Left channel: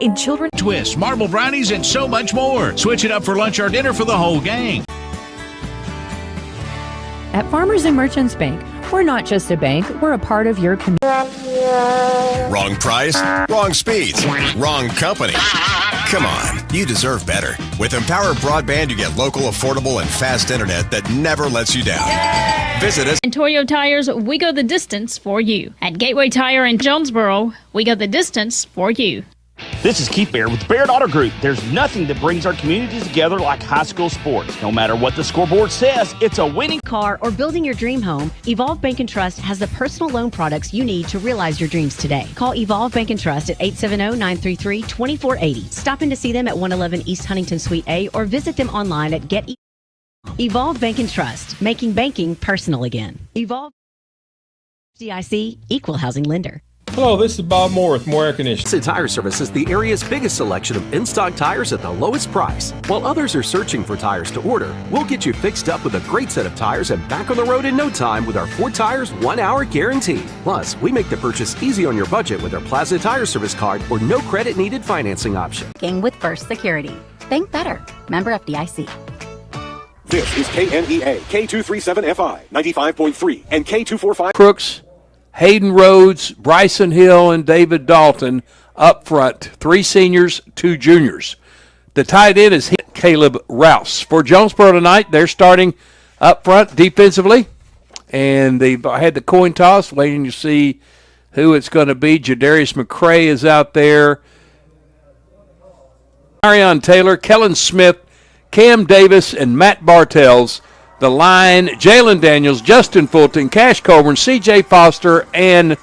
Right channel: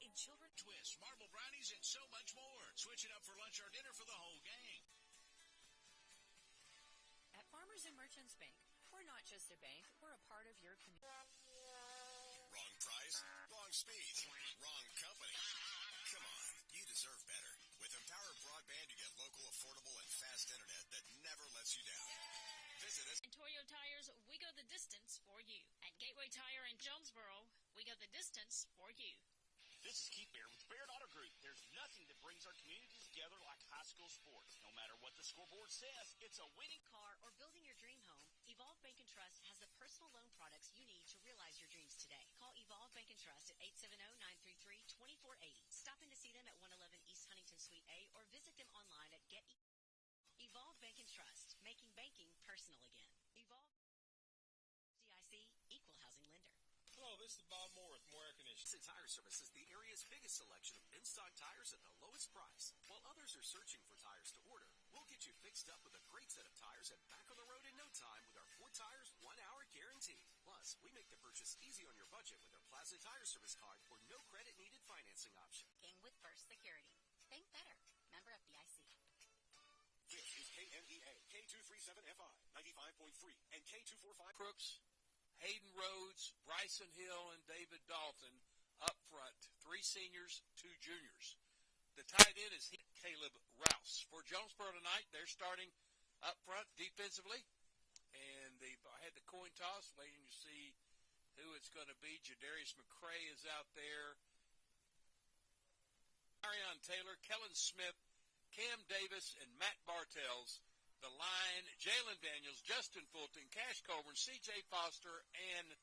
In children, twists, marble brownies, and so much more. Switch it up for lunch or dinner for the whole gang. At Farmers and Merchants Bank, we're not just a bank, we're a part of your community. Wrong price, wrong speeds, wrong company. Come on, you deserve better. With Empower Broadband, you get local, affordable, and fast internet that never lets you down. Visit us. In Toyo Tires, we go the distance for you. At Gateway Tire in Jonesboro, we go the distance for you. This is Keith Baird with the Baird Auto Group. There's nothing that brings our communities together like high school sports. No matter what the scoreboard says, it's a winning car or building your dream home. Evolve Bank and Trust has the personal loan products you need to realize your dreams today. Call Evolve Bank and Trust at 870-933-2480. Stop in to see them at 111 East Huntington Suite A or visit them online at Get Evolve Bank and Trust, making banking personal again. Evolve DIC, Equal Housing Lender. Hello, this is Bob Moore with Moore Air Conditioning. Tire Service is the area's biggest selection of in-stock tires at the lowest price. While others are searching for tires to order, we'll get you fixed up with a great set of tires and back on the road in no time with our 4 tires, 1 hour guarantee. Plus, we make the purchase easy on your budget with our Plaza Tire Service card or no credit needed financing option. With First Security. Think better. Member FDIC. This is KNEA, K237FI, 95.3, and K245. Crooks, Hayden Rhodes, Bryson Hill, and David Dalton up front. 3 seniors, 2 juniors. The tight end is Caleb Rouse. For Jonesboro tonight, they're starting up front defensively, and they've had the coin toss, waiting to see who it's going to be. Jadarius McCray is out there. Marion Taylor, Kellen Smith, Cam Davis, and Matt Bartels. The line, Jalen Daniels, Justin Fulton, Cash Colburn, C.J. Foster, and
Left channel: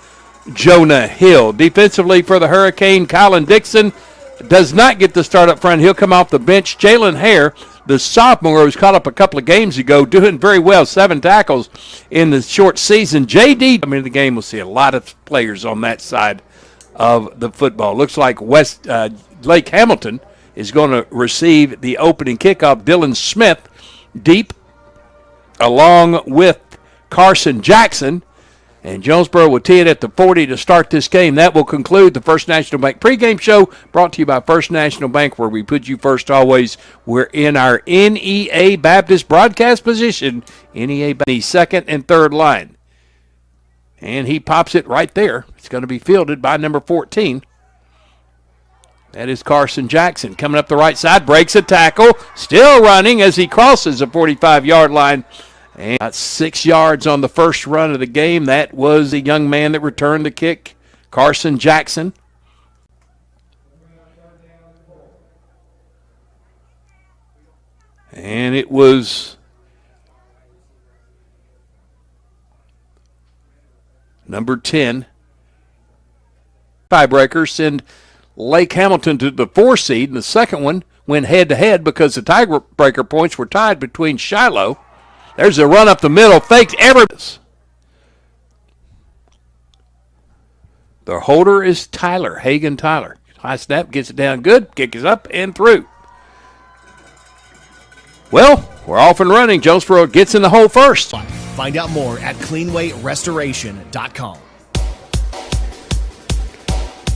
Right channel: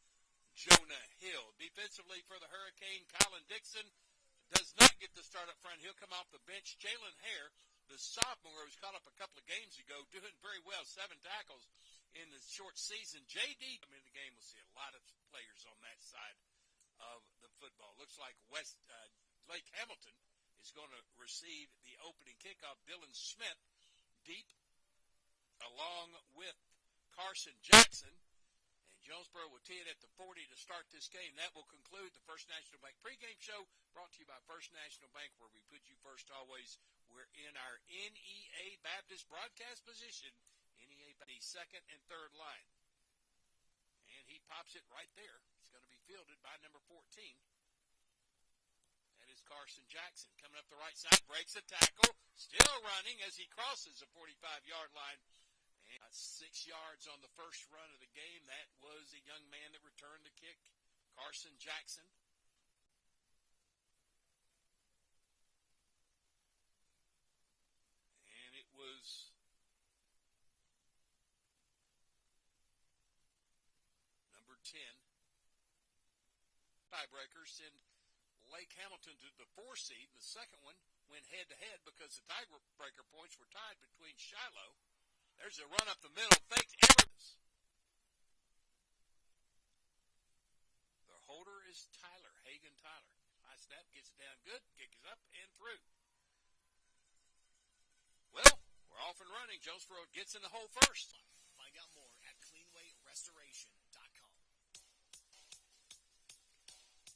Jonah Hill. Defensively for the Hurricane, Colin Dixon does not get the start up front. He'll come off the bench. Jalen Hare, the sophomore who was caught up a couple of games ago, doing very well, 7 tackles in the short season. J.D. I mean, the game will see a lot of players on that side of the football. Looks like Lake Hamilton is going to receive the opening kickoff. Dylan Smith deep, along with Carson Jackson. And Jonesboro will tee it at the 40 to start this game. That will conclude the First National Bank pregame show, brought to you by First National Bank, where we put you first always. We're in our NEA Baptist broadcast position, NEA the second and third line. And he pops it right there. It's going to be fielded by number 14. That is Carson Jackson coming up the right side, breaks a tackle, still running as he crosses the 45-yard line. And got 6 yards on the first run of the game. That was the young man that returned the kick, Carson Jackson. And it was number 10. Tiebreakers send Lake Hamilton to the 4 seed, and the second one went head-to-head because the tiebreaker points were tied between Shiloh. There's a run up the middle, faked Everett. The holder is Tyler, Hagan Tyler. High snap, gets it down good, kick is up and through. Well, we're off and running. Jonesboro gets in the hole first. Find out more at cleanwayrestoration.com.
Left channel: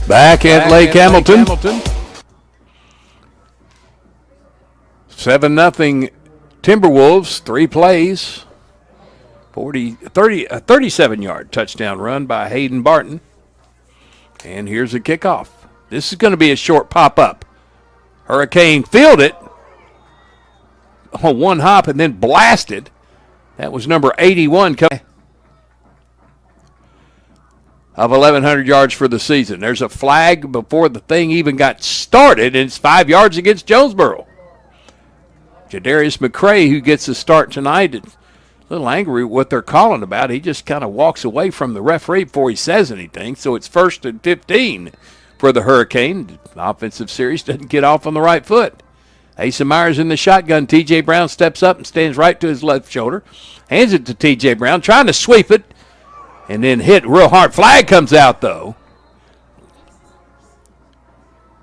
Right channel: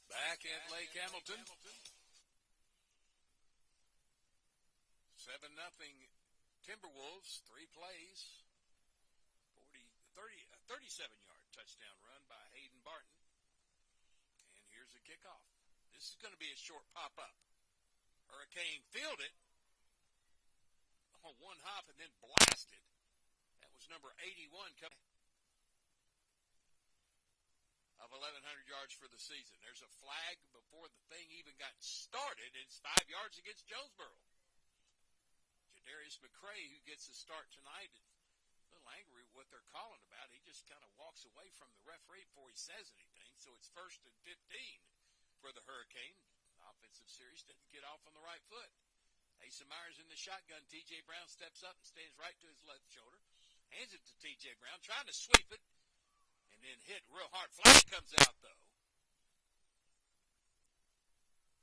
Back at Lake Hamilton. 7-0 Timberwolves, 3 plays, 37-yard touchdown run by Hayden Barton. And here's a kickoff. This is going to be a short pop-up. Hurricane fielded on one hop and then blasted. That was number 81 of 1,100 yards for the season. There's a flag before the thing even got started, and it's 5 yards against Jonesboro. Jadarius McCray, who gets the start tonight, is a little angry with what they're calling about. He just kind of walks away from the referee before he says anything. So it's 1st and 15 for the Hurricane. The offensive series doesn't get off on the right foot. Asa Myers in the shotgun. T.J. Brown steps up and stands right to his left shoulder. Hands it to T.J. Brown, trying to sweep it, and then hit real hard. Flag comes out, though.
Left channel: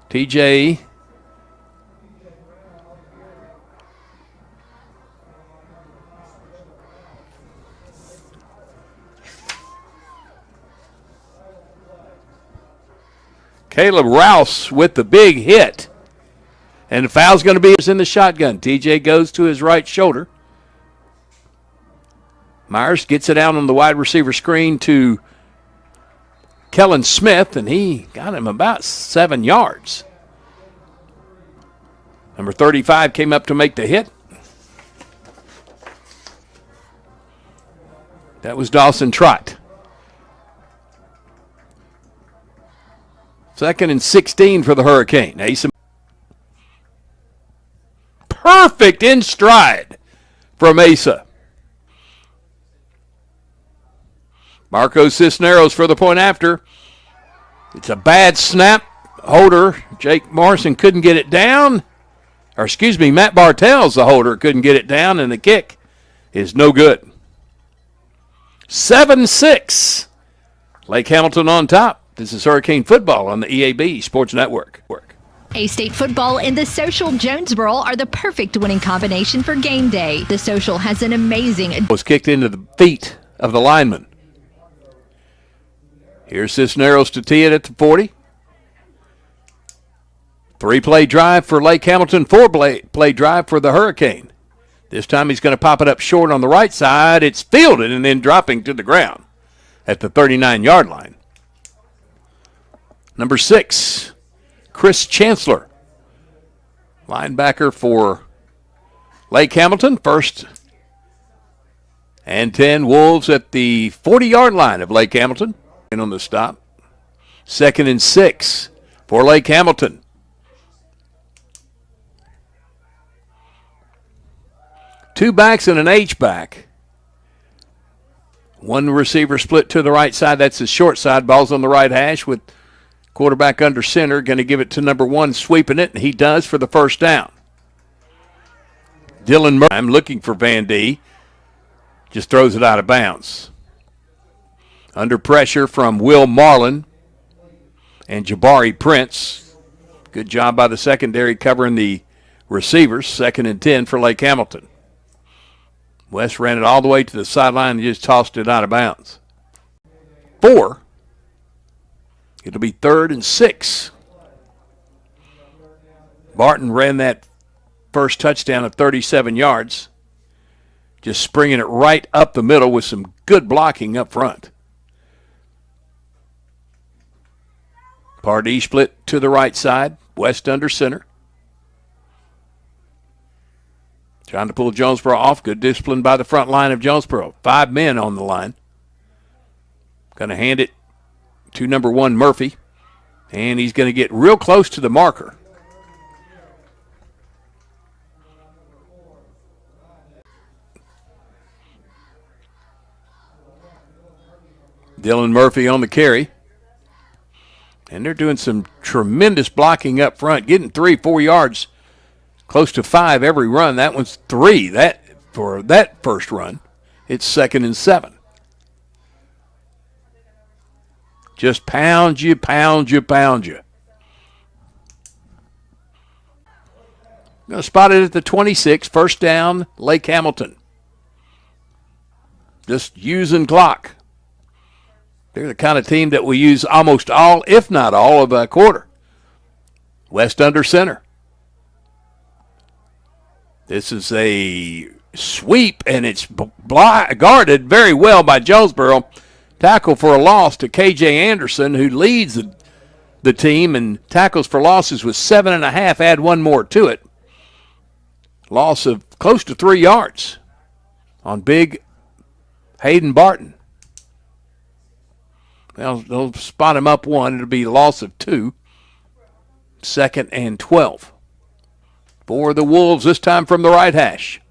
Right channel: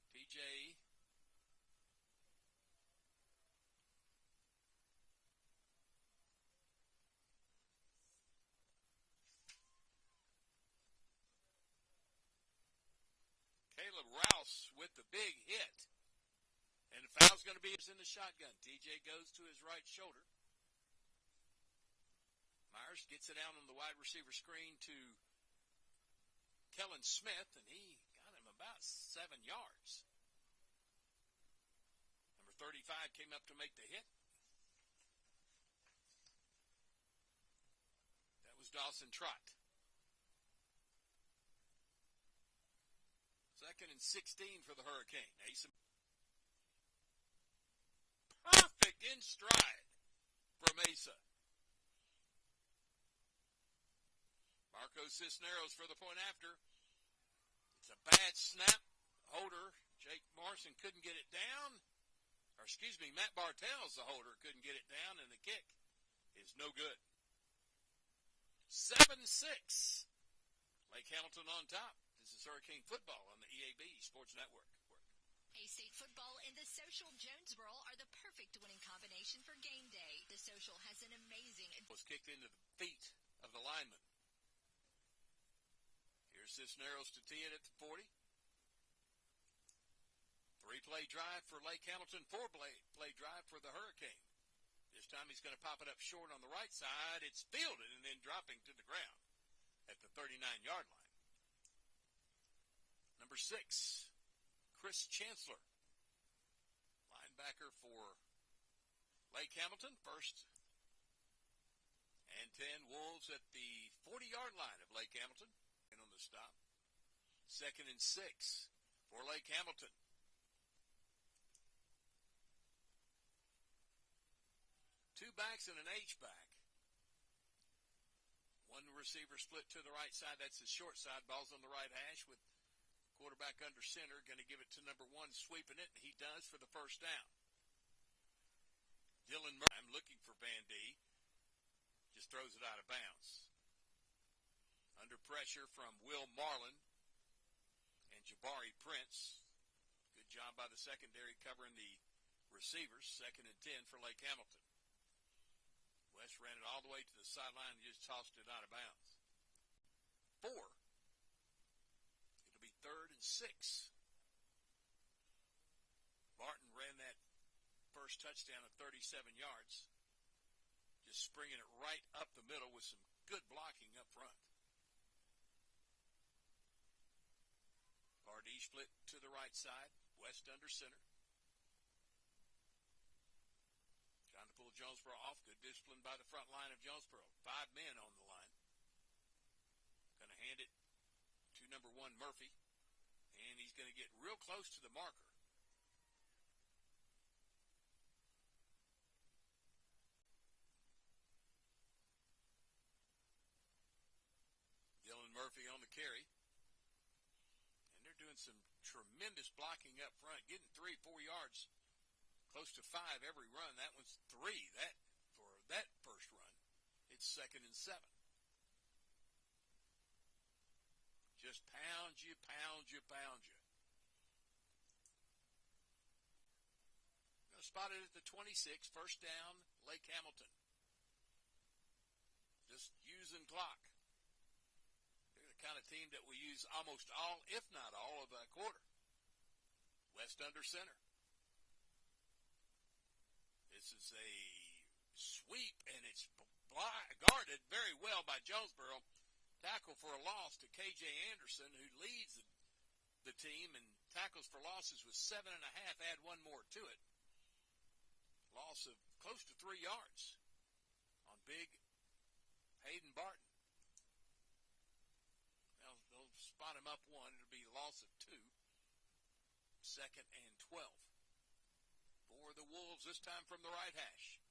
T.J. Caleb Rouse with the big hit. And the foul's going to be in the shotgun. TJ goes to his right shoulder. Myers gets it out on the wide receiver screen to Kellen Smith, and he got him about 7 yards. Number 35 came up to make the hit. That was Dawson Trott. 2nd and 16 for the Hurricane. Asa. Perfect in stride from Asa. Marco Cisneros for the point after. It's a bad snap. Holder, Jake Morrison couldn't get it down. Matt Bartels, the holder, couldn't get it down, and the kick is no good. 7-6. Lake Hamilton on top. This is Hurricane Football on the EAB Sports Network. A-State football and the Social Jonesboro are the perfect winning combination for game day. The Social has an amazing... Was kicked into the feet of the lineman. Here's Cisneros to tee it at the 40. 3-play drive for Lake Hamilton, 4-play drive for the Hurricane. This time he's going to pop it up short on the right side. It's fielded and then dropping to the ground at the 39-yard line. Number 6, Chris Chancellor, linebacker for Lake Hamilton. 1st and 10, Wolves at the 40-yard line of Lake Hamilton. And on the stop. 2nd and 6 for Lake Hamilton. Two backs and an H-back. One receiver split to the right side. That's the short side. Ball's on the right hash with quarterback under center. Going to give it to number 1, sweeping it, and he does for the first down. Dylan Murray, I'm looking for Van D. Just throws it out of bounds. Under pressure from Will Marlin and Jabari Prince. Good job by the secondary covering the receivers. 2nd and 10 for Lake Hamilton. West ran it all the way to the sideline and just tossed it out of bounds. 4. It'll be 3rd and 6. Barton ran that first touchdown of 37 yards. Just springing it right up the middle with some good blocking up front. Pardee split to the right side. West under center. Trying to pull Jonesboro off. Good discipline by the front line of Jonesboro. 5 men on the line. Going to hand it to number 1, Murphy. And he's going to get real close to the marker. Dylan Murphy on the carry. And they're doing some tremendous blocking up front, getting 3-4 yards. Close to 5 every run. That one's 3 for that first run. It's 2nd and 7. Just pound you. Going to spot it at the 26. First down, Lake Hamilton. Just using clock. They're the kind of team that will use almost all, if not all, of a quarter. West under center. This is a sweep, and it's guarded very well by Jonesboro. Tackle for a loss to K.J. Anderson, who leads the team, and tackles for losses was 7.5. Add one more to it. Loss of close to 3 yards on big Hayden Barton. Well, they'll spot him up 1. It'll be a loss of 2. 2nd and 12. For the Wolves, this time from the right hash.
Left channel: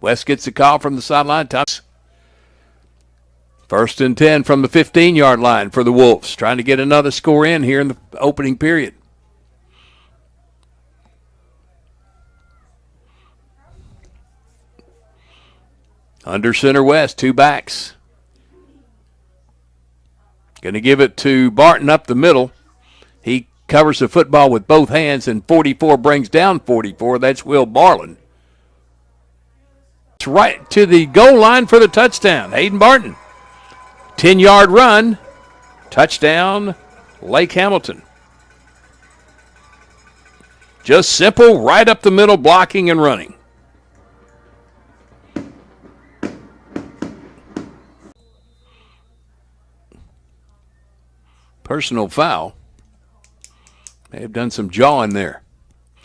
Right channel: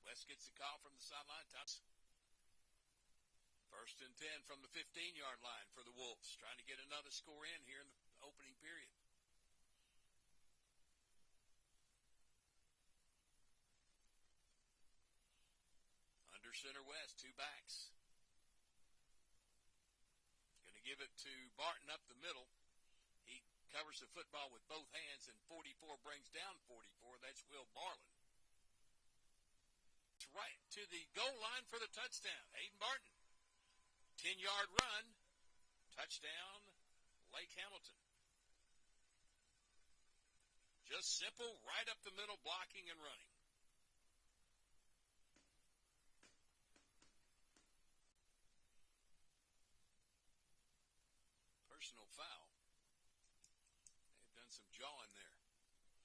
West gets the call from the sideline. 1st and 10 from the 15-yard line for the Wolves. Trying to get another score in here in the opening period. Under center West, 2 backs. Going to give it to Barton up the middle. He covers the football with both hands, and 44 brings down 44. That's Will Marlin. It's right to the goal line for the touchdown. Hayden Barton. 10-yard run. Touchdown, Lake Hamilton. Just simple, right up the middle, blocking and running. Personal foul. May have done some jawing there.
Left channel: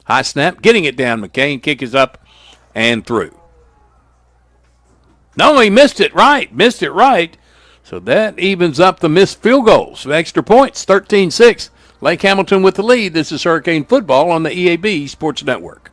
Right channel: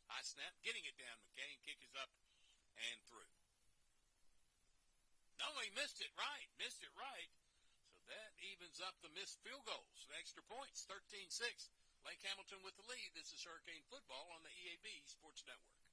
High snap, getting it down. McCain, kick is up and through. No, he missed it right. So that evens up the missed field goals. Extra points, 13-6. Lake Hamilton with the lead. This is Hurricane Football on the EAB Sports Network.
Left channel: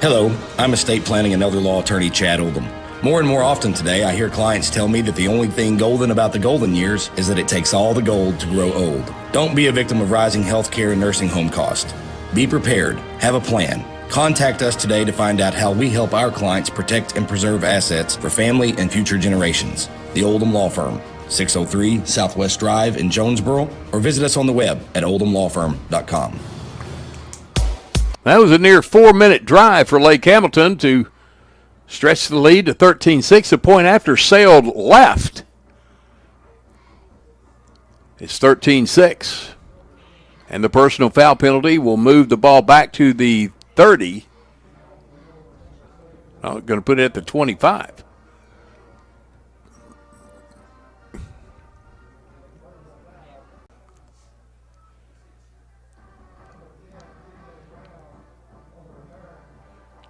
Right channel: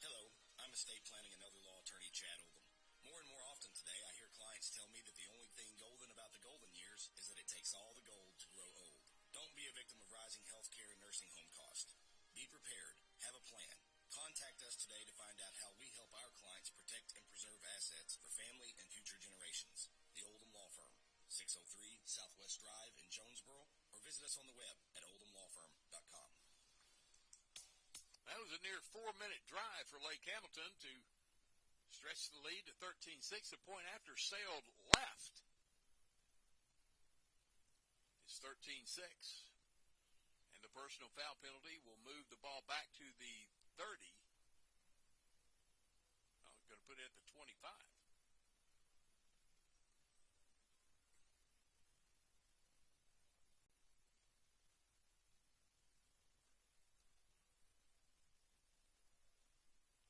Hello, I'm estate planning and elder law attorney Chad Oldham. More and more often today, I hear clients tell me that the only thing golden about the golden years is that it takes all the gold to grow old. Don't be a victim of rising healthcare and nursing home costs. Be prepared. Have a plan. Contact us today to find out how we help our clients protect and preserve assets for family and future generations. The Oldham Law Firm, 603 Southwest Drive in Jonesboro, or visit us on the web at oldhamlawfirm.com. That was a near 4-minute drive for Lake Hamilton to stretch the lead to 13-6. A point after sailed left. It's 13-6. And the personal foul penalty will move the ball back to the 30. I'm going to put it at the 25.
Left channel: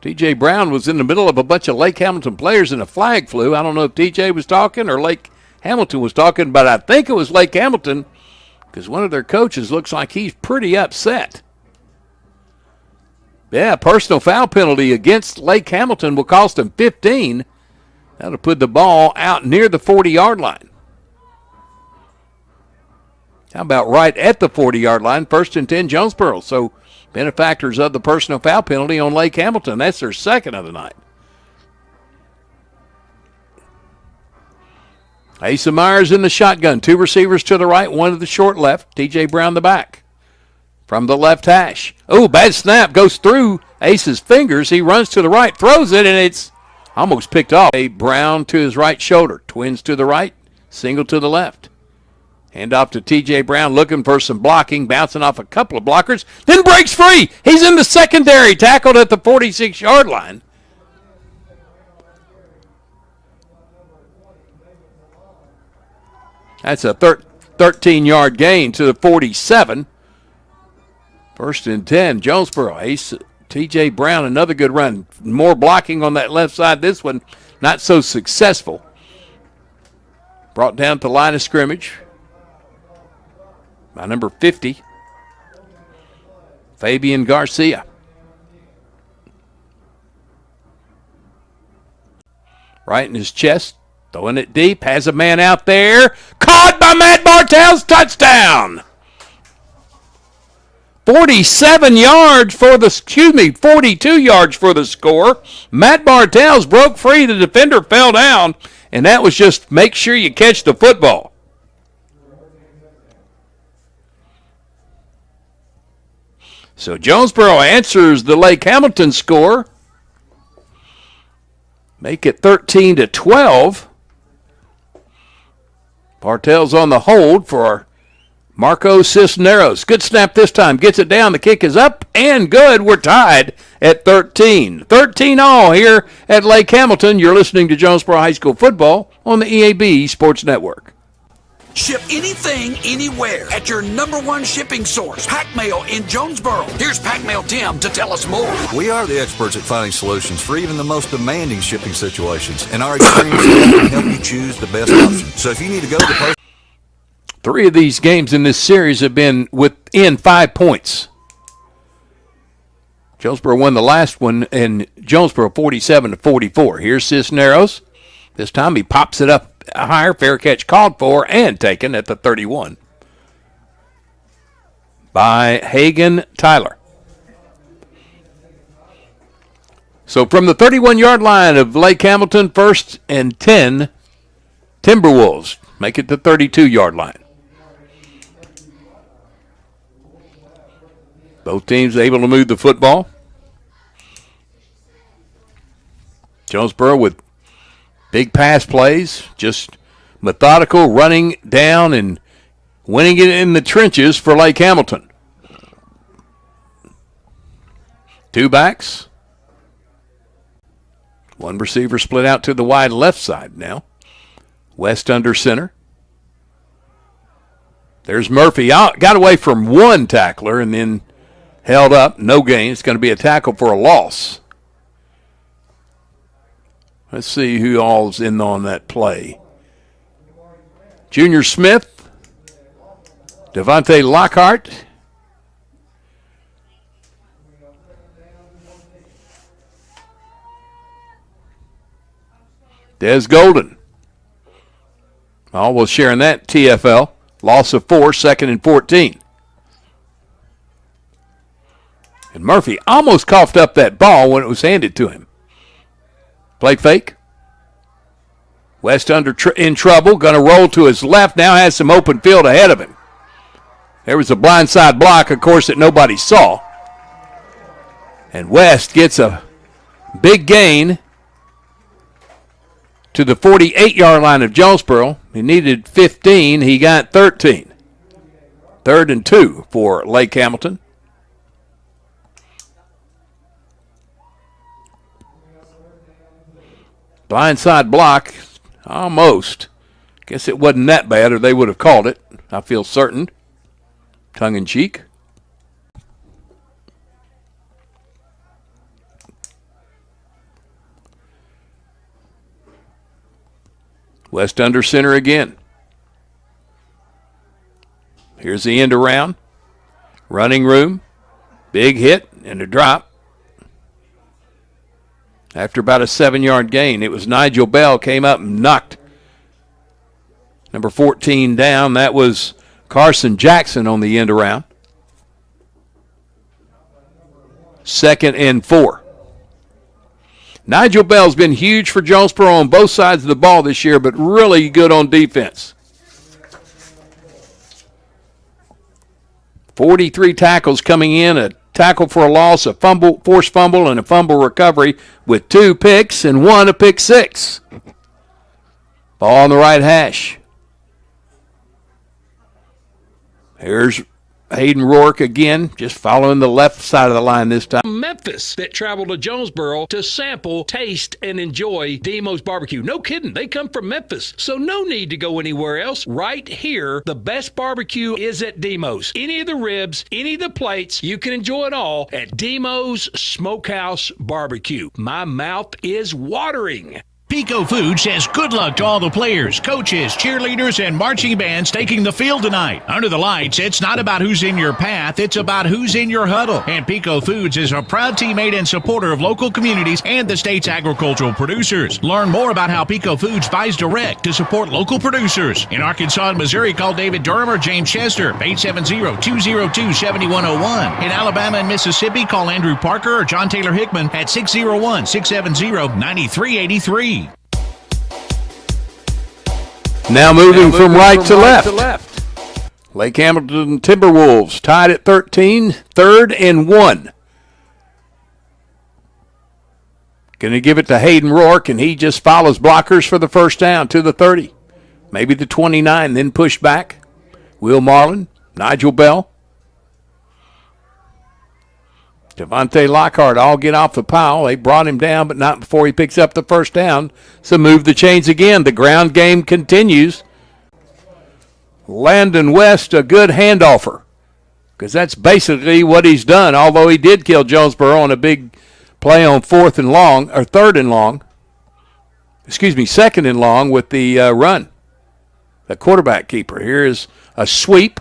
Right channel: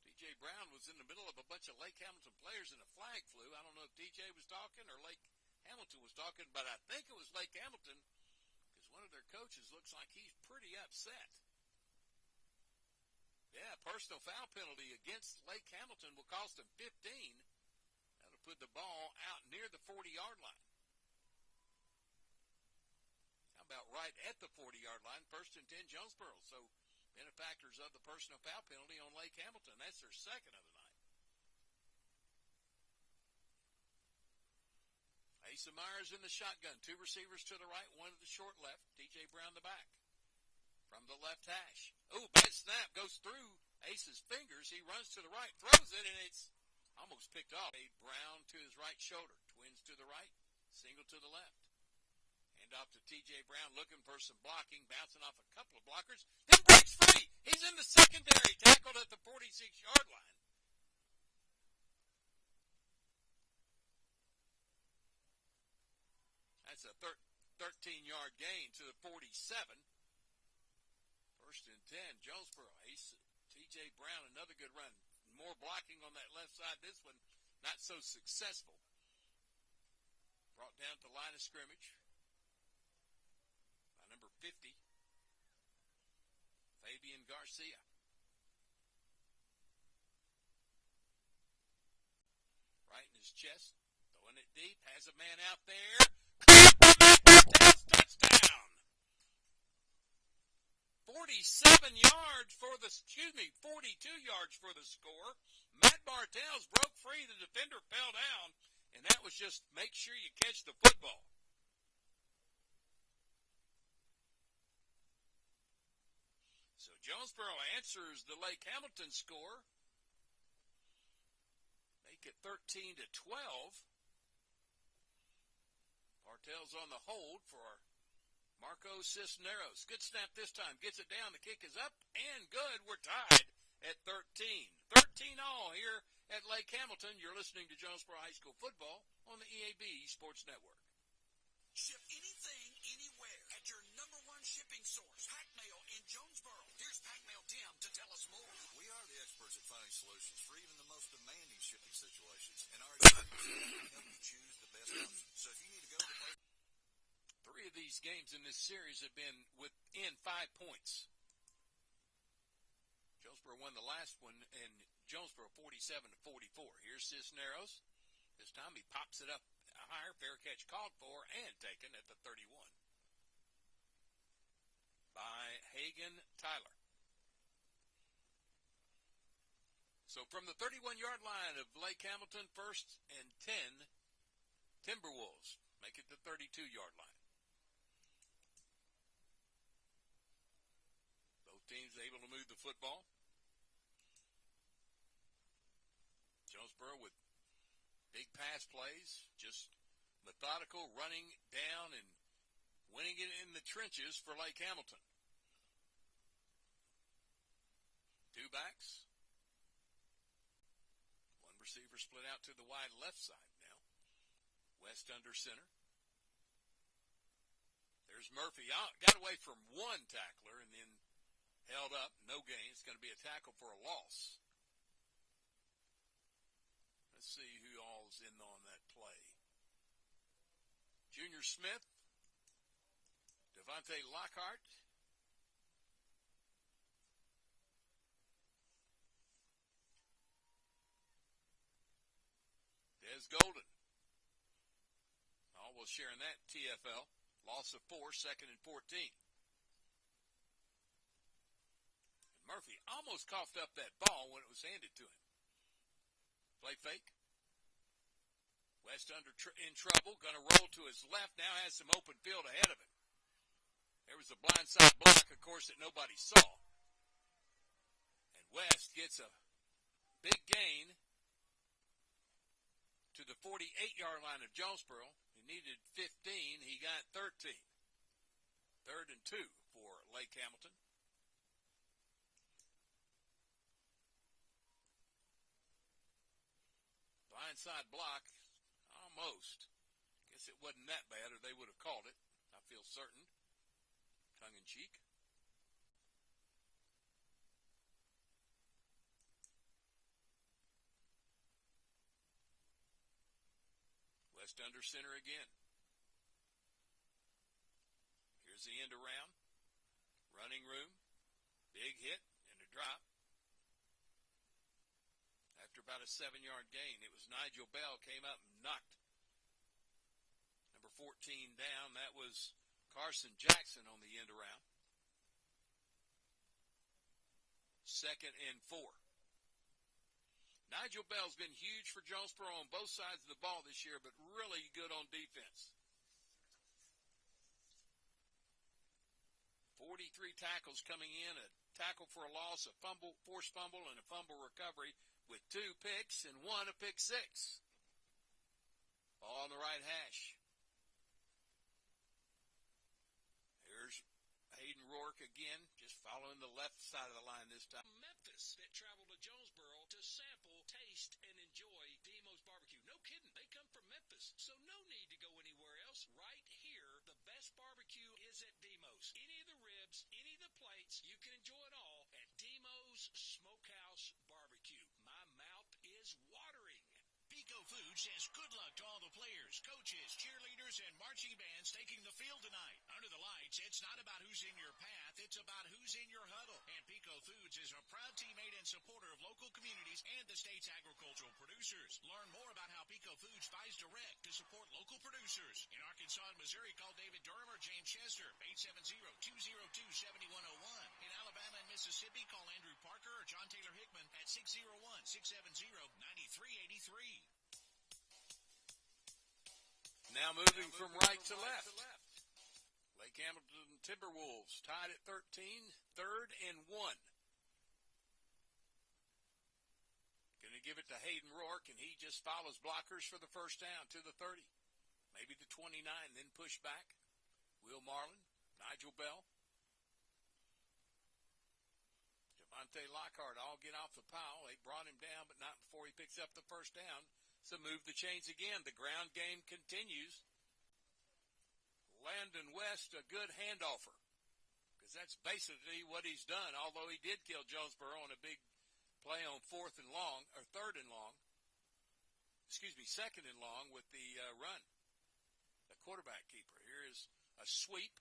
T.J. Brown was in the middle of a bunch of Lake Hamilton players and a flag flew. I don't know if T.J. was talking or Lake Hamilton was talking, but I think it was Lake Hamilton because one of their coaches looks like he's pretty upset. Yeah, personal foul penalty against Lake Hamilton will cost them 15. That'll put the ball out near the 40-yard line. How about right at the 40-yard line, 1st and 10 Jonesboro. So benefactors of the personal foul penalty on Lake Hamilton. That's their second of the night. Asa Myers in the shotgun. 2 receivers to the right, 1 to the short left. T.J. Brown the back. From the left hash. Oh, bad snap. Goes through Ace's fingers. He runs to the right, throws it, and it's almost picked off. Brown to his right shoulder. Twins to the right, single to the left. Hand off to T.J. Brown, looking for some blocking, bouncing off a couple of blockers, then breaks free. He's in the secondary, tackled at the 46-yard line. That's a 13-yard gain to the 47. 1st and 10, Jonesboro. Ace, T.J. Brown, another good run. More blocking on that left side. This one not so successful. Brought down to the line of scrimmage by number 50, Fabian Garcia. Right in his chest, throwing it deep, has a man out there. Caught by Matt Bartels, touchdown! 42 yards for the score. Matt Bartels broke free, the defender fell down, and that was just make sure you catch the football. So Jonesboro answers the Lake Hamilton score. Make it 13-12. Bartels on the hold for Marco Cisneros. Good snap this time. Gets it down. The kick is up and good. We're tied at 13. 13 all here at Lake Hamilton. You're listening to Jonesboro High School football on the EAB Sports Network. Ship anything, anywhere at your #1 shipping source, Pack Mail in Jonesboro. Here's Pack Mail Tim to tell us more. We are the experts at finding solutions for even the most demanding shipping situations, and our experience can help you choose the best option. So if you need to go to the post. 3 of these games in this series have been within 5 points. Jonesboro won the last one, and Jonesboro 47-44. Here's Cisneros. This time he pops it up higher. Fair catch called for and taken at the 31 by Hagan Tyler. So from the 31-yard line of Lake Hamilton, 1st and 10, Timberwolves make it the 32-yard line. Both teams able to move the football. Jonesboro with big pass plays, just methodical running down and winning it in the trenches for Lake Hamilton. Two backs. One receiver split out to the wide left side now. West under center. There's Murphy. Got away from one tackler and then held up. No gain. It's going to be a tackle for a loss. Let's see who all's in on that play. Junior Smith, Devontae Lockhart, Des Golden. All was sharing that TFL. Loss of 4, 2nd and 14. And Murphy almost coughed up that ball when it was handed to him. Play fake. West in trouble. Going to roll to his left. Now has some open field ahead of him. There was a blindside block, of course, that nobody saw. And West gets a big gain to the 48-yard line of Jonesboro. He needed 15. He got 13. 3rd and 2 for Lake Hamilton. Blindside block, almost. Guess it wasn't that bad or they would have called it. I feel certain. Tongue in cheek. West under center again. Here's the end around. Running room. Big hit and a drop. After about a 7-yard gain, it was Nigel Bell came up and knocked number 14 down. That was Carson Jackson on the end around. 2nd and 4. Nigel Bell's been huge for Jonesboro on both sides of the ball this year, but really good on defense. 43 tackles coming in, a tackle for a loss, a fumble, forced fumble, and a fumble recovery with 2 picks and 1 a pick 6. Ball on the right hash. Here's Hayden Rourke again, just following the left side of the line this time. Memphis that traveled to Jonesboro to sample, taste, and enjoy Demos barbecue. No kidding, they come from Memphis, so no need to go anywhere else. Right here, the best barbecue is at Demos. Any of the ribs, any of the plates, you can enjoy it all at Demos Smokehouse Barbecue. My mouth is watering. Pico Food says good luck to all the players, coaches, cheerleaders, and marching bands taking the field tonight. Under the lights, it's not about who's in your path, it's about who's in your huddle. And Pico Foods is a proud teammate and supporter of local communities and the state's agricultural producers. Learn more about how Pico Foods buys direct to support local producers. In Arkansas and Missouri, call David Durham or James Chester, 870-202-7101. In Alabama and Mississippi, call Andrew Parker or John Taylor Hickman at 601-670-9383. Now moving from right to left. Lake Hamilton Timberwolves tied at 13, 3rd and 1. Going to give it to Hayden Rourke, and he just follows blockers for the first down to the 30. Maybe the 29, then pushed back. Will Marlin, Nigel Bell, Devontae Lockhart all get off the pile. They brought him down, but not before he picks up the first down. So move the chains again. The ground game continues. Landon West, a good handoffer, because that's basically what he's done, although he did kill Jonesboro on a big play on 4th and long, or 3rd and long. 2nd and long with the run. The quarterback keeper. Here is a sweep.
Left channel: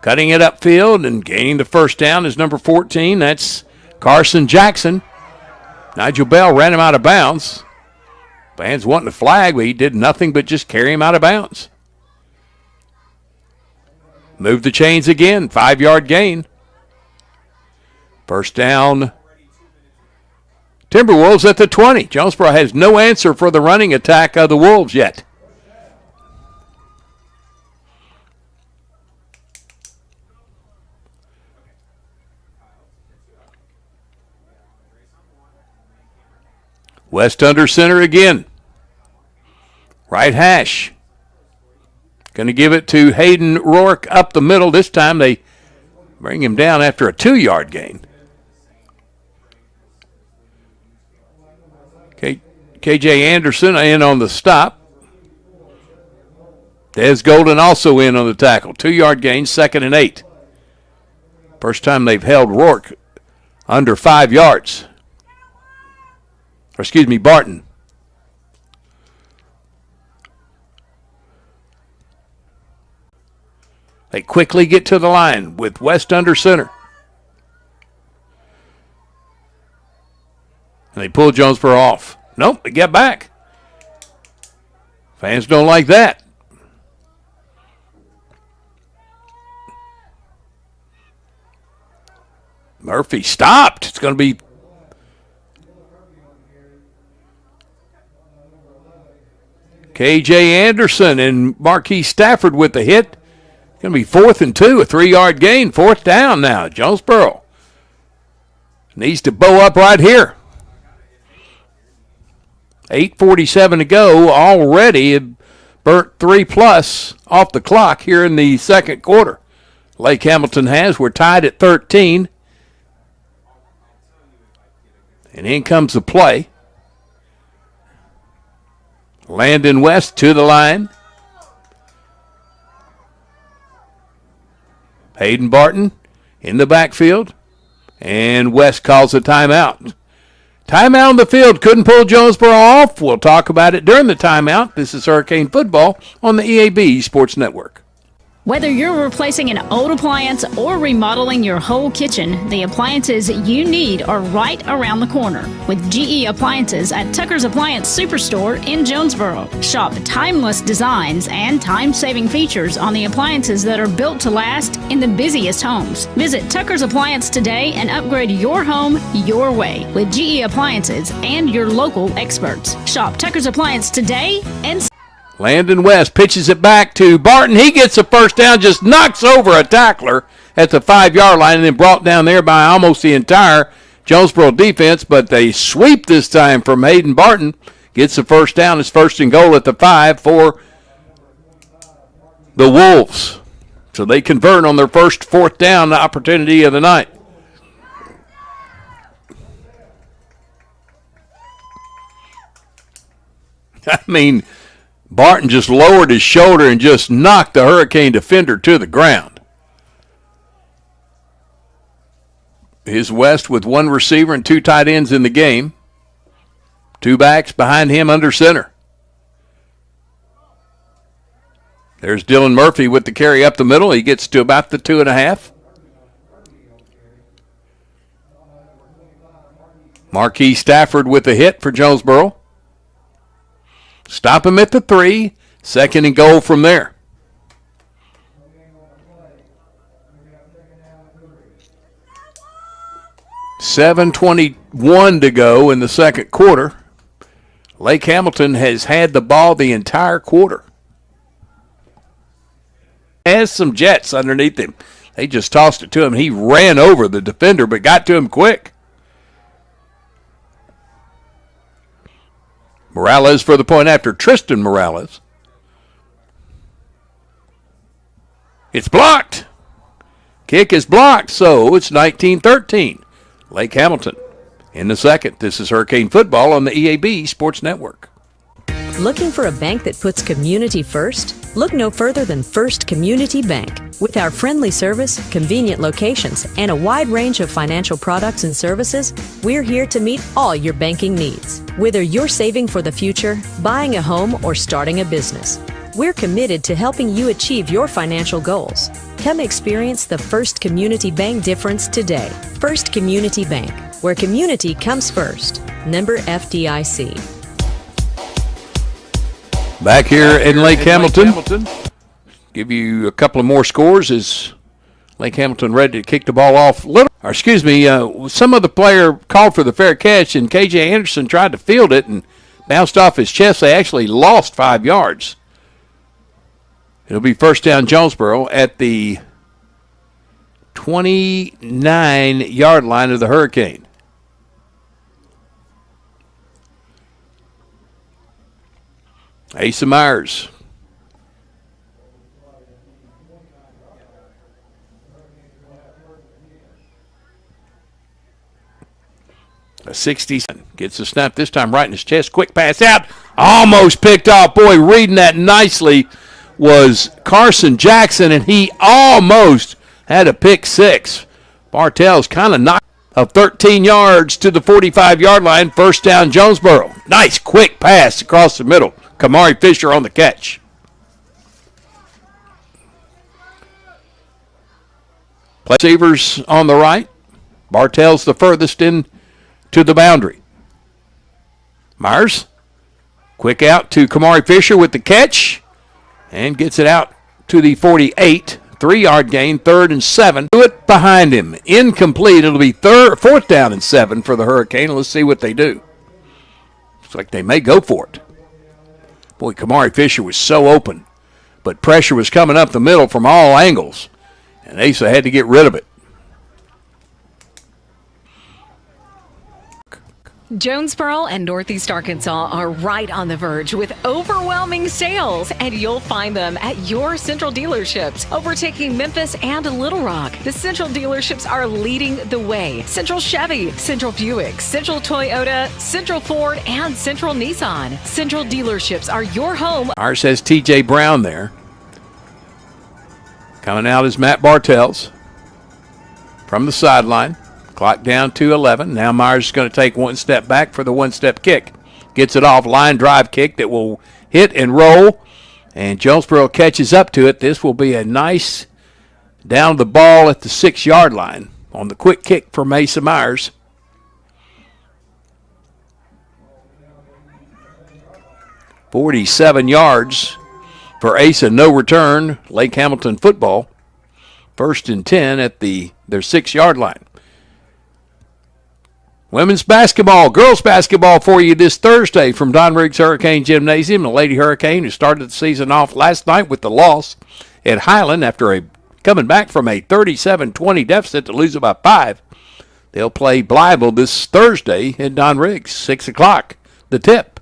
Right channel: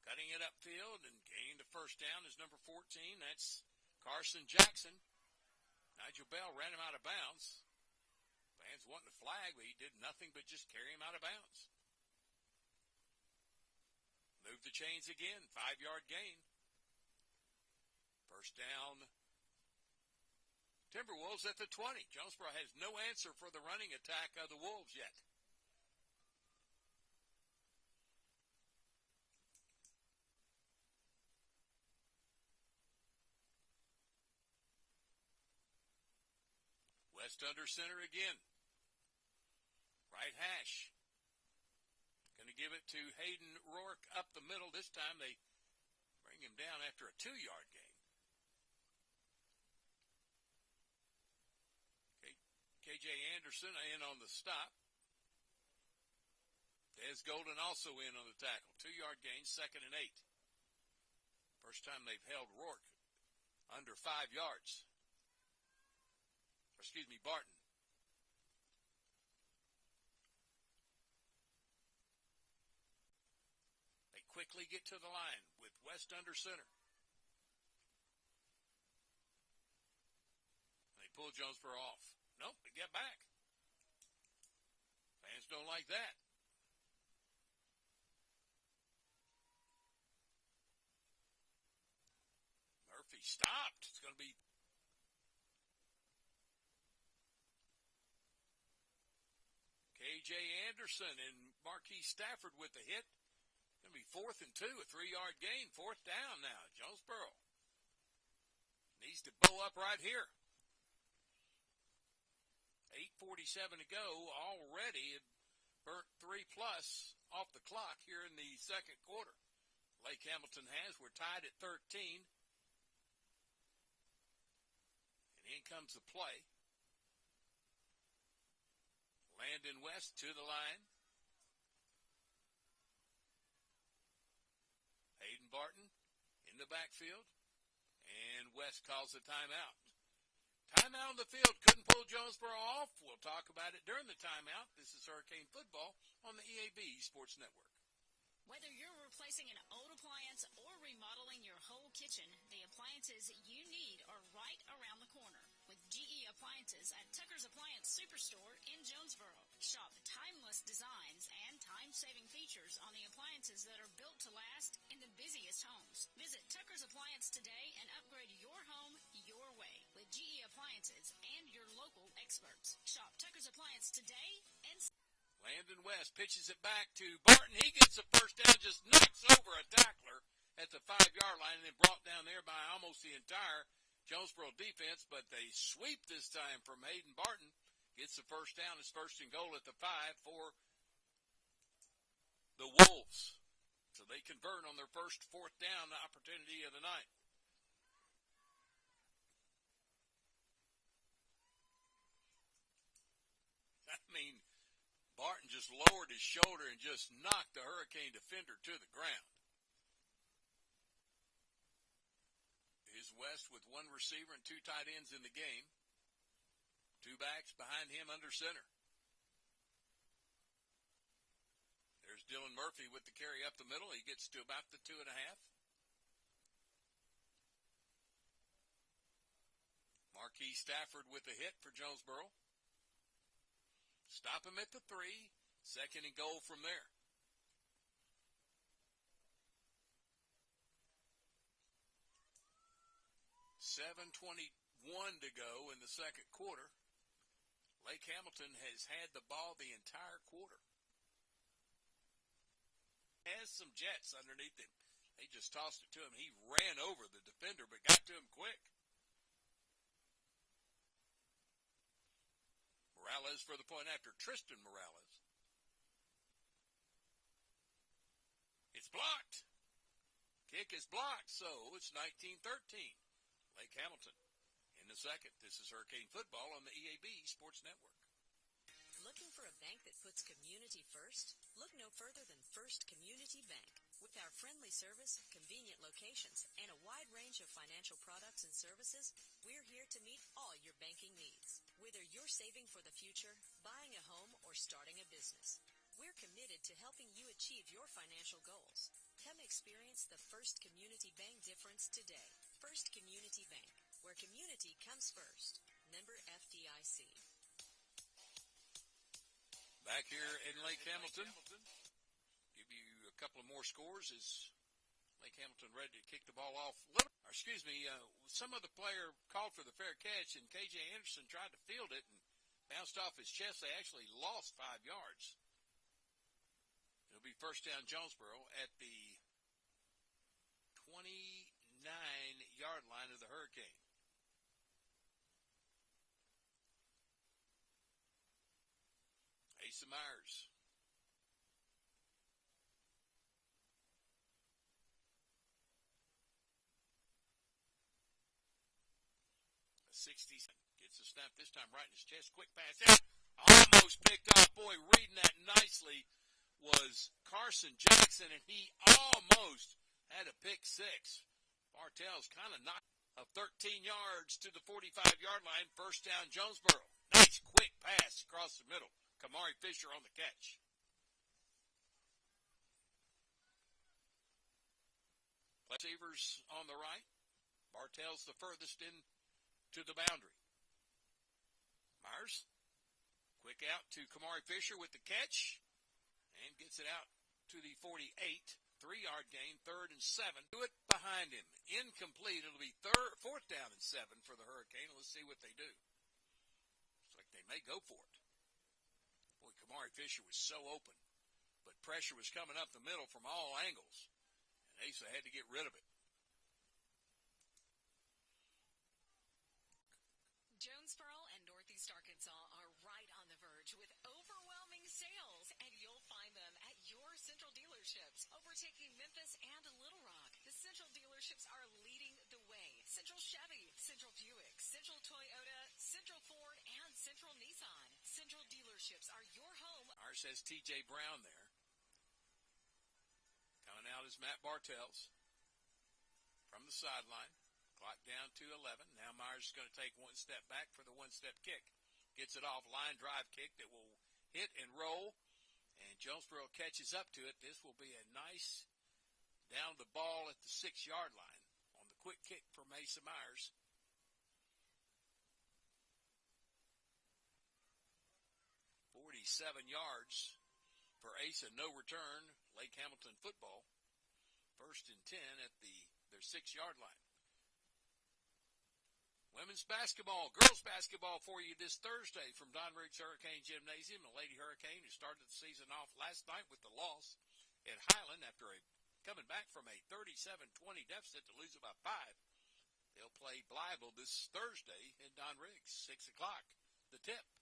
Cutting it upfield and gaining the first down is number 14. That's Carson Jackson. Nigel Bell ran him out of bounds. Fans wanting a flag, but he did nothing but just carry him out of bounds. Move the chains again. 5-yard gain. First down. Timberwolves at the 20. Jonesboro has no answer for the running attack of the Wolves yet. West under center again. Right hash. Going to give it to Hayden Rourke up the middle. This time they bring him down after a 2-yard gain. KJ Anderson in on the stop. Des Golden also in on the tackle. 2-yard gain, 2nd and 8. First time they've held Rourke under 5 yards. Or excuse me, Barton. They quickly get to the line with West under center. And they pull Jonesboro off. Nope, they get back. Fans don't like that. Murphy stopped. It's going to be KJ Anderson and Marquis Stafford with the hit. It's going to be 4th and 2, a 3-yard gain, 4th down now. Jonesboro needs to bow up right here. 8:47 to go. Already burnt 3+ off the clock here in the second quarter. Lake Hamilton has. We're tied at 13. And in comes the play. Landon West to the line. Hayden Barton in the backfield. And West calls a timeout. Timeout on the field. Couldn't pull Jonesboro off. We'll talk about it during the timeout. This is Hurricane Football on the EAB Sports Network. Whether you're replacing an old appliance or remodeling your whole kitchen, the appliances you need are right around the corner with GE Appliances at Tucker's Appliance Superstore in Jonesboro. Shop timeless designs and time-saving features on the appliances that are built to last in the busiest homes. Visit Tucker's Appliance today and upgrade your home your way with GE Appliances and your local experts. Shop Tucker's Appliance today and Landon West pitches it back to Barton. He gets a first down, just knocks over a tackler at the 5-yard line and then brought down there by almost the entire Jonesboro defense, but they sweep this time from Hayden Barton. Gets the first down. It's 1st and goal at the 5 for the Wolves. So they convert on their first 4th down opportunity of the night. I mean, Barton just lowered his shoulder and just knocked the Hurricane defender to the ground. Here's West with 1 receiver and 2 tight ends in the game. 2 backs behind him under center. There's Dylan Murphy with the carry up the middle. He gets to about the 2.5. Marquis Stafford with the hit for Jonesboro. Stop him at the 3. 2nd and goal from there. $7:21 to go in the second quarter. Lake Hamilton has had the ball the entire quarter. Has some jets underneath him. They just tossed it to him. He ran over the defender but got to him quick. Morales for the point after Tristan Morales. It's blocked. Kick is blocked, so it's 19-13. Lake Hamilton in the second. This is Hurricane Football on the EAB Sports Network. Looking for a bank that puts community first? Look no further than First Community Bank. With our friendly service, convenient locations, and a wide range of financial products and services, we're here to meet all your banking needs. Whether you're saving for the future, buying a home, or starting a business, we're committed to helping you achieve your financial goals. Come experience the First Community Bank difference today. First Community Bank, where community comes first. Member FDIC. Back here in Lake Hamilton. Give you a couple of more scores as Lake Hamilton ready to kick the ball off. Some other player called for the fair catch, and KJ Anderson tried to field it and bounced off his chest. They actually lost 5 yards. It'll be 1st down Jonesboro at the 29-yard line of the Hurricane. Asa Myers. A 60 gets the snap this time right in his chest. Quick pass out. Almost picked off. Boy, reading that nicely was Carson Jackson, and he almost had a pick six. Bartell's kind of knocked of 13 yards to the 45-yard line. First down, Jonesboro. Nice quick pass across the middle. Kamari Fisher on the catch. Receivers on the right. Bartell's the furthest in to the boundary. Myers, quick out to Kamari Fisher with the catch and gets it out to the 48. 3-yard gain, 3rd and 7. Do it behind him. Incomplete. It'll be 4th down and 7 for the Hurricane. Let's see what they do. Looks like they may go for it. Boy, Kamari Fisher was so open, but pressure was coming up the middle from all angles, and Asa had to get rid of it. Jonesboro and Northeast Arkansas are right on the verge with overwhelming sales, and you'll find them at your Central dealerships, overtaking Memphis and Little Rock. The Central dealerships are leading the way. Central Chevy, Central Buick, Central Toyota, Central Ford, and Central Nissan. Central dealerships are your home. Ours has T.J. Brown there. Coming out is Matt Bartels from the sideline. Clock down to 11. Now Myers is going to take one step back for the one-step kick. Gets it off, line drive kick that will hit and roll. And Jonesboro catches up to it. This will be a nice down the ball at the 6-yard line on the quick kick for Mesa Myers. "47 yards for Asa, no return. Lake Hamilton football. 1st and 10 at their 6-yard line. Women's basketball, girls basketball for you this Thursday from Don Riggs Hurricane Gymnasium. The Lady Hurricane, who started the season off last night with the loss at Highland after coming back from a 37-20 deficit to lose by 5. They'll play Blytheville this Thursday at Don Riggs, 6 o'clock, the tip.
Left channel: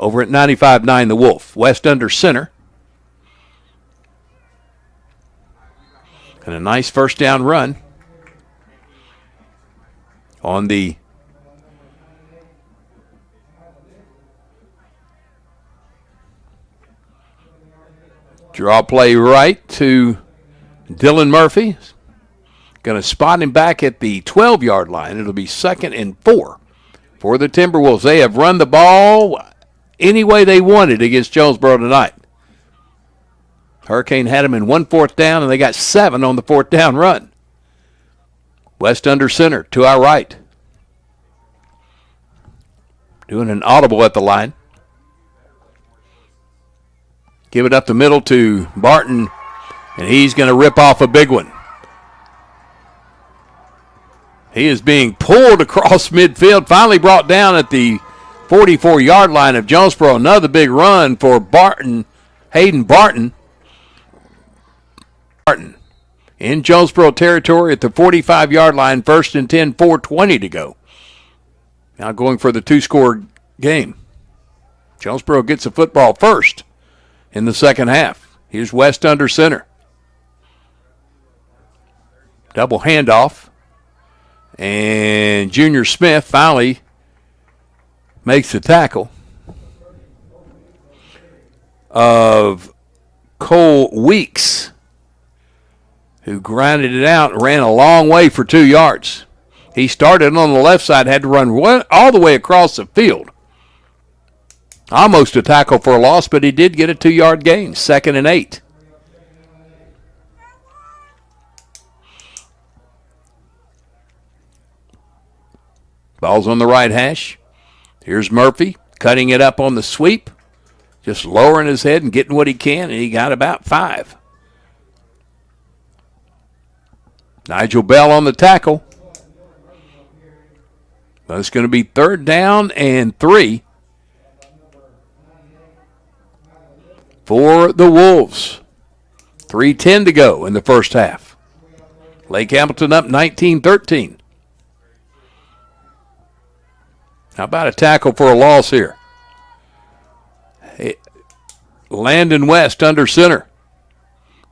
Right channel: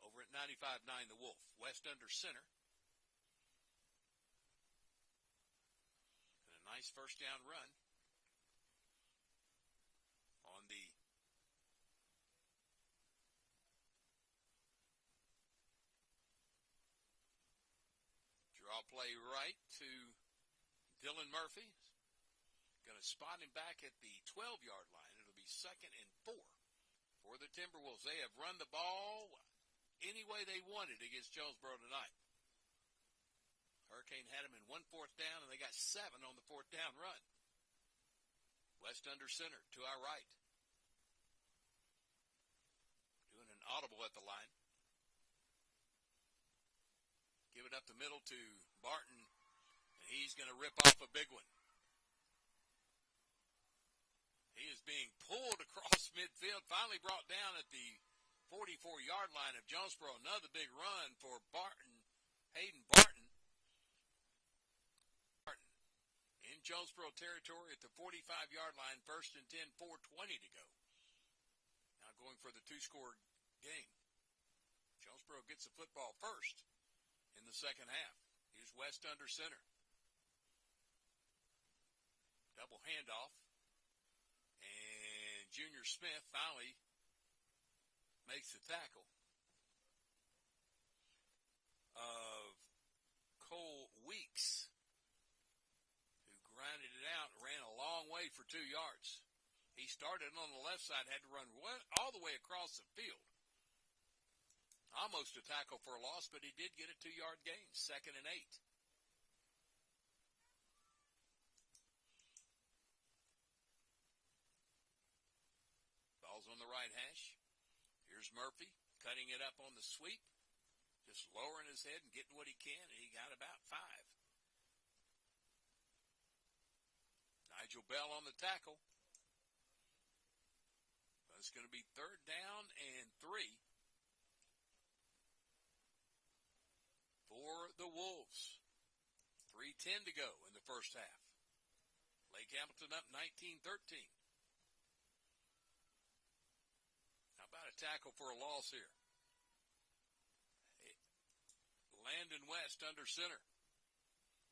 Over at 95.9 The Wolf, West under center. And a nice first down run on the draw play right to Dylan Murphy. Going to spot him back at the 12-yard line. It'll be 2nd and 4 for the Timberwolves. They have run the ball any way they wanted against Jonesboro tonight. Hurricane had them in 1 4th down, and they got 7 on the 4th down run. West under center to our right. Doing an audible at the line. Give it up the middle to Barton, and he's going to rip off a big one. He is being pulled across midfield, finally brought down at the 44-yard line of Jonesboro. Another big run for Barton, Hayden Barton. Barton in Jonesboro territory at the 45-yard line, 1st and 10, 4:20 to go. Now going for the 2-score game. Jonesboro gets the football first in the second half. Here's West under center. Double handoff. And Junior Smith finally makes the tackle of Cole Weeks, who grinded it out and ran a long way for 2 yards. He started on the left side, had to run all the way across the field. Almost a tackle for a loss, but he did get a 2-yard gain, 2nd and 8. Ball's on the right hash. Here's Murphy cutting it up on the sweep, just lowering his head and getting what he can, and he got about 5. Nigel Bell on the tackle. But it's going to be 3rd down and 3 for the Wolves. 3:10 to go in the first half. Lake Hamilton up 19-13. How about a tackle for a loss here? Landon West under center.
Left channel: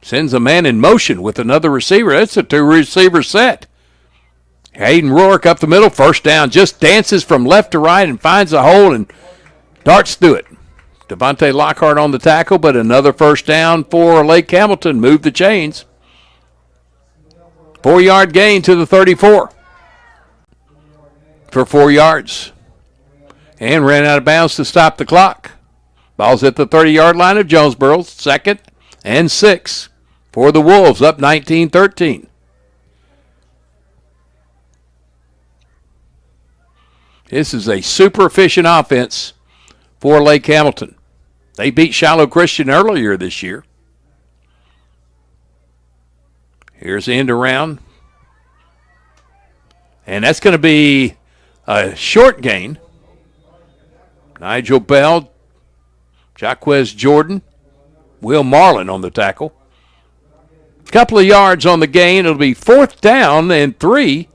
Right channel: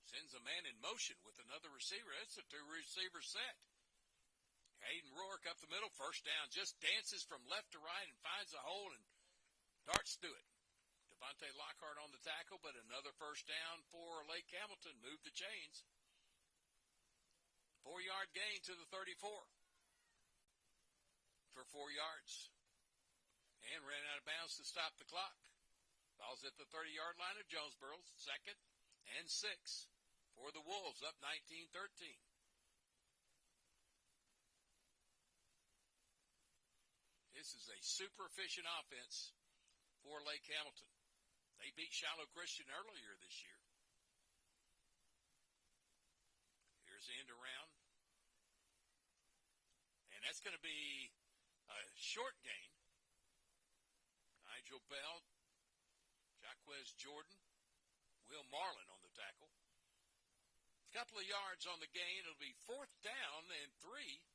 Sends a man in motion with another receiver. That's a 2-receiver set. Hayden Rourke up the middle, first down, just dances from left to right and finds a hole and darts through it. Devontae Lockhart on the tackle, but another first down for Lake Hamilton. Move the chains. 4-yard gain to the 34 for 4 yards. And ran out of bounds to stop the clock. Ball's at the 30-yard line of Jonesboro. 2nd and 6 for the Wolves, up 19-13. This is a super efficient offense for Lake Hamilton. They beat Shiloh Christian earlier this year. Here's the end around. And that's going to be a short gain. Nigel Bell, Jaquez Jordan, Will Marlin on the tackle. Couple of yards on the gain. It'll be 4th down and 3.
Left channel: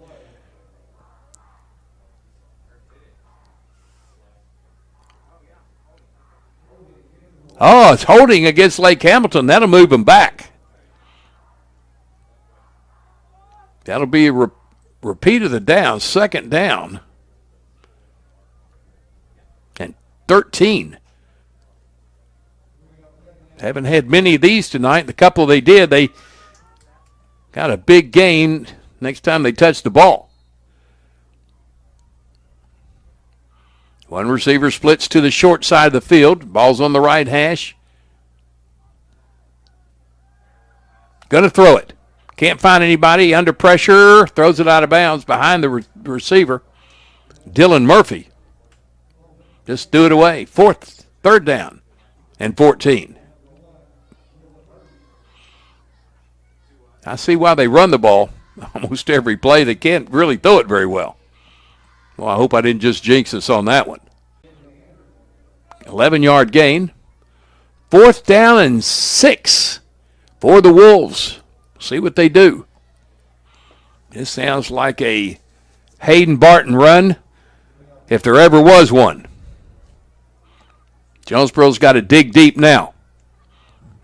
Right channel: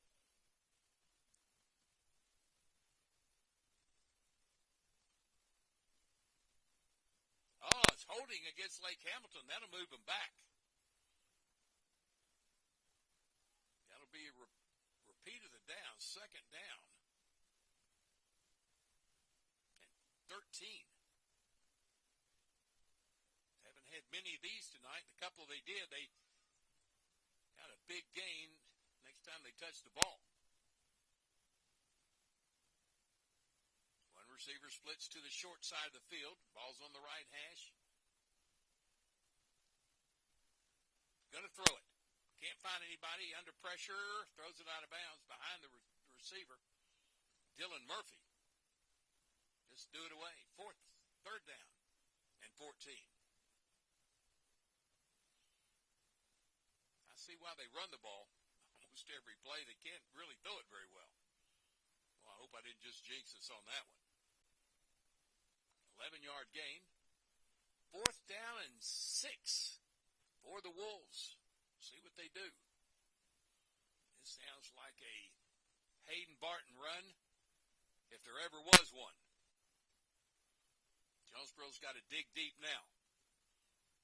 Oh, it's holding against Lake Hamilton. That'll move them back. That'll be a repeat of the down, 2nd down. And 13. Haven't had many of these tonight. The couple they did, they got a big gain next time they touched the ball. One receiver splits to the short side of the field. Ball's on the right hash. Going to throw it. Can't find anybody. Under pressure. Throws it out of bounds behind the receiver. Dylan Murphy. Just threw it away. 3rd down and 14. I see why they run the ball almost every play. They can't really throw it very well. Well, I hope I didn't just jinx us on that one. 11-yard gain. 4th down and 6 for the Wolves. See what they do. This sounds like a Hayden Barton run, if there ever was one. Jonesboro's got to dig deep now.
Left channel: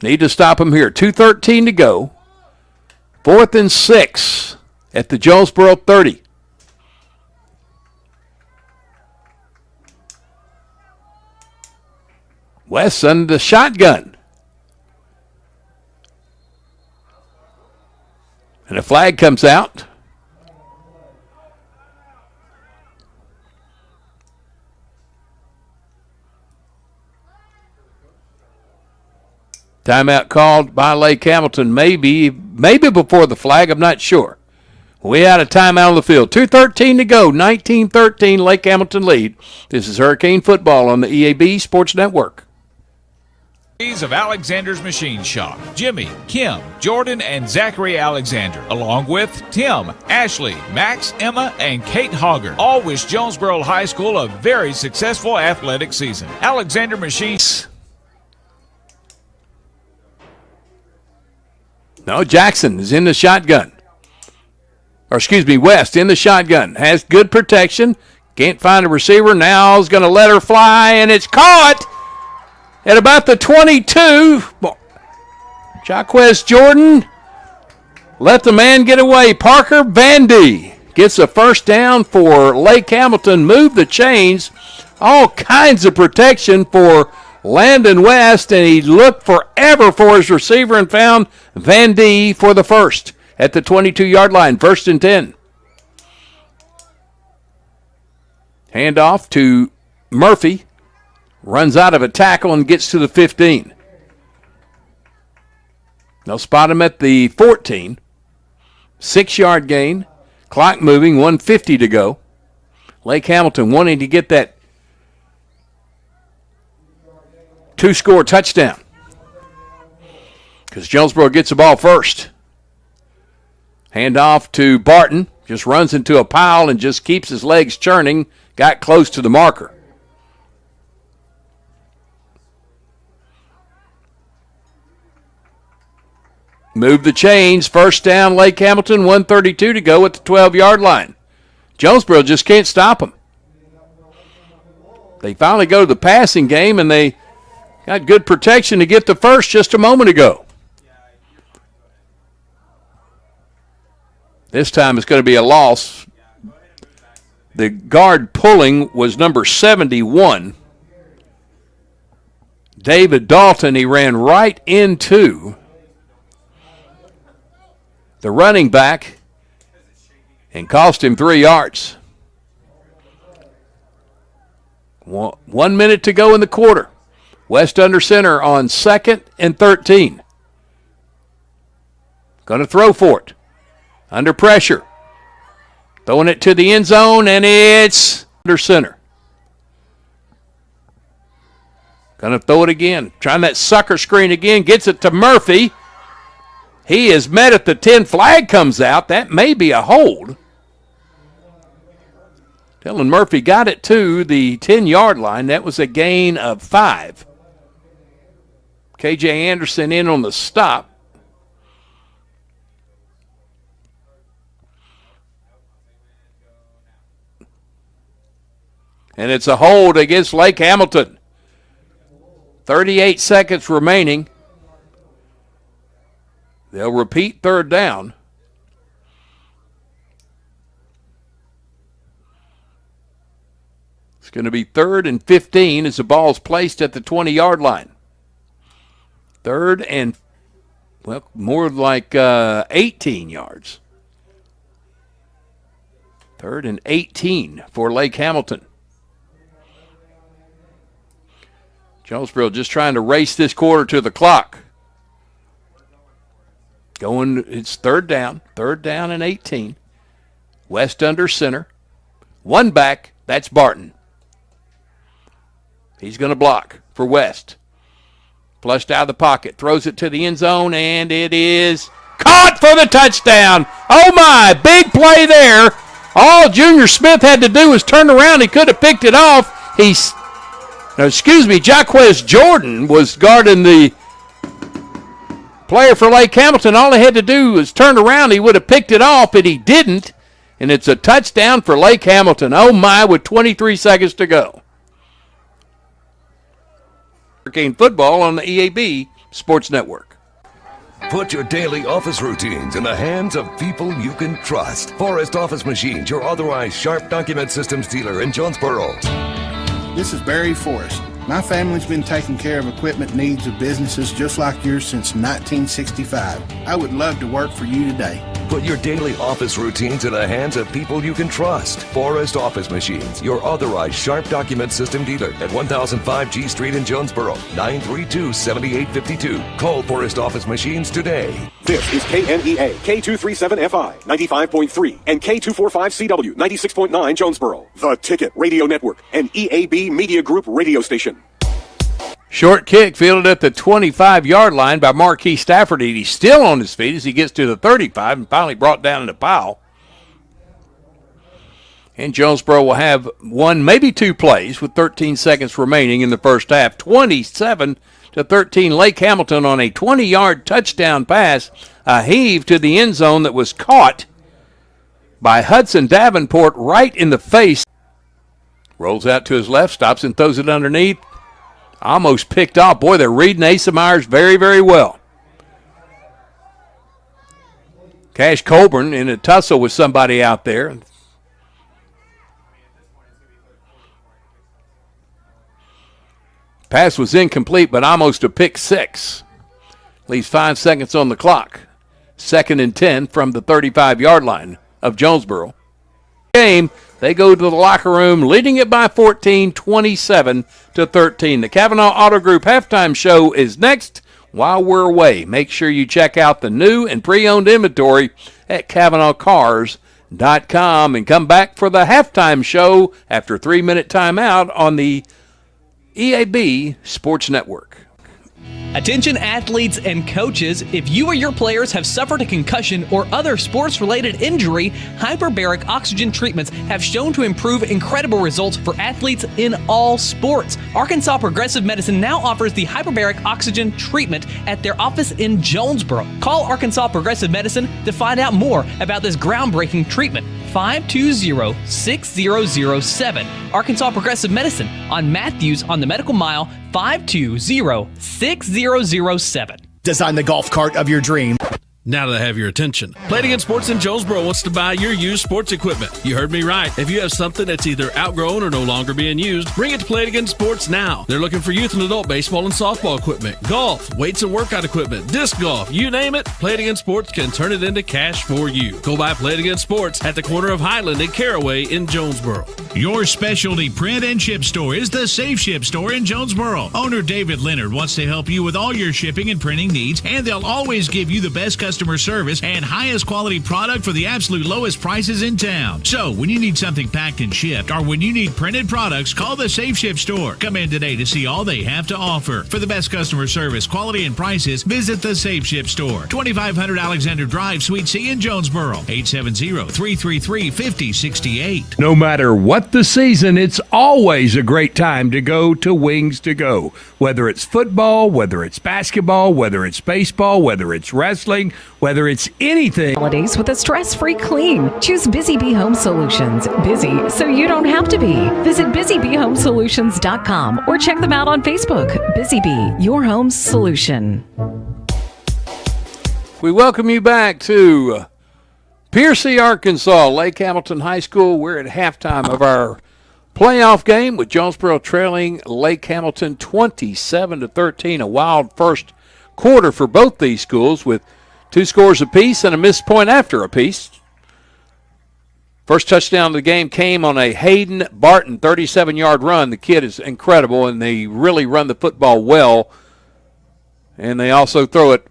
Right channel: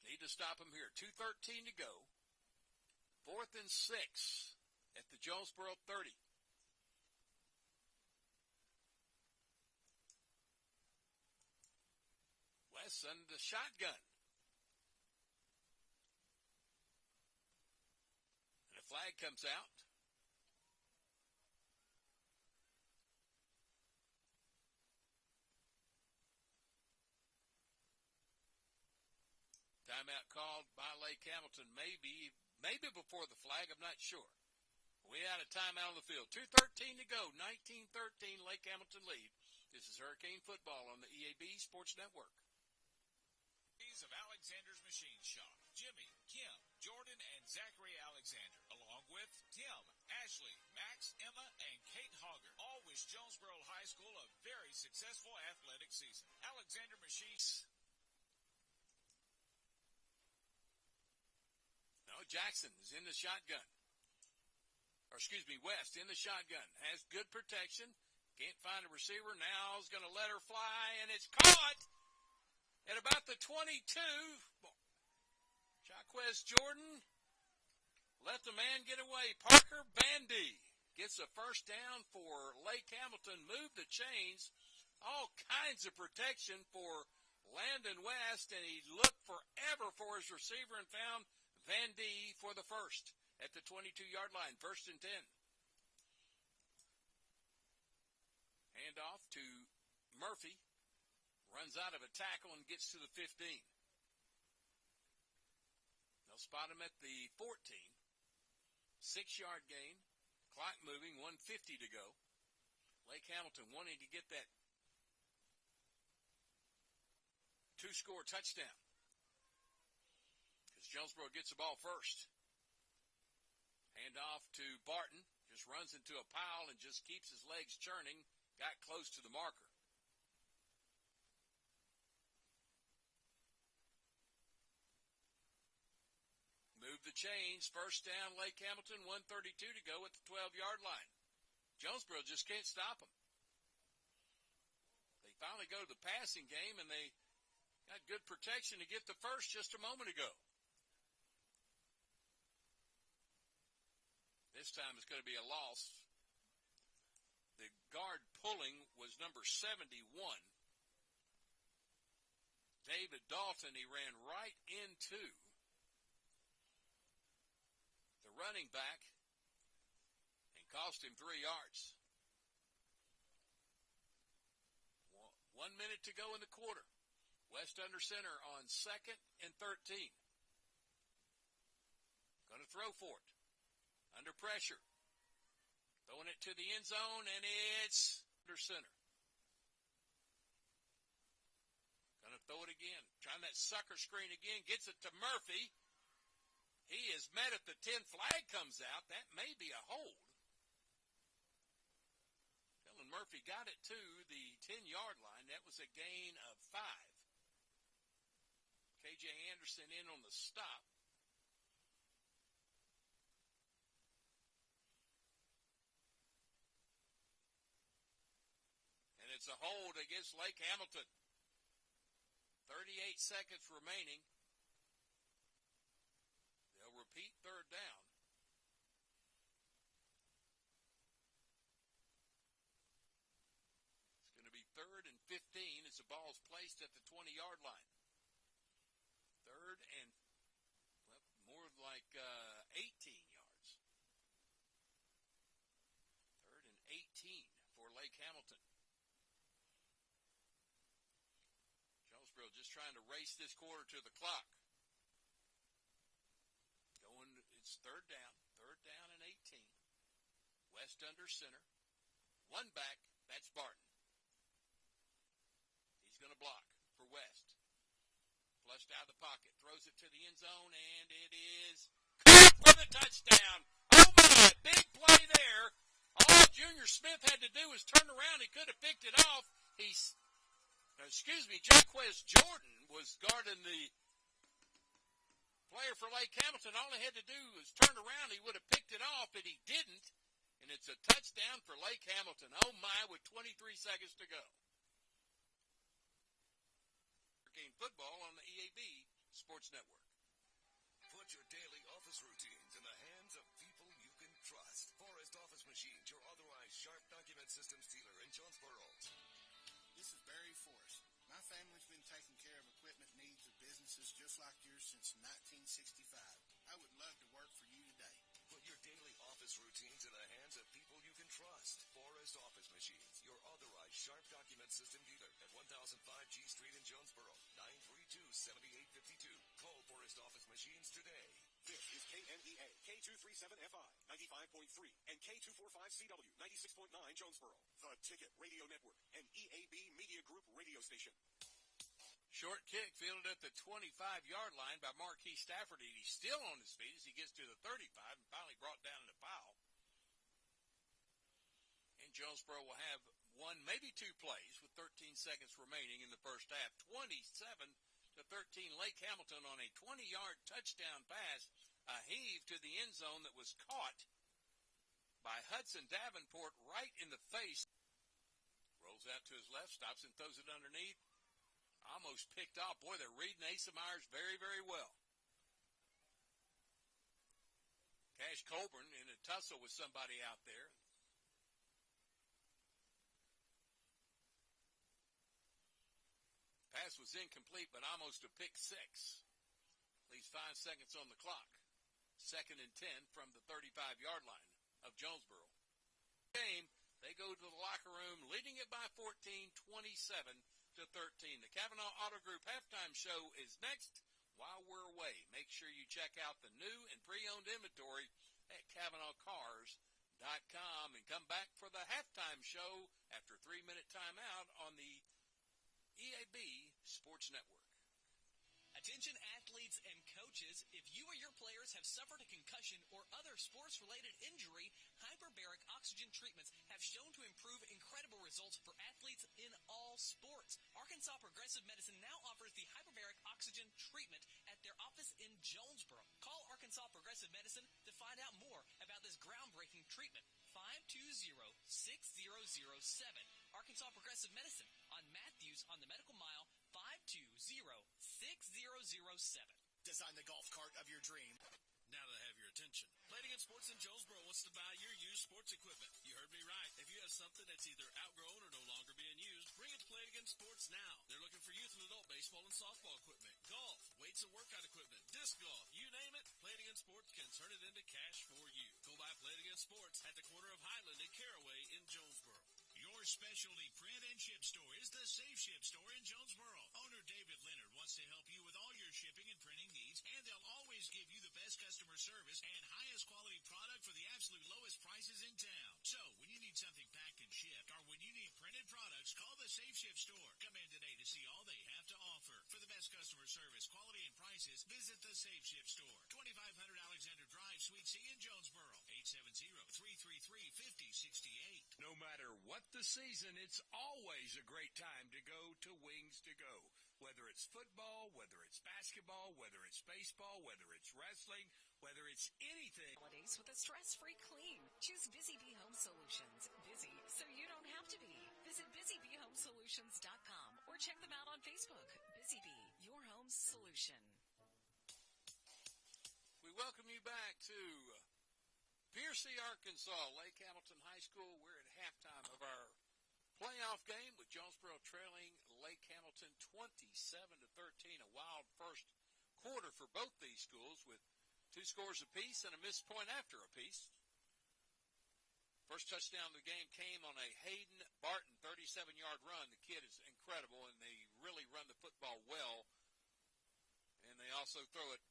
Need to stop him here. 2:13 to go. 4th and 6 at the Jonesboro 30. Wesson, the shotgun. And a flag comes out. Timeout called by Lake Hamilton, maybe before the flag, I'm not sure. We had a timeout on the field. 2:13 to go, 19-13, Lake Hamilton lead. This is Hurricane Football on the EAB Sports Network. Of Alexander's Machine Shop. Jimmy, Kim, Jordan, and Zachary Alexander, along with Tim, Ashley, Max, Emma, and Kate Hogger, all wish Jonesboro High School a very successful athletic season. Alexander Machines. No, Jackson is in the shotgun. West in the shotgun. Has good protection. Can't find a receiver. Now is going to let her fly, and it's caught at about the 22. Jaquez Jordan let the man get away. Parker Vandy gets a first down for Lake Hamilton. Move the chains. All kinds of protection for Landon West, and he looked forever for his receiver and found Vandy for the first at the 22-yard line. 1st and 10. Handoff to Murphy. Runs out of a tackle and gets to the 15. They'll spot him at the 14. 6-yard gain. Clock moving, 1:50 to go. Lake Hamilton wanting to get that 2-score touchdown, because Jonesboro gets the ball first. Handoff to Barton. Just runs into a pile and just keeps his legs churning. Got close to the marker. Move the chains. First down, Lake Hamilton. 1:32 to go at the 12-yard line. Jonesboro just can't stop them. They finally go to the passing game, and they got good protection to get the first just a moment ago. This time it's going to be a loss The guard pulling was number 71. David Dalton. He ran right into the running back and cost him 3 yards. 1 minute to go in the quarter. West under center on 2nd and 13. Going to throw for it. Under pressure. Throwing it to the end zone, and it's under center. Going to throw it again. Trying that sucker screen again. Gets it to Murphy. He is met at the 10. Flag comes out. That may be a hold. Dylan Murphy got it to the 10-yard line. That was a gain of 5. KJ Anderson in on the stop. And it's a hold against Lake Hamilton. 38 seconds remaining. They'll repeat 3rd down. It's going to be 3rd and 15 as the ball's placed at the 20-yard line. 3rd and, well, more like 18 yards. 3rd and 18 for Lake Hamilton. Jonesboro just trying to race this quarter to the clock. It's 3rd down. 3rd down and 18. West under center. 1 back, that's Barton. He's going to block for West. Flushed out of the pocket. Throws it to the end zone, and it is caught for the touchdown. Oh, my. Big play there. All Junior Smith had to do was turn around. He could have picked it off. Jaquez Jordan was guarding the player for Lake Hamilton. All he had to do was turn around. He would have picked it off, but he didn't. And it's a touchdown for Lake Hamilton. Oh, my, with 23 seconds to go. Hurricane football on the EAB Sports Network. Put your daily office routines in the hands of people you can trust. Forrest Office Machines, your authorized Sharp document systems dealer in Jonesboro. This is Barry Forrest. My family's been taking care of equipment needs of businesses just like yours since 1965. I would love to work for you today. Put your daily office routines in the hands of people you can trust. Forrest Office Machines, your authorized Sharp document system dealer at 1005 G Street in Jonesboro, 932-7852. Call Forrest Office Machines today. This is KNEA, K237FI, 95.3, and K245CW, 96.9 Jonesboro. The Ticket Radio Network, an EAB Media Group radio station. Short kick fielded at the 25-yard line by Marquis Stafford. He's still on his feet as he gets to the 35 and finally brought down in a pile. And Jonesboro will have 1, maybe 2 plays with 13 seconds remaining in the first half. 27-13 Lake Hamilton on a 20-yard touchdown pass. A heave to the end zone that was caught by Hudson Davenport right in the face. Rolls out to his left, stops and throws it underneath. Almost picked off. Boy, they're reading Asa Myers very, very well. Cash Colburn in a tussle with somebody out there. Pass was incomplete, but almost a pick 6. Leaves 5 seconds on the clock. 2nd and 10 from the 35-yard line of Jonesboro. Game. They go to the locker room, leading it by 14, 27-13. The Kavanaugh Auto Group halftime show is next. While we're away, make sure you check out the new and pre-owned inventory at CavanaughCars.com and come back for the halftime show after a 3-minute timeout on the EAB Sports Network. Attention athletes and coaches, if you or your players have suffered a concussion or other sports-related injury, hyperbaric oxygen treatments have shown to improve incredible results for athletes in all sports. Arkansas Progressive Medicine now offers the hyperbaric oxygen treatment at their office in Jonesboro. Call Arkansas Progressive Medicine to find out more about this groundbreaking treatment. 520-6007. Arkansas Progressive Medicine on Matthews on the Medical Mile, 520-6007. Design the golf cart of your dream. Now that I have your attention, Play It Again Sports in Jonesboro wants to buy your used sports equipment. You heard me right. If you have something that's either outgrown or no longer being used, bring it to Play It Again Sports now. They're looking for youth and adult baseball and softball equipment, golf, weights and workout equipment, disc golf, you name it, Play It Again Sports can turn it into cash for you. Go by Play It Again Sports at the corner of Highland and Caraway in Jonesboro. Your specialty print and ship store is the Safe Ship Store in Jonesboro. Owner David Leonard wants to help you with all your shipping and printing needs, and they'll always give you the best customer service and highest quality product for the absolute lowest prices in town. So when you need something packed and shipped, or when you need printed products, call the Safe Ship Store. Come in today to see all they have to offer. For the best customer service, quality, and prices, visit the Safe Ship Store, 2500 Alexander Drive, Suite C in Jonesboro, 870-333-5068. No matter what the season, it's always a great time to go to Wings to Go. Whether it's football, whether it's basketball, whether it's baseball, whether it's wrestling, whether it's anything. Holidays with a stress-free clean. Choose Busy Bee Home Solutions. Busy so you don't have to be. Visit busybeehomesolutions.com or check them out on Facebook. Busy Bee, your home's solution. We welcome you back to Piercy, Arkansas, Lake Hamilton High School. We're at halftime of our playoff game with Jonesboro trailing Lake Hamilton 27-13. A wild first quarter for both these schools with 2 scores apiece and a missed point after apiece. First touchdown of the game came on a Hayden Barton 37-yard run. The kid is incredible, and they really run the football well. And they also throw it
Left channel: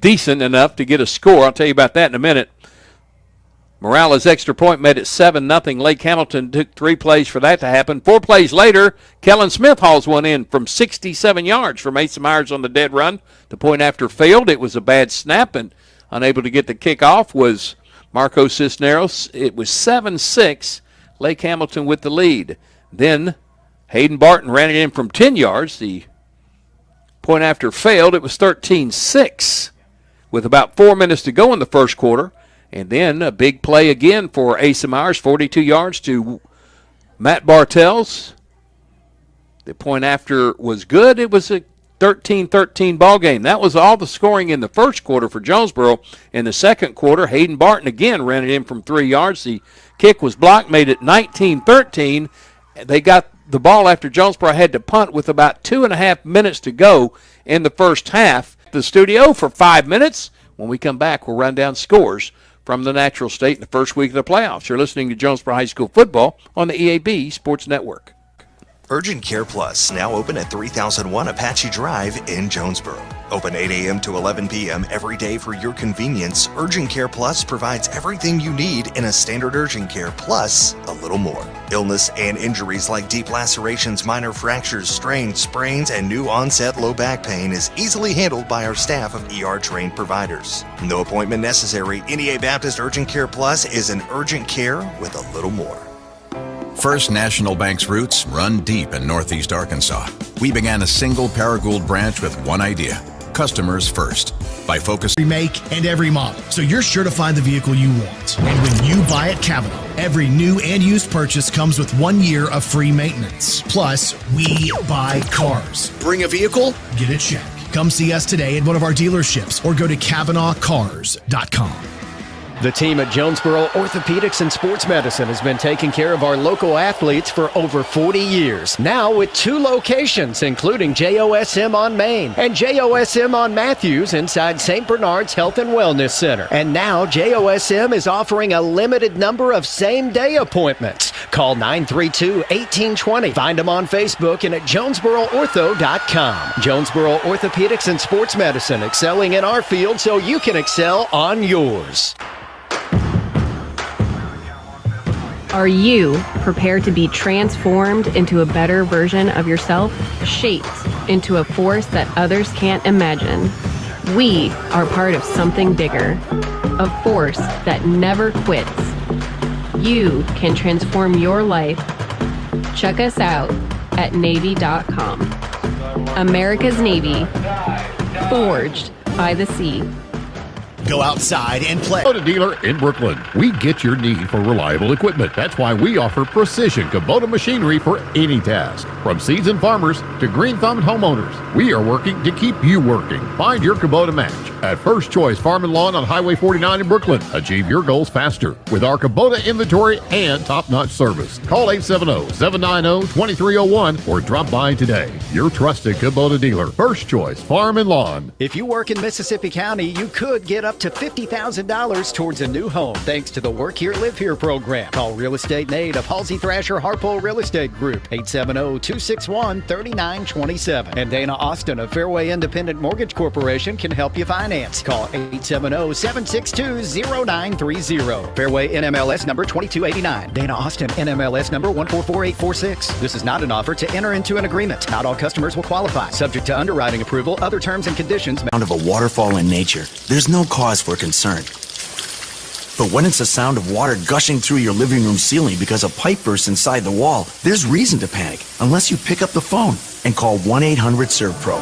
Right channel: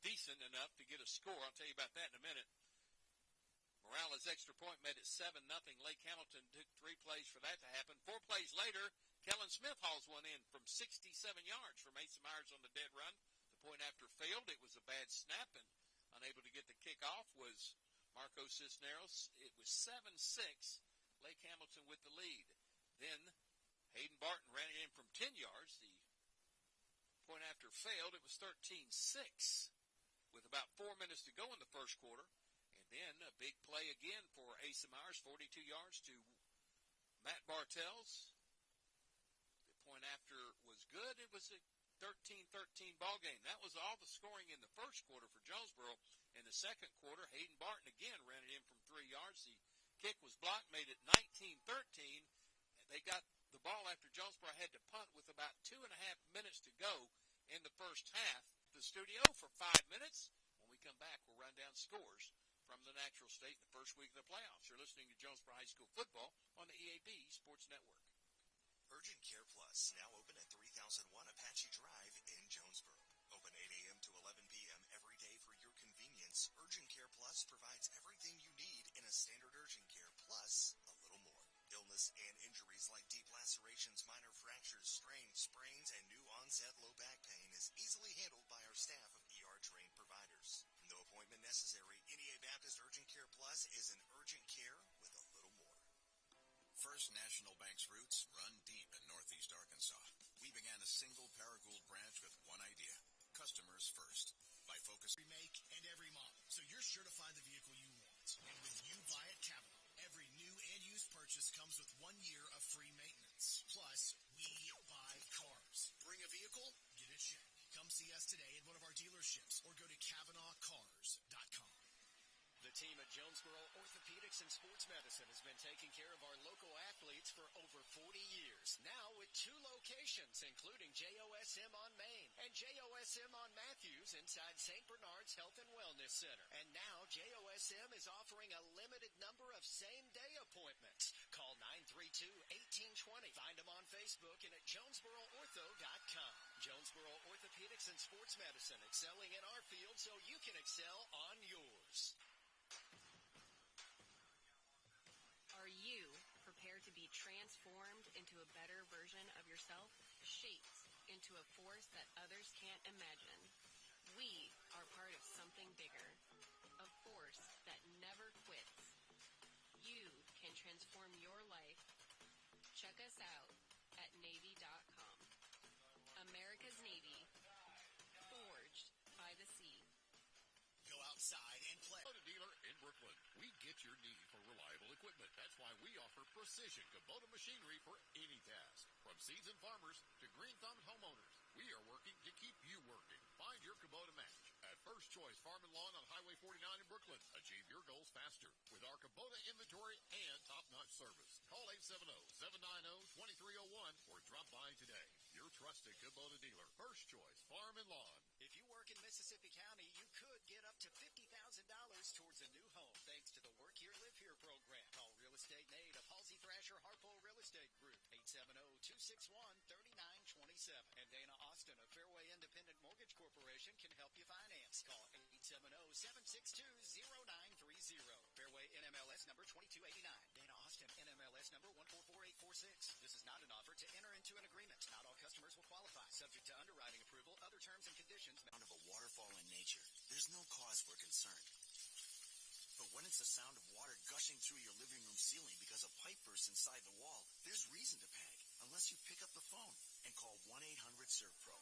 decent enough to get a score. I'll tell you about that in a minute. Morales' extra point made it 7-0. Lake Hamilton took 3 plays for that to happen. 4 plays later, Kellen Smith hauls one in from 67 yards from Asa Myers on the dead run. The point after failed. It was a bad snap, and unable to get the kickoff was Marco Cisneros. It was 7-6, Lake Hamilton with the lead. Then Hayden Barton ran it in from 10 yards. The point after failed. It was 13-6 with about 4 minutes to go in the first quarter. And then a big play again for Asa Myers, 42 yards to Matt Bartels. The point after was good. It was a 13-13 ball game. That was all the scoring in the first quarter for Jonesboro. In the second quarter, Hayden Barton again ran it in from 3 yards. The kick was blocked, made it 19-13. They got the ball after Jonesboro had to punt with about 2.5 minutes to go in the first half. The studio for 5 minutes. When we come back, we'll run down scores from the Natural State in the first week of the playoffs. You're listening to Jonesboro High School football on the EAB Sports Network. Urgent Care Plus, now open at 3001 Apache Drive in Jonesboro. Open 8 a.m. to 11 p.m. every day for your convenience. Urgent Care Plus provides everything you need in a standard urgent care, plus a little more. Illness and injuries like deep lacerations, minor fractures, strains, sprains, and new onset low back pain is easily handled by our staff of ER-trained providers. No appointment necessary. NEA Baptist Urgent Care Plus is an urgent care with a little more. First National Bank's roots run deep in Northeast Arkansas. We began a single Paragould branch with one idea: customers first. By focusing every make and every model, so you're sure to find the vehicle you want. And when you buy at Kavanaugh, every new and used purchase comes with 1 year of free maintenance. Plus, we buy cars. Bring a vehicle, get a check. Come see us today at one of our dealerships or go to CavanaughCars.com. The team at Jonesboro Orthopedics and Sports Medicine has been taking care of our local athletes for over 40 years. Now with 2 locations, including JOSM on Main and JOSM on Matthews inside St. Bernard's Health and Wellness Center. And now JOSM is offering a limited number of same-day appointments. Call 932-1820. Find them on Facebook and at JonesboroOrtho.com. Jonesboro Orthopedics and Sports Medicine, excelling in our field so you can excel on yours. Are you prepared to be transformed into a better version of yourself, shaped into a force that others can't imagine? We are part of something bigger, a force that never quits. You can transform your life. Check us out at Navy.com. America's Navy, forged by the sea. Go outside and play. Kubota dealer in Brooklyn. We get your need for reliable equipment. That's why we offer precision Kubota machinery for any task. From seasoned farmers to green-thumbed homeowners, we are working to keep you working. Find your Kubota match At First Choice Farm and Lawn on Highway 49 in Brooklyn. Achieve your goals faster with our Kubota inventory and top-notch service. Call 870-790-2301 or drop by today. Your trusted Kubota dealer, First Choice Farm and Lawn. If you work in Mississippi County, you could get up to $50,000 towards a new home thanks to the Work Here, Live Here program. Call Real Estate Nate of Halsey Thrasher Harpole Real Estate Group, 870-261-3927. And Dana Austin of Fairway Independent Mortgage Corporation can help you finance. Call 870-762-0930. Fairway NMLS number 2289. Dana Austin NMLS number 144846. This is not an offer to enter into an agreement. Not all customers will qualify. Subject to underwriting approval. Other terms and conditions. Sound of a waterfall in nature, there's no cause for concern. But when it's the sound of water gushing through your living room ceiling because a pipe bursts inside the wall, there's reason to panic unless you pick up the phone and call 1-800-SERVPRO.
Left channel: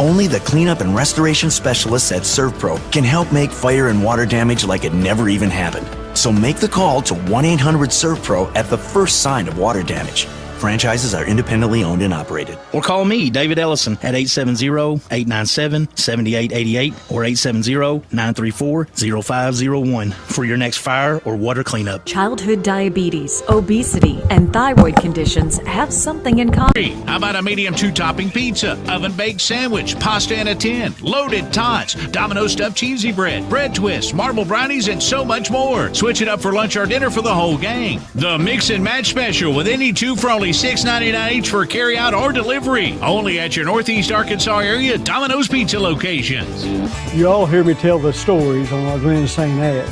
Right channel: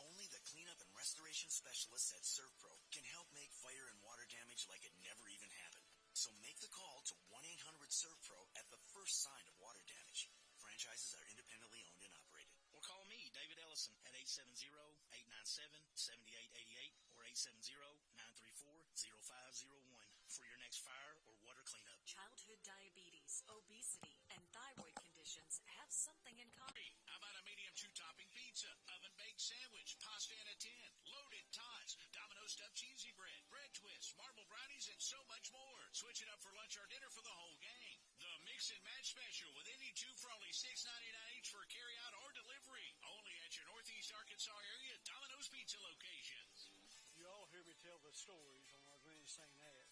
Only the cleanup and restoration specialists at ServPro can help make fire and water damage like it never even happened. So make the call to 1-800-SERVPRO at the first sign of water damage. Franchises are independently owned and operated. Or call me, David Ellison, at 870-897-7888 or 870-934-0501 for your next fire or water cleanup. Childhood diabetes, obesity, and thyroid conditions have something in common. How about a medium 2-topping pizza, oven-baked sandwich, pasta in a tin, loaded tots, Domino's stuffed cheesy bread, bread twists, marble brownies, and so much more. Switch it up for lunch or dinner for the whole gang. The Mix and Match Special with any two for only $6.99 each for carry-out or delivery. Only at your Northeast Arkansas area Domino's Pizza locations. You all hear me tell the stories on our Glenn St. ads.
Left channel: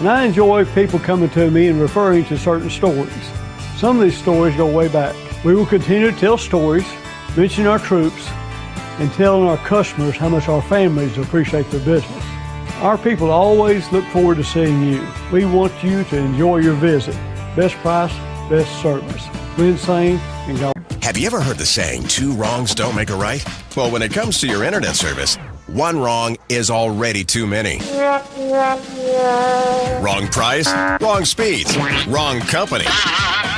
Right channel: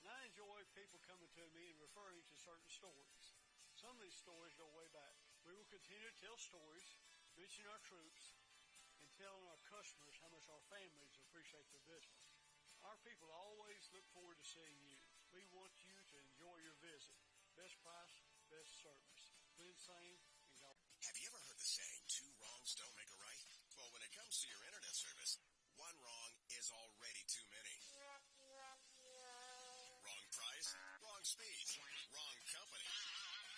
And I enjoy people coming to me and referring to certain stories. Some of these stories go way back. We will continue to tell stories, mention our troops, and telling our customers how much our families appreciate their business. Our people always look forward to seeing you. We want you to enjoy your visit. Best price, best service. Glenn St. and go. Have you ever heard the saying, 2 wrongs don't make a right? Well, when it comes to your internet service, 1 wrong is already too many. Wrong price, wrong speeds, wrong company.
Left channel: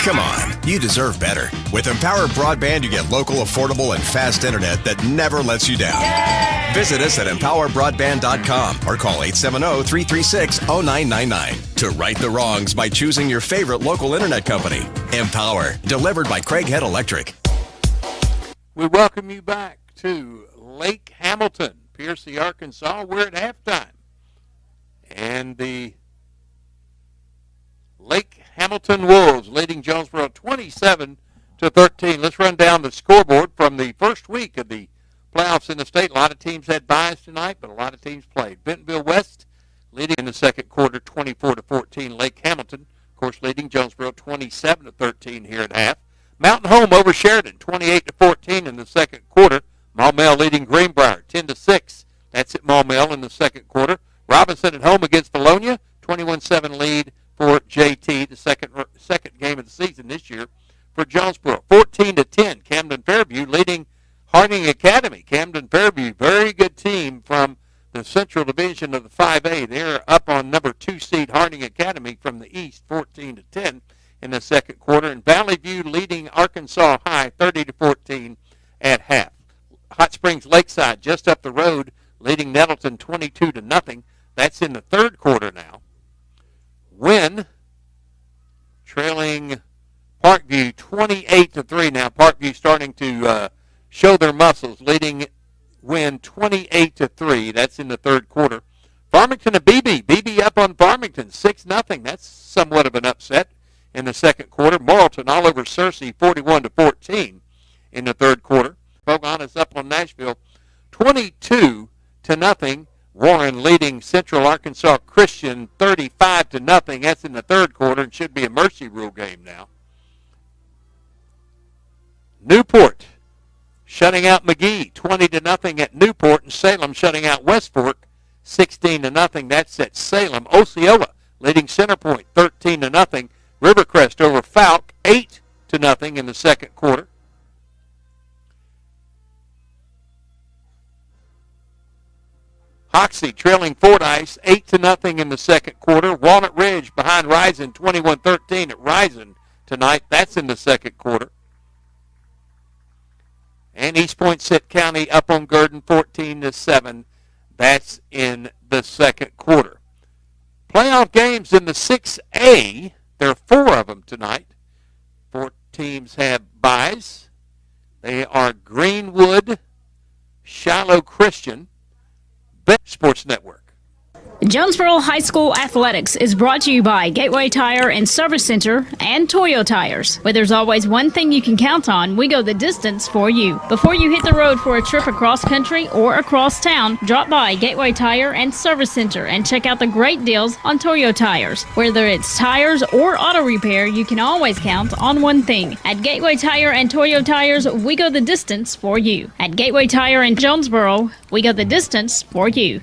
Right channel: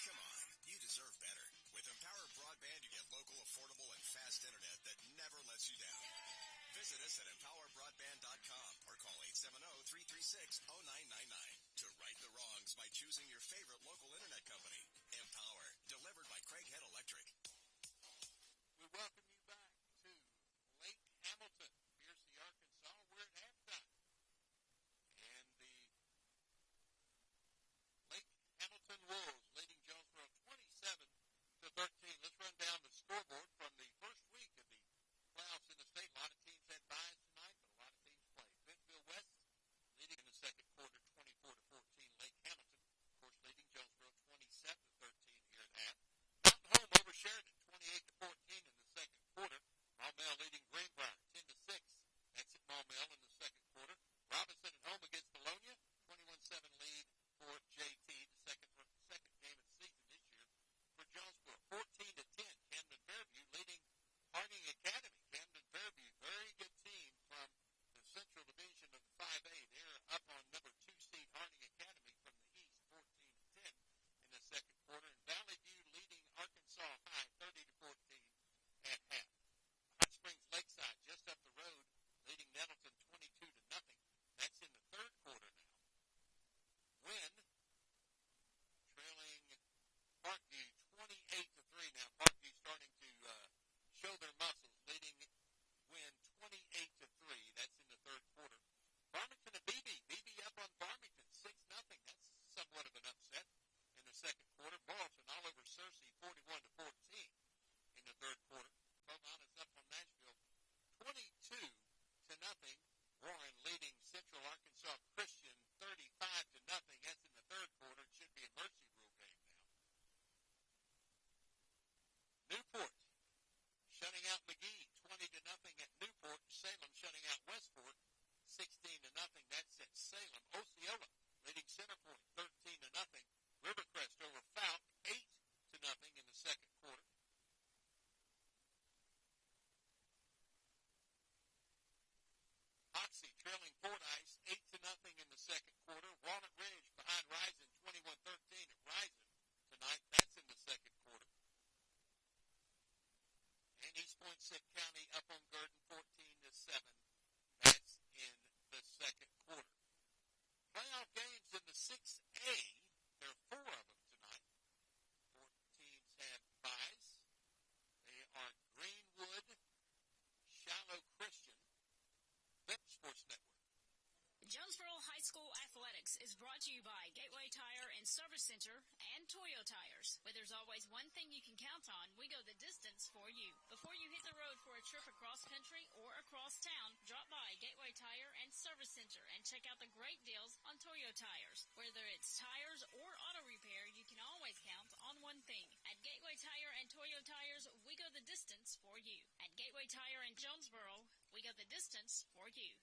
Come on, you deserve better. With Empower Broadband, you get local, affordable, and fast internet that never lets you down. Visit us at empowerbroadband.com or call 870-336-0999 to right the wrongs by choosing your favorite local internet company. Empower, delivered by Craighead Electric. We welcome you back to Lake Hamilton, Piercy, Arkansas. We're at halftime. And the Lake Hamilton Wolves leading Jonesboro 27-13. Let's run down the scoreboard from the first week of the playoffs in the state. A lot of teams had byes tonight, but a lot of teams played. Bentonville West leading in the second quarter 24-14. Lake Hamilton, of course, leading Jonesboro 27-13 here at half. Mountain Home over Sheridan 28-14 in the second quarter. Maumelle leading Greenbrier 10-6. That's at Maumelle in the second quarter. Robinson at home against Bologna, 21-7 lead for JT, the second game of the season this year for Jonesboro. 14-10, Camden Fairview leading Harding Academy. Camden Fairview, very good team from the Central Division of the 5A. They're up on number 2 seed Harding Academy from the East, 14-10 in the second quarter. And Valley View leading Arkansas High, 30-14 at half. Hot Springs Lakeside just up the road, leading Nettleton 22-0. That's in the third quarter now. Wynn trailing Parkview 28-3. Now Parkview starting to show their muscles, leading Wynn 28-3. That's in the third quarter. Farmington and BB up on Farmington 6-0. That's somewhat of an upset in the second quarter. Morrilton all over Searcy 41-14 in the third quarter. Pocahontas up on Nashville 22-0. Warren leading Central Arkansas Christian 35-0. That's in the third quarter and should be a mercy rule game now. Newport shutting out McGee 20-0 at Newport, and Salem shutting out West Fork 16-0. That's at Salem. Osceola leading Centerpoint 13-0. Rivercrest over Falk 8-0 in the second quarter. Hoxie trailing Fordyce 8-0 in the second quarter. Walnut Ridge behind Rison 21-13 at Rison tonight. That's in the second quarter. And East Point Sitt County up on Gurdon 14-7. That's in the second quarter. Playoff games in the 6A. There are 4 of them tonight. 4 teams have byes. They are Greenwood, Shiloh Christian, Sports Network. Jonesboro High School Athletics is brought to you by Gateway Tire and Service Center and Toyo Tires. Where there's always one thing you can count on, we go the distance for you. Before you hit the road for a trip across country or across town, drop by Gateway Tire and Service Center and check out the great deals on Toyo Tires. Whether it's tires or auto repair, you can always count on one thing. At Gateway Tire and Toyo Tires, we go the distance for you. At Gateway Tire in Jonesboro, we go the distance for you.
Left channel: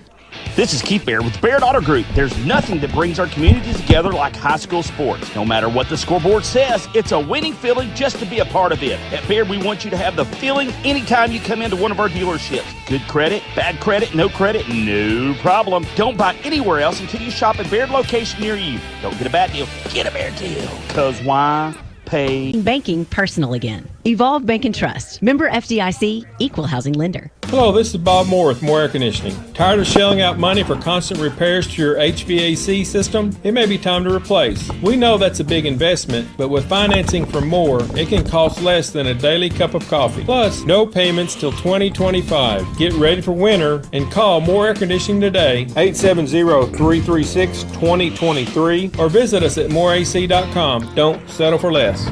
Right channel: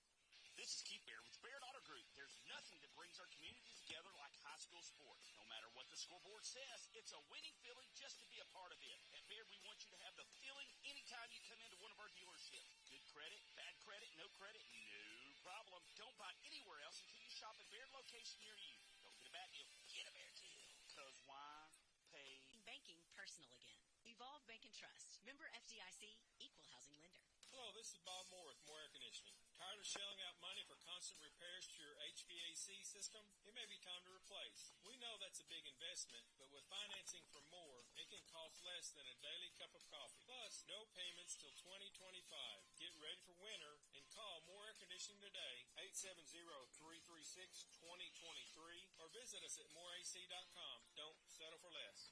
This is Keith Baird with Baird Auto Group. There's nothing that brings our community together like high school sports. No matter what the scoreboard says, it's a winning feeling just to be a part of it. At Baird, we want you to have the feeling anytime you come into one of our dealerships. Good credit, bad credit, no problem. Don't buy anywhere else until you shop at Baird location near you. Don't get a bad deal, get a Baird deal. Because why? Pay. Banking personal again. Evolve Bank and Trust. Member FDIC, equal housing lender. Hello, this is Bob Moore with Moore Air Conditioning. Tired of shelling out money for constant repairs to your HVAC system? It may be time to replace. We know that's a big investment, but with financing from Moore, it can cost less than a daily cup of coffee. Plus, no payments till 2025. Get ready for winter and call Moore Air Conditioning today, 870-336-2023, or visit us at moreac.com. Don't settle for less.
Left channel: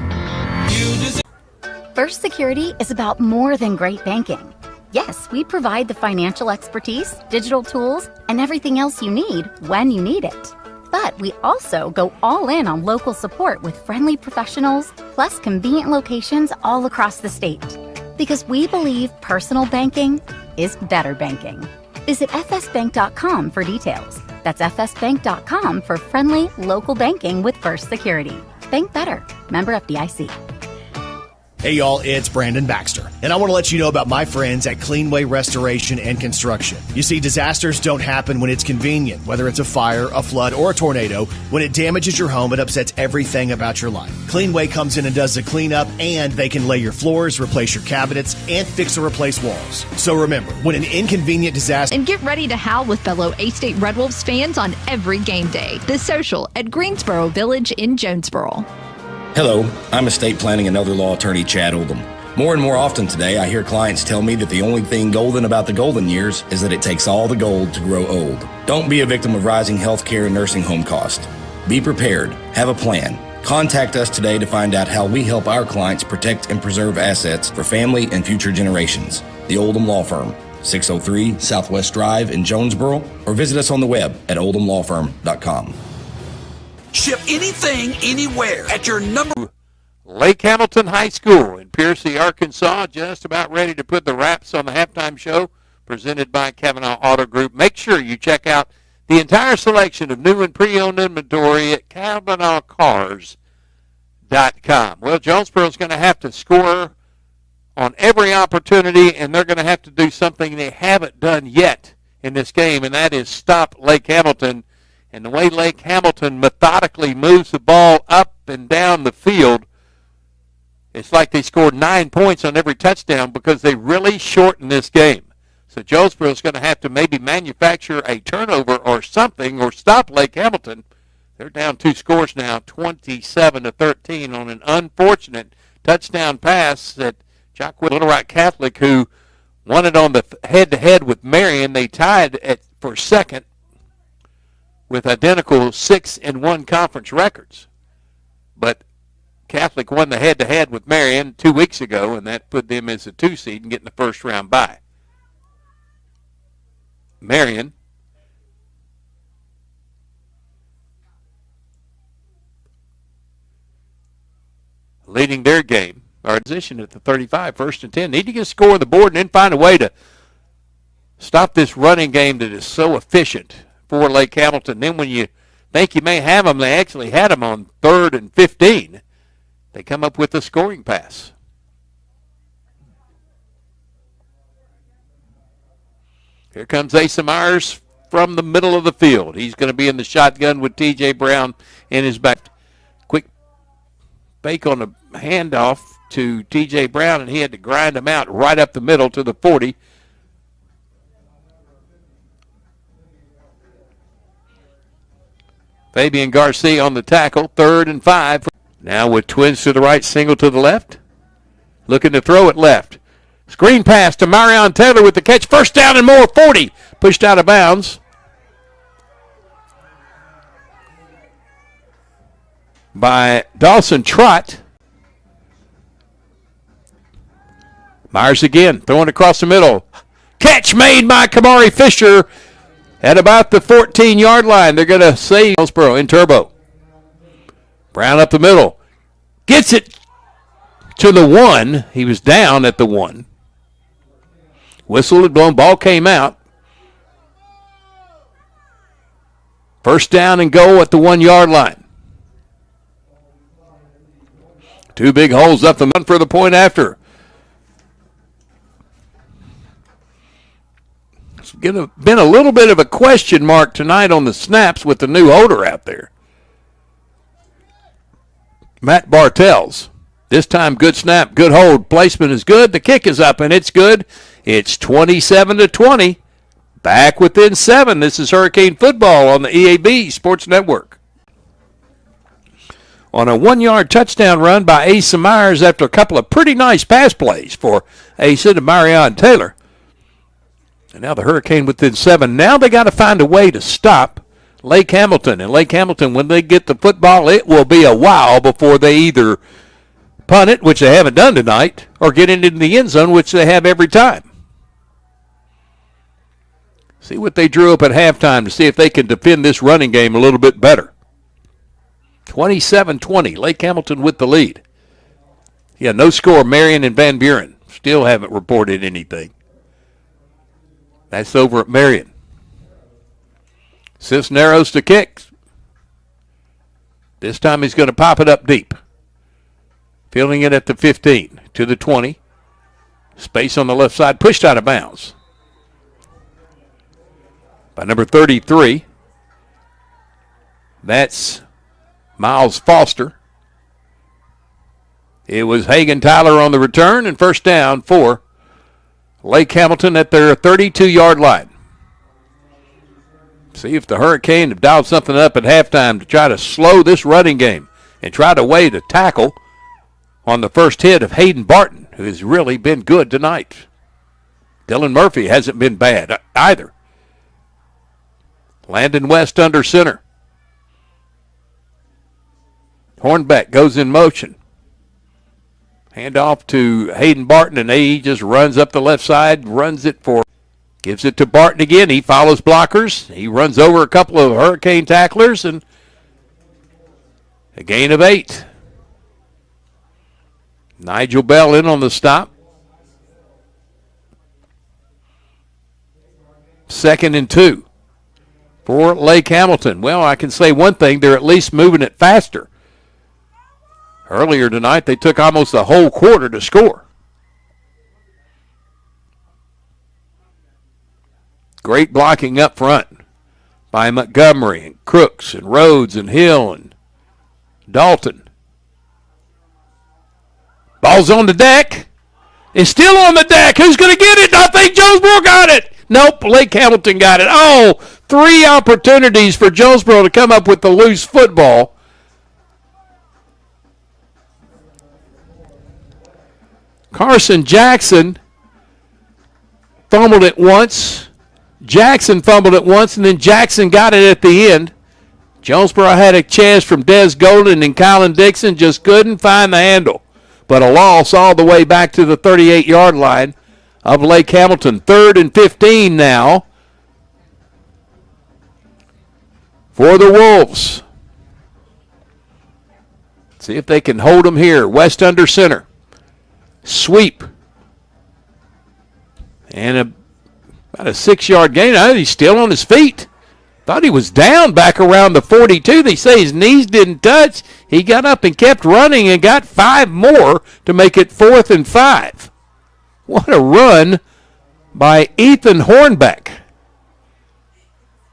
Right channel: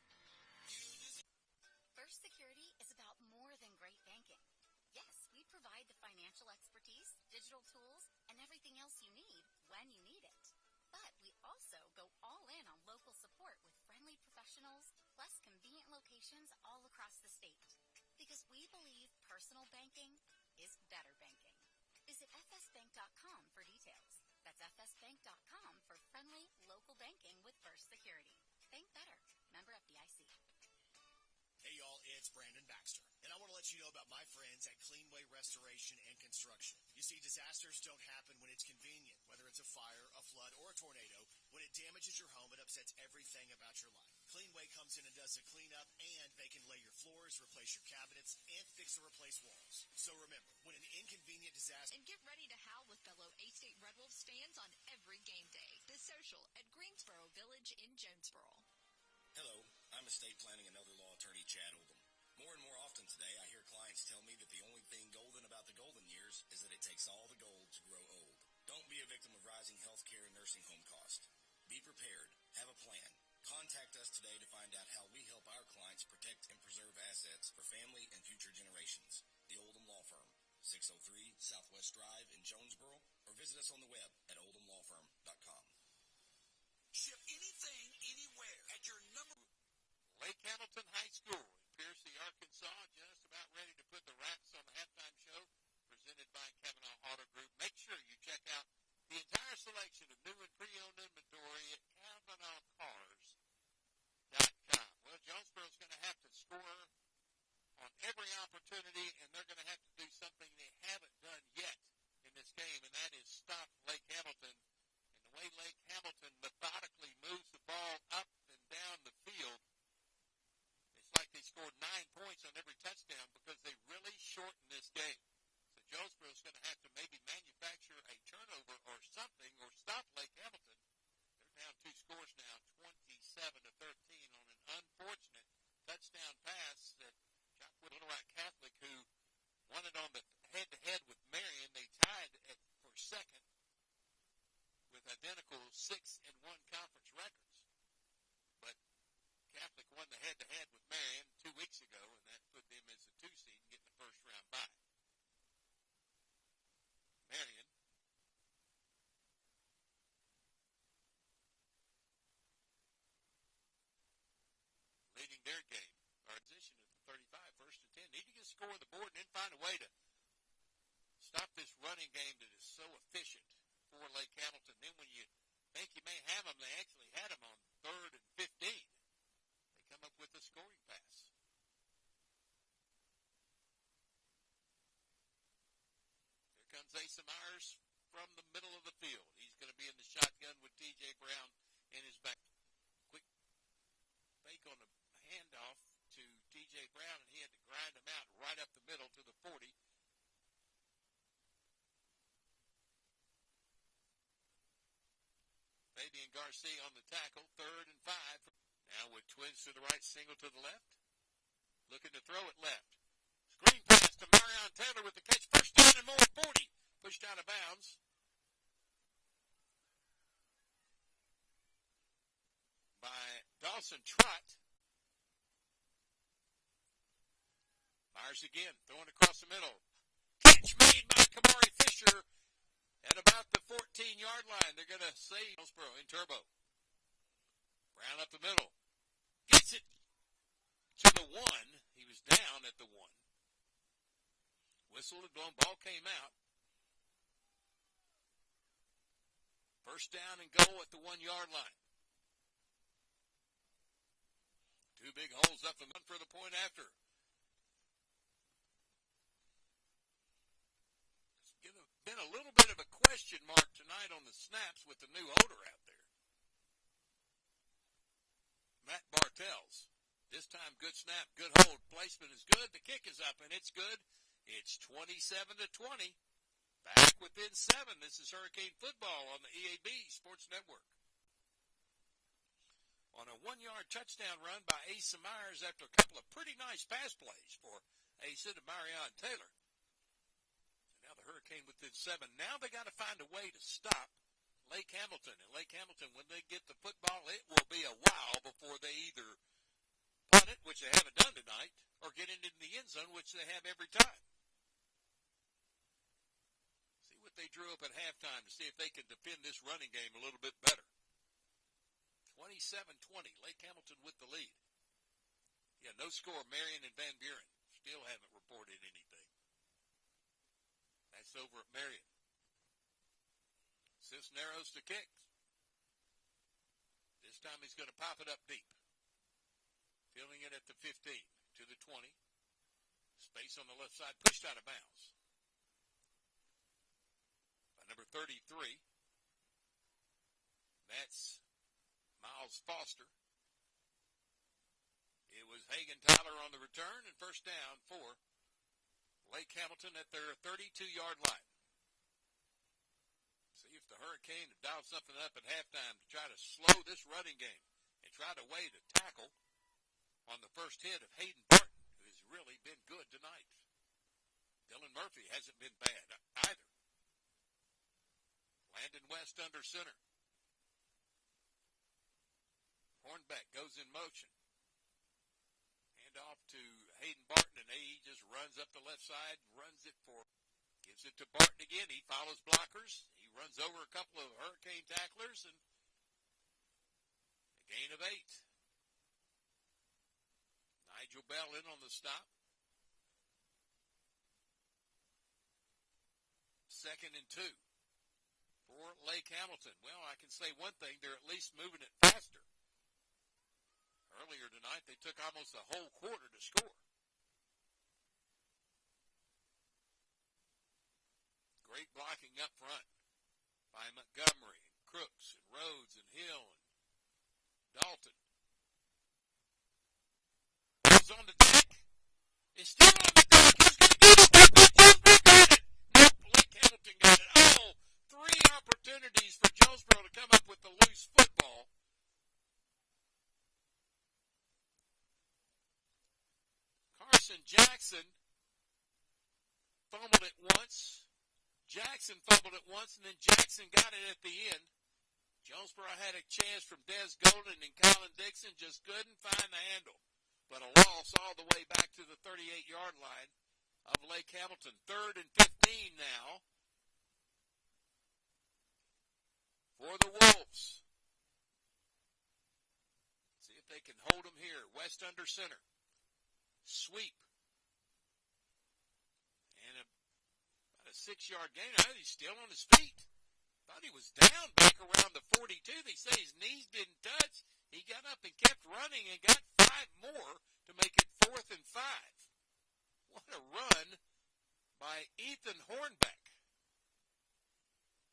First Security is about more than great banking. Yes, we provide the financial expertise, digital tools, and everything else you need when you need it. But we also go all in on local support with friendly professionals, plus convenient locations all across the state. Because we believe personal banking is better banking. Visit fsbank.com for details. That's fsbank.com for friendly local banking with First Security. Bank better. Member FDIC. Hey y'all, it's Brandon Baxter, and I want to let you know about my friends at Cleanway Restoration and Construction. You see, disasters don't happen when it's convenient, whether it's a fire, a flood, or a tornado. When it damages your home, it upsets everything about your life. Cleanway comes in and does the cleanup, and they can lay your floors, replace your cabinets, and fix or replace walls. So remember, when an inconvenient disaster... And get ready to howl with fellow A-State Red Wolves fans on every game day. The Social at Greensboro Village in Jonesboro. Hello, I'm estate planning and elder law attorney Chad Oldham. More and more often today, I hear clients tell me that the only thing golden about the golden years is that it takes all the gold to grow old. Don't be a victim of rising healthcare and nursing home costs. Be prepared. Have a plan. Contact us today to find out how we help our clients protect and preserve assets for family and future generations. The Oldham Law Firm, 603 Southwest Drive in Jonesboro, or visit us on the web at oldhamlawfirm.com. Ship anything, anywhere at your number. Lake Hamilton High School in Piercy, Arkansas, just about ready to put the wraps on the halftime show presented by Kavanaugh Auto Group. Make sure you check out the entire selection of new and pre-owned inventory at CavanaughCars.com. Well, Jonesboro's going to have to score on every opportunity, and they're going to have to do something they haven't done yet in this game, and that is stop Lake Hamilton. And the way Lake Hamilton methodically moves the ball up and down the field, it's like they scored 9 points on every touchdown because they really shortened this game. So Jonesboro's going to have to maybe manufacture a turnover or something or stop Lake Hamilton. They're down 2 scores now, 27-13 on an unfortunate touchdown pass that Jacqueline Little Rock Catholic, who won it on the head-to-head with Marion. They tied for second with identical 6-1 conference records. But Catholic won the head-to-head with Marion 2 weeks ago, and that put them as a 2 seed and getting the first round bye. Marion leading their game, our position at the 35, 1st and 10. Need to get a score on the board and then find a way to stop this running game that is so efficient for Lake Hamilton. Then when you think you may have them, they actually had them on 3rd and 15. They come up with a scoring pass. Here comes Asa Myers from the middle of the field. He's going to be in the shotgun with T.J. Brown in his back. Quick fake on a handoff to T.J. Brown, and he had to grind him out right up the middle to the 40. Fabian Garcia on the tackle, 3rd and 5. Now with twins to the right, single to the left. Looking to throw it left. Screen pass to Marion Taylor with the catch. First down and more, 40. Pushed out of bounds by Dawson Trott. Myers again, throwing across the middle. Catch made by Kamari Fisher at about the 14-yard line. They're going to save Jonesboro in turbo. Brown up the middle. Gets it to the 1. He was down at the 1. Whistle had blown. Ball came out. First down and goal at the 1-yard line. 2 big holes up the middle for the point after. It's been a little bit of a question mark tonight on the snaps with the new holder out there. Matt Bartels. This time, good snap, good hold. Placement is good. The kick is up, and it's good. It's 27-20. Back within 7. This is Hurricane Football on the EAB Sports Network. On a 1-yard touchdown run by Asa Myers after a couple of pretty nice pass plays for Asa to Marion Taylor. And now the Hurricane within 7. Now they got to find a way to stop Lake Hamilton. And Lake Hamilton, when they get the football, it will be a while before they either punt it, which they haven't done tonight, or get it into the end zone, which they have every time. See what they drew up at halftime to see if they can defend this running game a little bit better. 27-20, Lake Hamilton with the lead. Yeah, no score, Marion and Van Buren. Still haven't reported anything. That's over at Marion. Cisneros to kick. This time he's going to pop it up deep. Fielding it at the 15 to the 20. Space on the left side, pushed out of bounds by number 33. That's Miles Foster. It was Hagan Tyler on the return, and first down for Lake Hamilton at their 32-yard line. See if the Hurricane have dialed something up at halftime to try to slow this running game and try to weigh the tackle on the first hit of Hayden Barton, who has really been good tonight. Dylan Murphy hasn't been bad either. Landon West under center. Hornbeck goes in motion. Hand off to Hayden Barton, and he just runs up the left side, runs it for, gives it to Barton again. He follows blockers. He runs over a couple of Hurricane tacklers, and a gain of 8. Nigel Bell in on the stop. 2nd and 2 for Lake Hamilton. Well, I can say one thing, they're at least moving it faster. Earlier tonight, they took almost a whole quarter to score. Great blocking up front by Montgomery and Crooks and Rhodes and Hill and Dalton. Ball's on the deck. It's still on the deck. Who's going to get it? I think Jonesboro got it. Nope, Lake Hamilton got it. Oh, 3 opportunities for Jonesboro to come up with the loose football. Carson Jackson fumbled it once. Jackson fumbled it once, and then Jackson got it at the end. Jonesboro had a chance from Des Golden and Colin Dixon, just couldn't find the handle. But a loss all the way back to the 38-yard line of Lake Hamilton. 3rd and 15 now for the Wolves. See if they can hold them here. West under center. Sweep. And about a 6-yard gain. I know he's still on his feet. Thought he was down back around the 42. They say his knees didn't touch. He got up and kept running and got 5 more to make it 4th and 5. What a run by Ethan Hornbeck.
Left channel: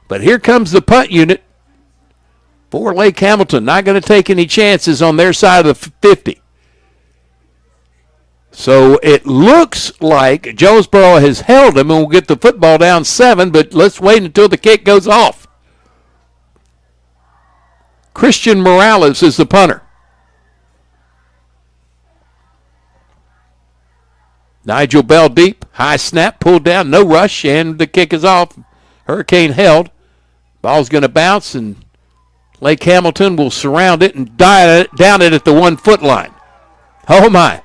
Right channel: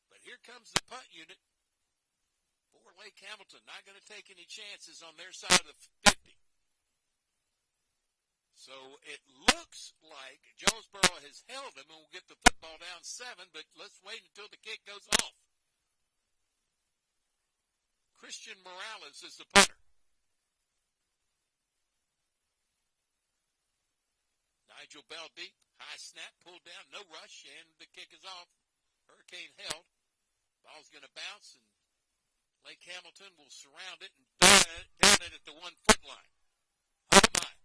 But here comes the punt unit for Lake Hamilton. Not going to take any chances on their side of the 50. So it looks like Jonesboro has held him and will get the football down 7, but let's wait until the kick goes off. Christian Morales is the punter. Nigel Bell deep, high snap, pulled down, no rush, and the kick is off. Hurricane held. Ball's going to bounce, and Lake Hamilton will surround it and down it at the 1 foot line. Oh, my.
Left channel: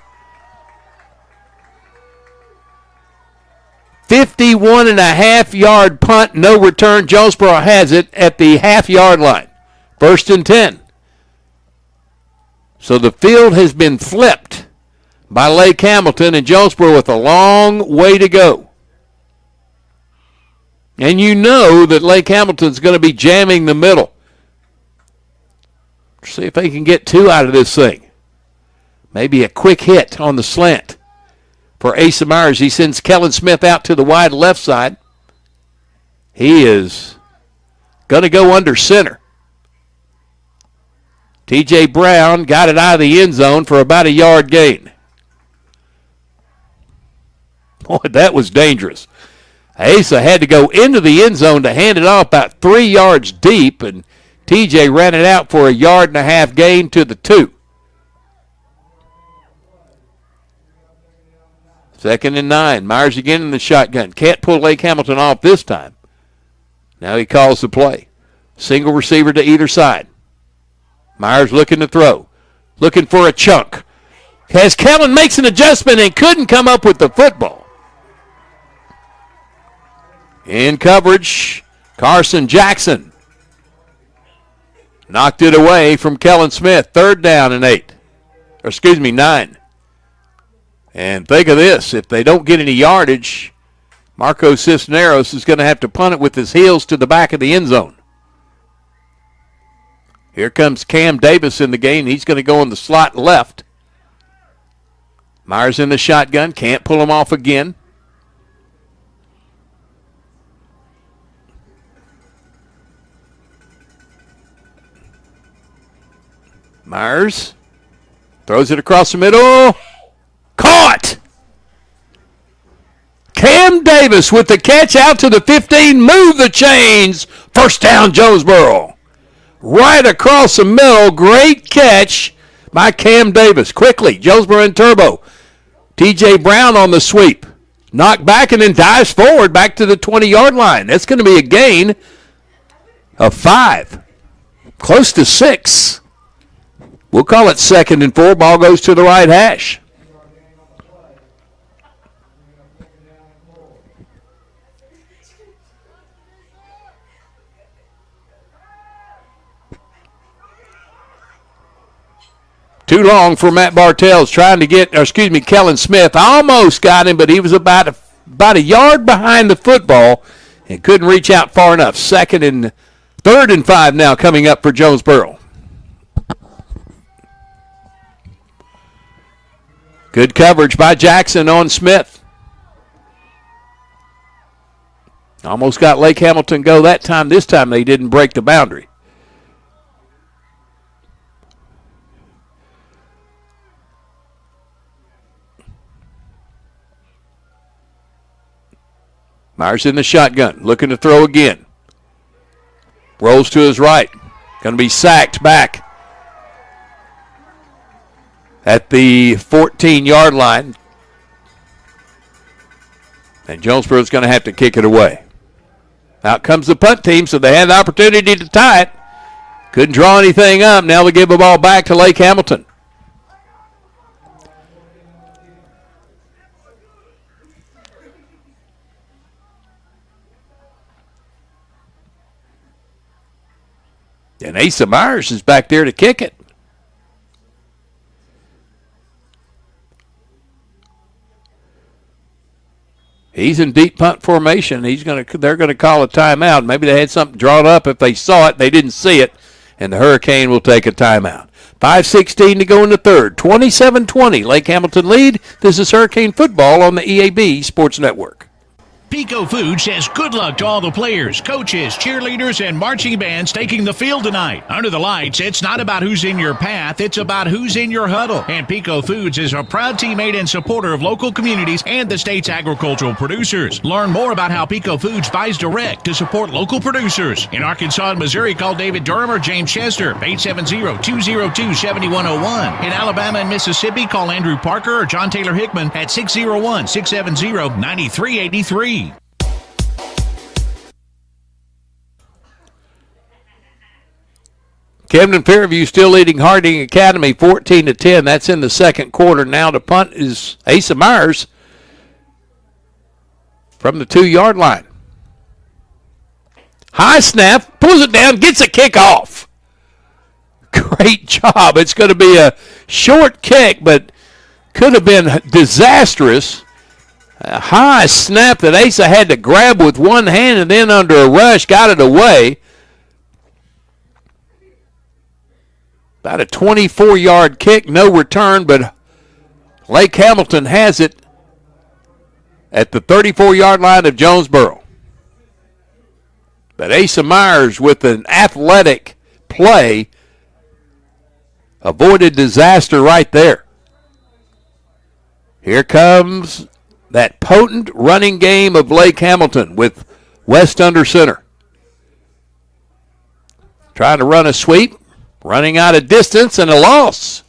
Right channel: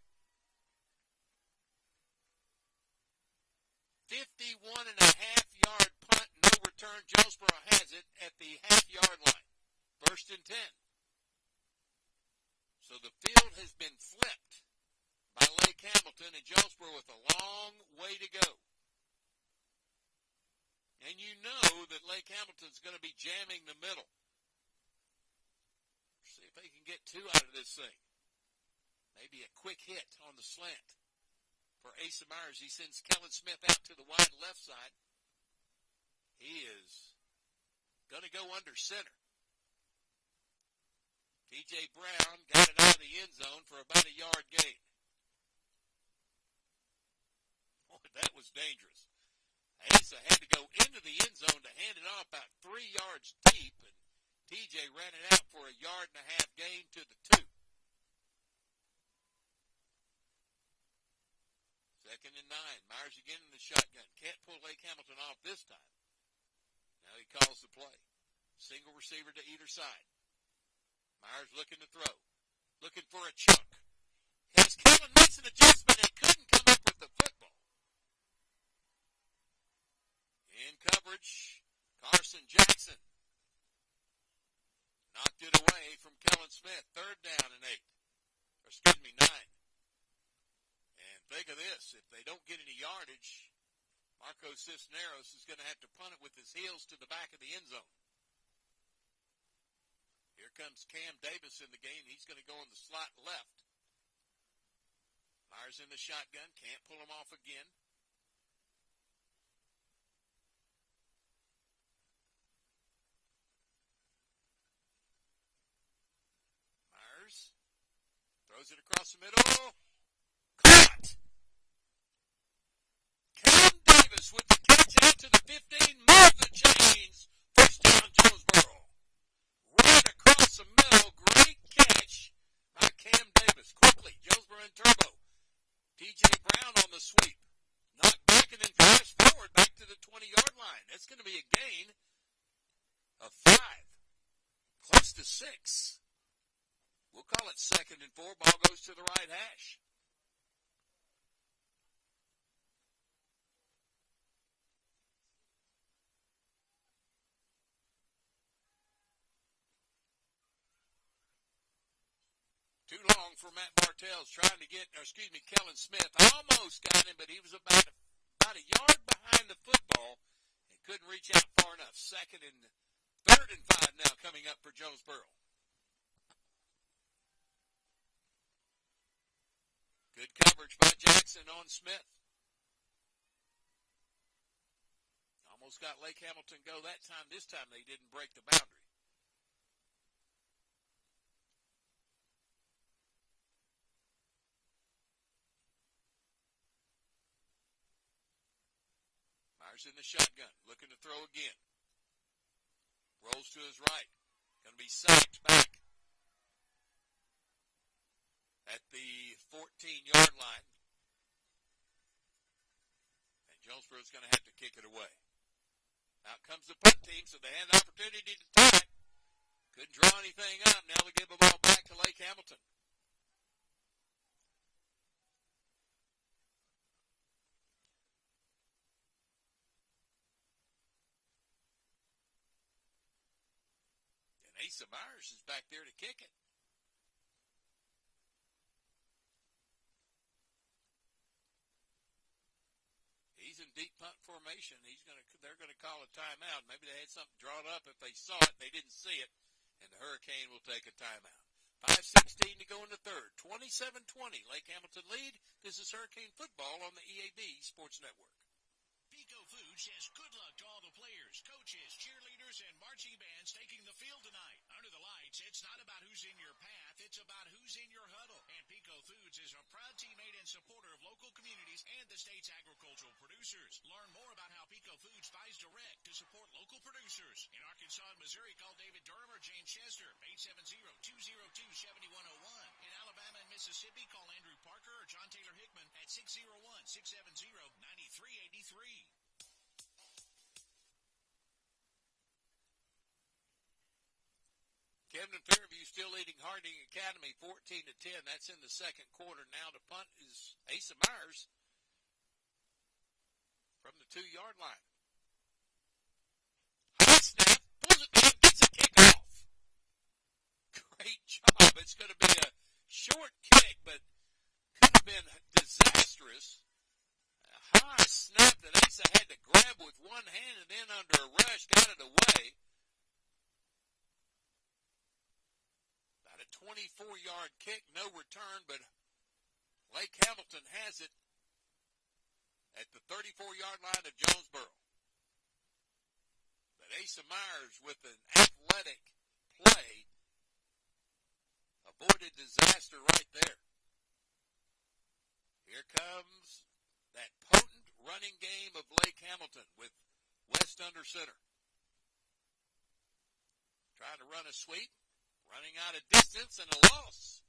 51.5-yard punt, no return. Jonesboro has it at the half-yard line. 1st and 10. So the field has been flipped by Lake Hamilton, and Jonesboro with a long way to go. And you know that Lake Hamilton's going to be jamming the middle. See if they can get 2 out of this thing. Maybe a quick hit on the slant for Asa Myers. He sends Kellen Smith out to the wide left side. He is going to go under center. T.J. Brown got it out of the end zone for about a yard gain. Boy, that was dangerous. Asa had to go into the end zone to hand it off about 3 yards deep, and T.J. ran it out for a 1.5 yard gain to the 2. 2nd and 9. Myers again in the shotgun. Can't pull Lake Hamilton off this time. Now he calls the play. Single receiver to either side. Myers looking to throw. Looking for a chunk. As Kellen makes an adjustment and couldn't come up with the football. In coverage, Carson Jackson knocked it away from Kellen Smith. 3rd down and 9. And think of this, if they don't get any yardage, Marco Cisneros is going to have to punt it with his heels to the back of the end zone. Here comes Cam Davis in the game. He's going to go in the slot left. Myers in the shotgun, can't pull him off again. Myers throws it across the middle. Caught! Cam Davis with the catch out to the 15. Move the chains. 1st down, Jonesboro. Right across the middle. Great catch by Cam Davis. Quickly, Jonesboro in turbo. T.J. Brown on the sweep. Knocked back and then dives forward back to the 20-yard line. That's going to be a gain of 5. Close to 6. We'll call it 2nd and 4. Ball goes to the right hash. Too long for Matt Bartels trying to get, Kellen Smith almost got him, but he was about a yard behind the football and couldn't reach out far enough. 3rd and 5 now coming up for Jonesboro. Good coverage by Jackson on Smith. Almost got Lake Hamilton go that time. This time they didn't break the boundary. Myers in the shotgun, looking to throw again. Rolls to his right. Going to be sacked back at the 14-yard line. And Jonesboro's going to have to kick it away. Out comes the punt team, so they had the opportunity to tie it. Couldn't draw anything up. Now they give the ball back to Lake Hamilton. And Asa Myers is back there to kick it. He's in deep punt formation. They're going to call a timeout. Maybe they had something drawn up. If they saw it, they didn't see it, and the Hurricane will take a timeout. 5:16 to go in the third. 27-20. Lake Hamilton lead. This is Hurricane football on the EAB Sports Network. Pico Foods says good luck to all the players, coaches, cheerleaders, and marching bands taking the field tonight. Under the lights, it's not about who's in your path, it's about who's in your huddle. And Pico Foods is a proud teammate and supporter of local communities and the state's agricultural producers. Learn more about how Pico Foods buys direct to support local producers. In Arkansas and Missouri, call David Durham or James Chester, 870-202-7101. In Alabama and Mississippi, call Andrew Parker or John Taylor Hickman at 601-670-9383. Camden Fairview still leading Harding Academy 14-10. That's in the second quarter. Now to punt is Asa Myers from the 2-yard line. High snap, pulls it down, gets a kick off. Great job. It's going to be a short kick, but could have been disastrous. A high snap that Asa had to grab with one hand and then under a rush got it away. About a 24-yard kick, no return, but Lake Hamilton has it at the 34-yard line of Jonesboro. But Asa Myers with an athletic play avoided disaster right there. Here comes that potent running game of Lake Hamilton with West under center. Trying to run a sweep. Running out of distance and a loss.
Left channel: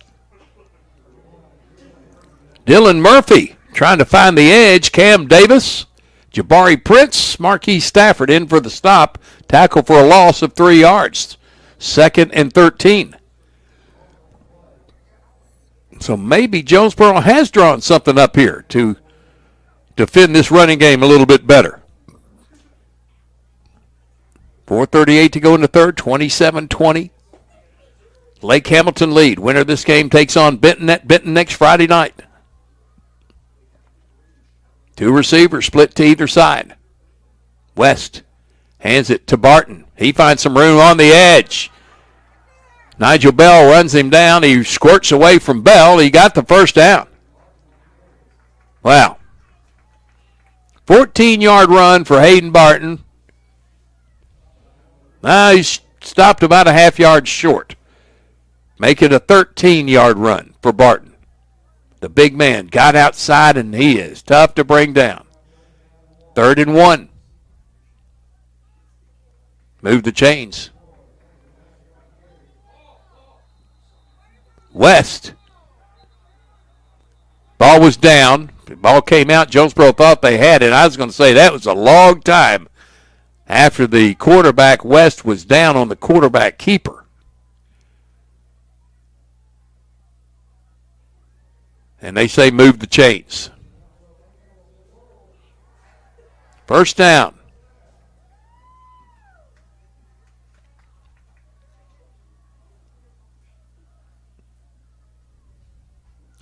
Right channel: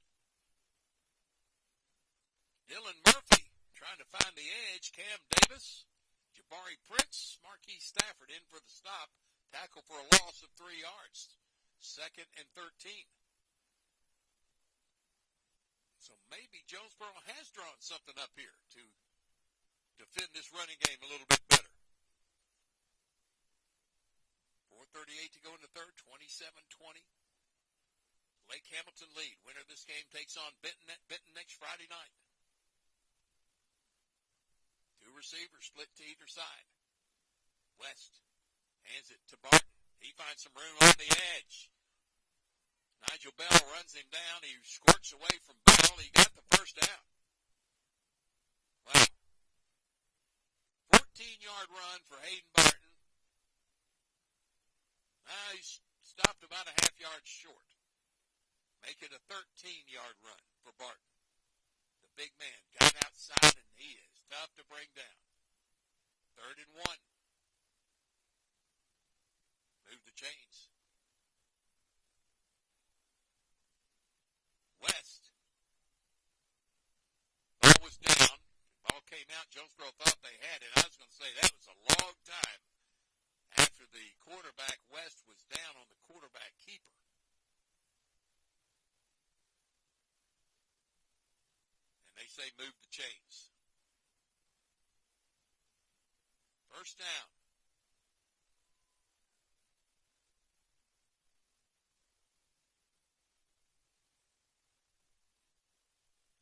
Dylan Murphy trying to find the edge. Cam Davis, Jabari Prince, Marquis Stafford in for the stop. Tackle for a loss of 3 yards. 2nd and 13. So maybe Jonesboro has drawn something up here to defend this running game a little bit better. 4:38 to go in the third, 27-20. Lake Hamilton lead. Winner of this game takes on Benton at Benton next Friday night. 2 receivers split to either side. West hands it to Barton. He finds some room on the edge. Nigel Bell runs him down. He squirts away from Bell. He got the first down. Wow. 14-yard run for Hayden Barton. He's stopped about a half yard short. Make it a 13-yard run for Barton. The big man got outside, and he is tough to bring down. 3rd and 1. Move the chains. West. Ball was down. The ball came out. Jonesboro thought they had it. I was going to say that was a long time after the quarterback, West, was down on the quarterback keeper. And they say move the chains. First down.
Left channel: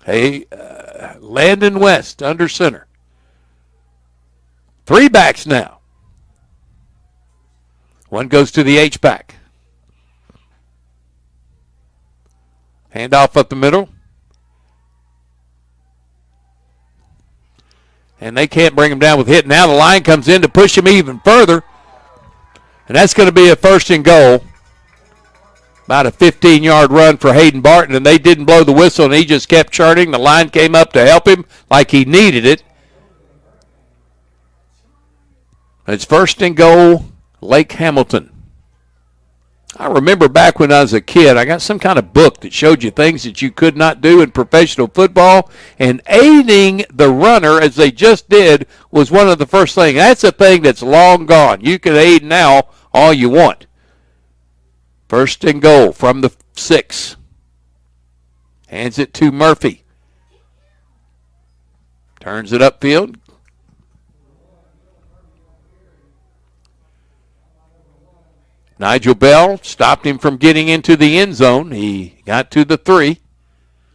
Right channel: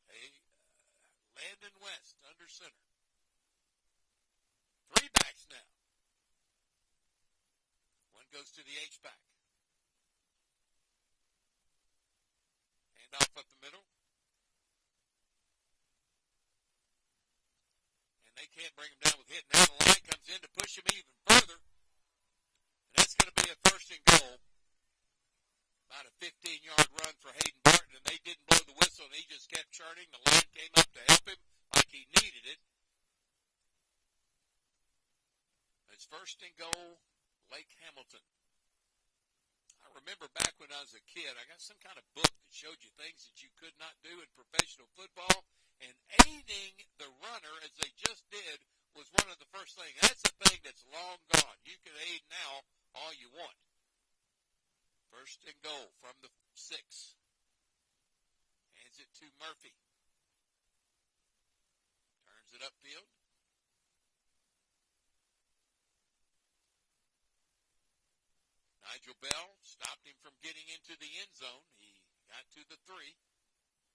Hey, Landon West under center. 3 backs now. One goes to the H-back. Handoff up the middle. And they can't bring him down with hit. Now the line comes in to push him even further. And that's going to be a 1st and goal. About a 15-yard run for Hayden Barton, and they didn't blow the whistle, and he just kept churning. The line came up to help him like he needed it. It's 1st and goal, Lake Hamilton. I remember back when I was a kid, I got some kind of book that showed you things that you could not do in professional football, and aiding the runner, as they just did, was one of the first things. That's a thing that's long gone. You can aid now all you want. 1st and goal from the 6. Hands it to Murphy. Turns it upfield. Nigel Bell stopped him from getting into the end zone. He got to the 3.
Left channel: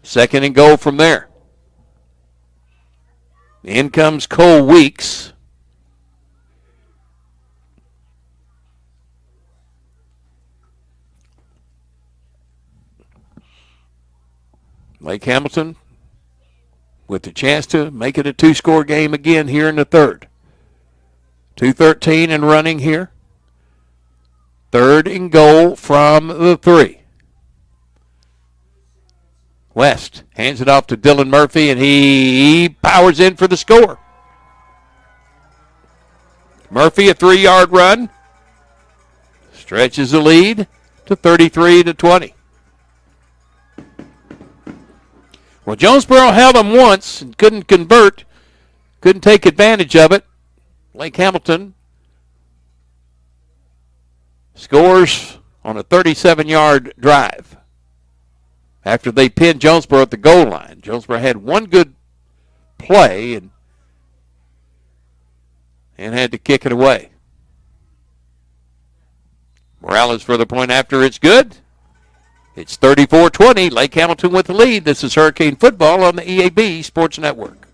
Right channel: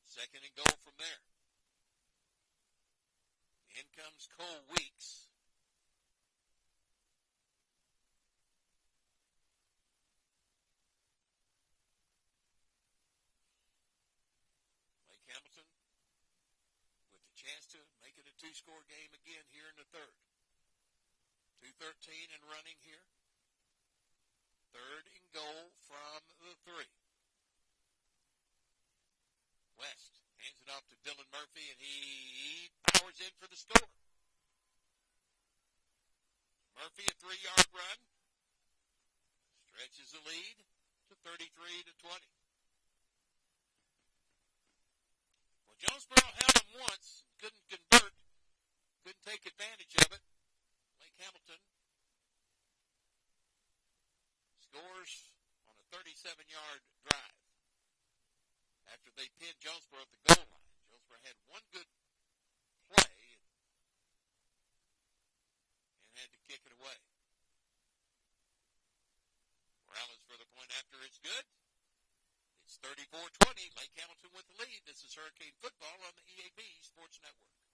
2nd and goal from there. In comes Cole Weeks. Lake Hamilton with the chance to make it a 2-score game again here in the 3rd. 2:13 and running here. 3rd and goal from the 3. West hands it off to Dylan Murphy, and he powers in for the score. Murphy, a 3-yard run, stretches the lead to 33-20. Well, Jonesboro held them once and couldn't convert, couldn't take advantage of it. Lake Hamilton scores on a 37-yard drive after they pinned Jonesboro at the goal line. Jonesboro had one good play and had to kick it away. Morales for the point after. It's good. It's 34-20. Lake Hamilton with the lead. This is Hurricane Football on the EAB Sports Network.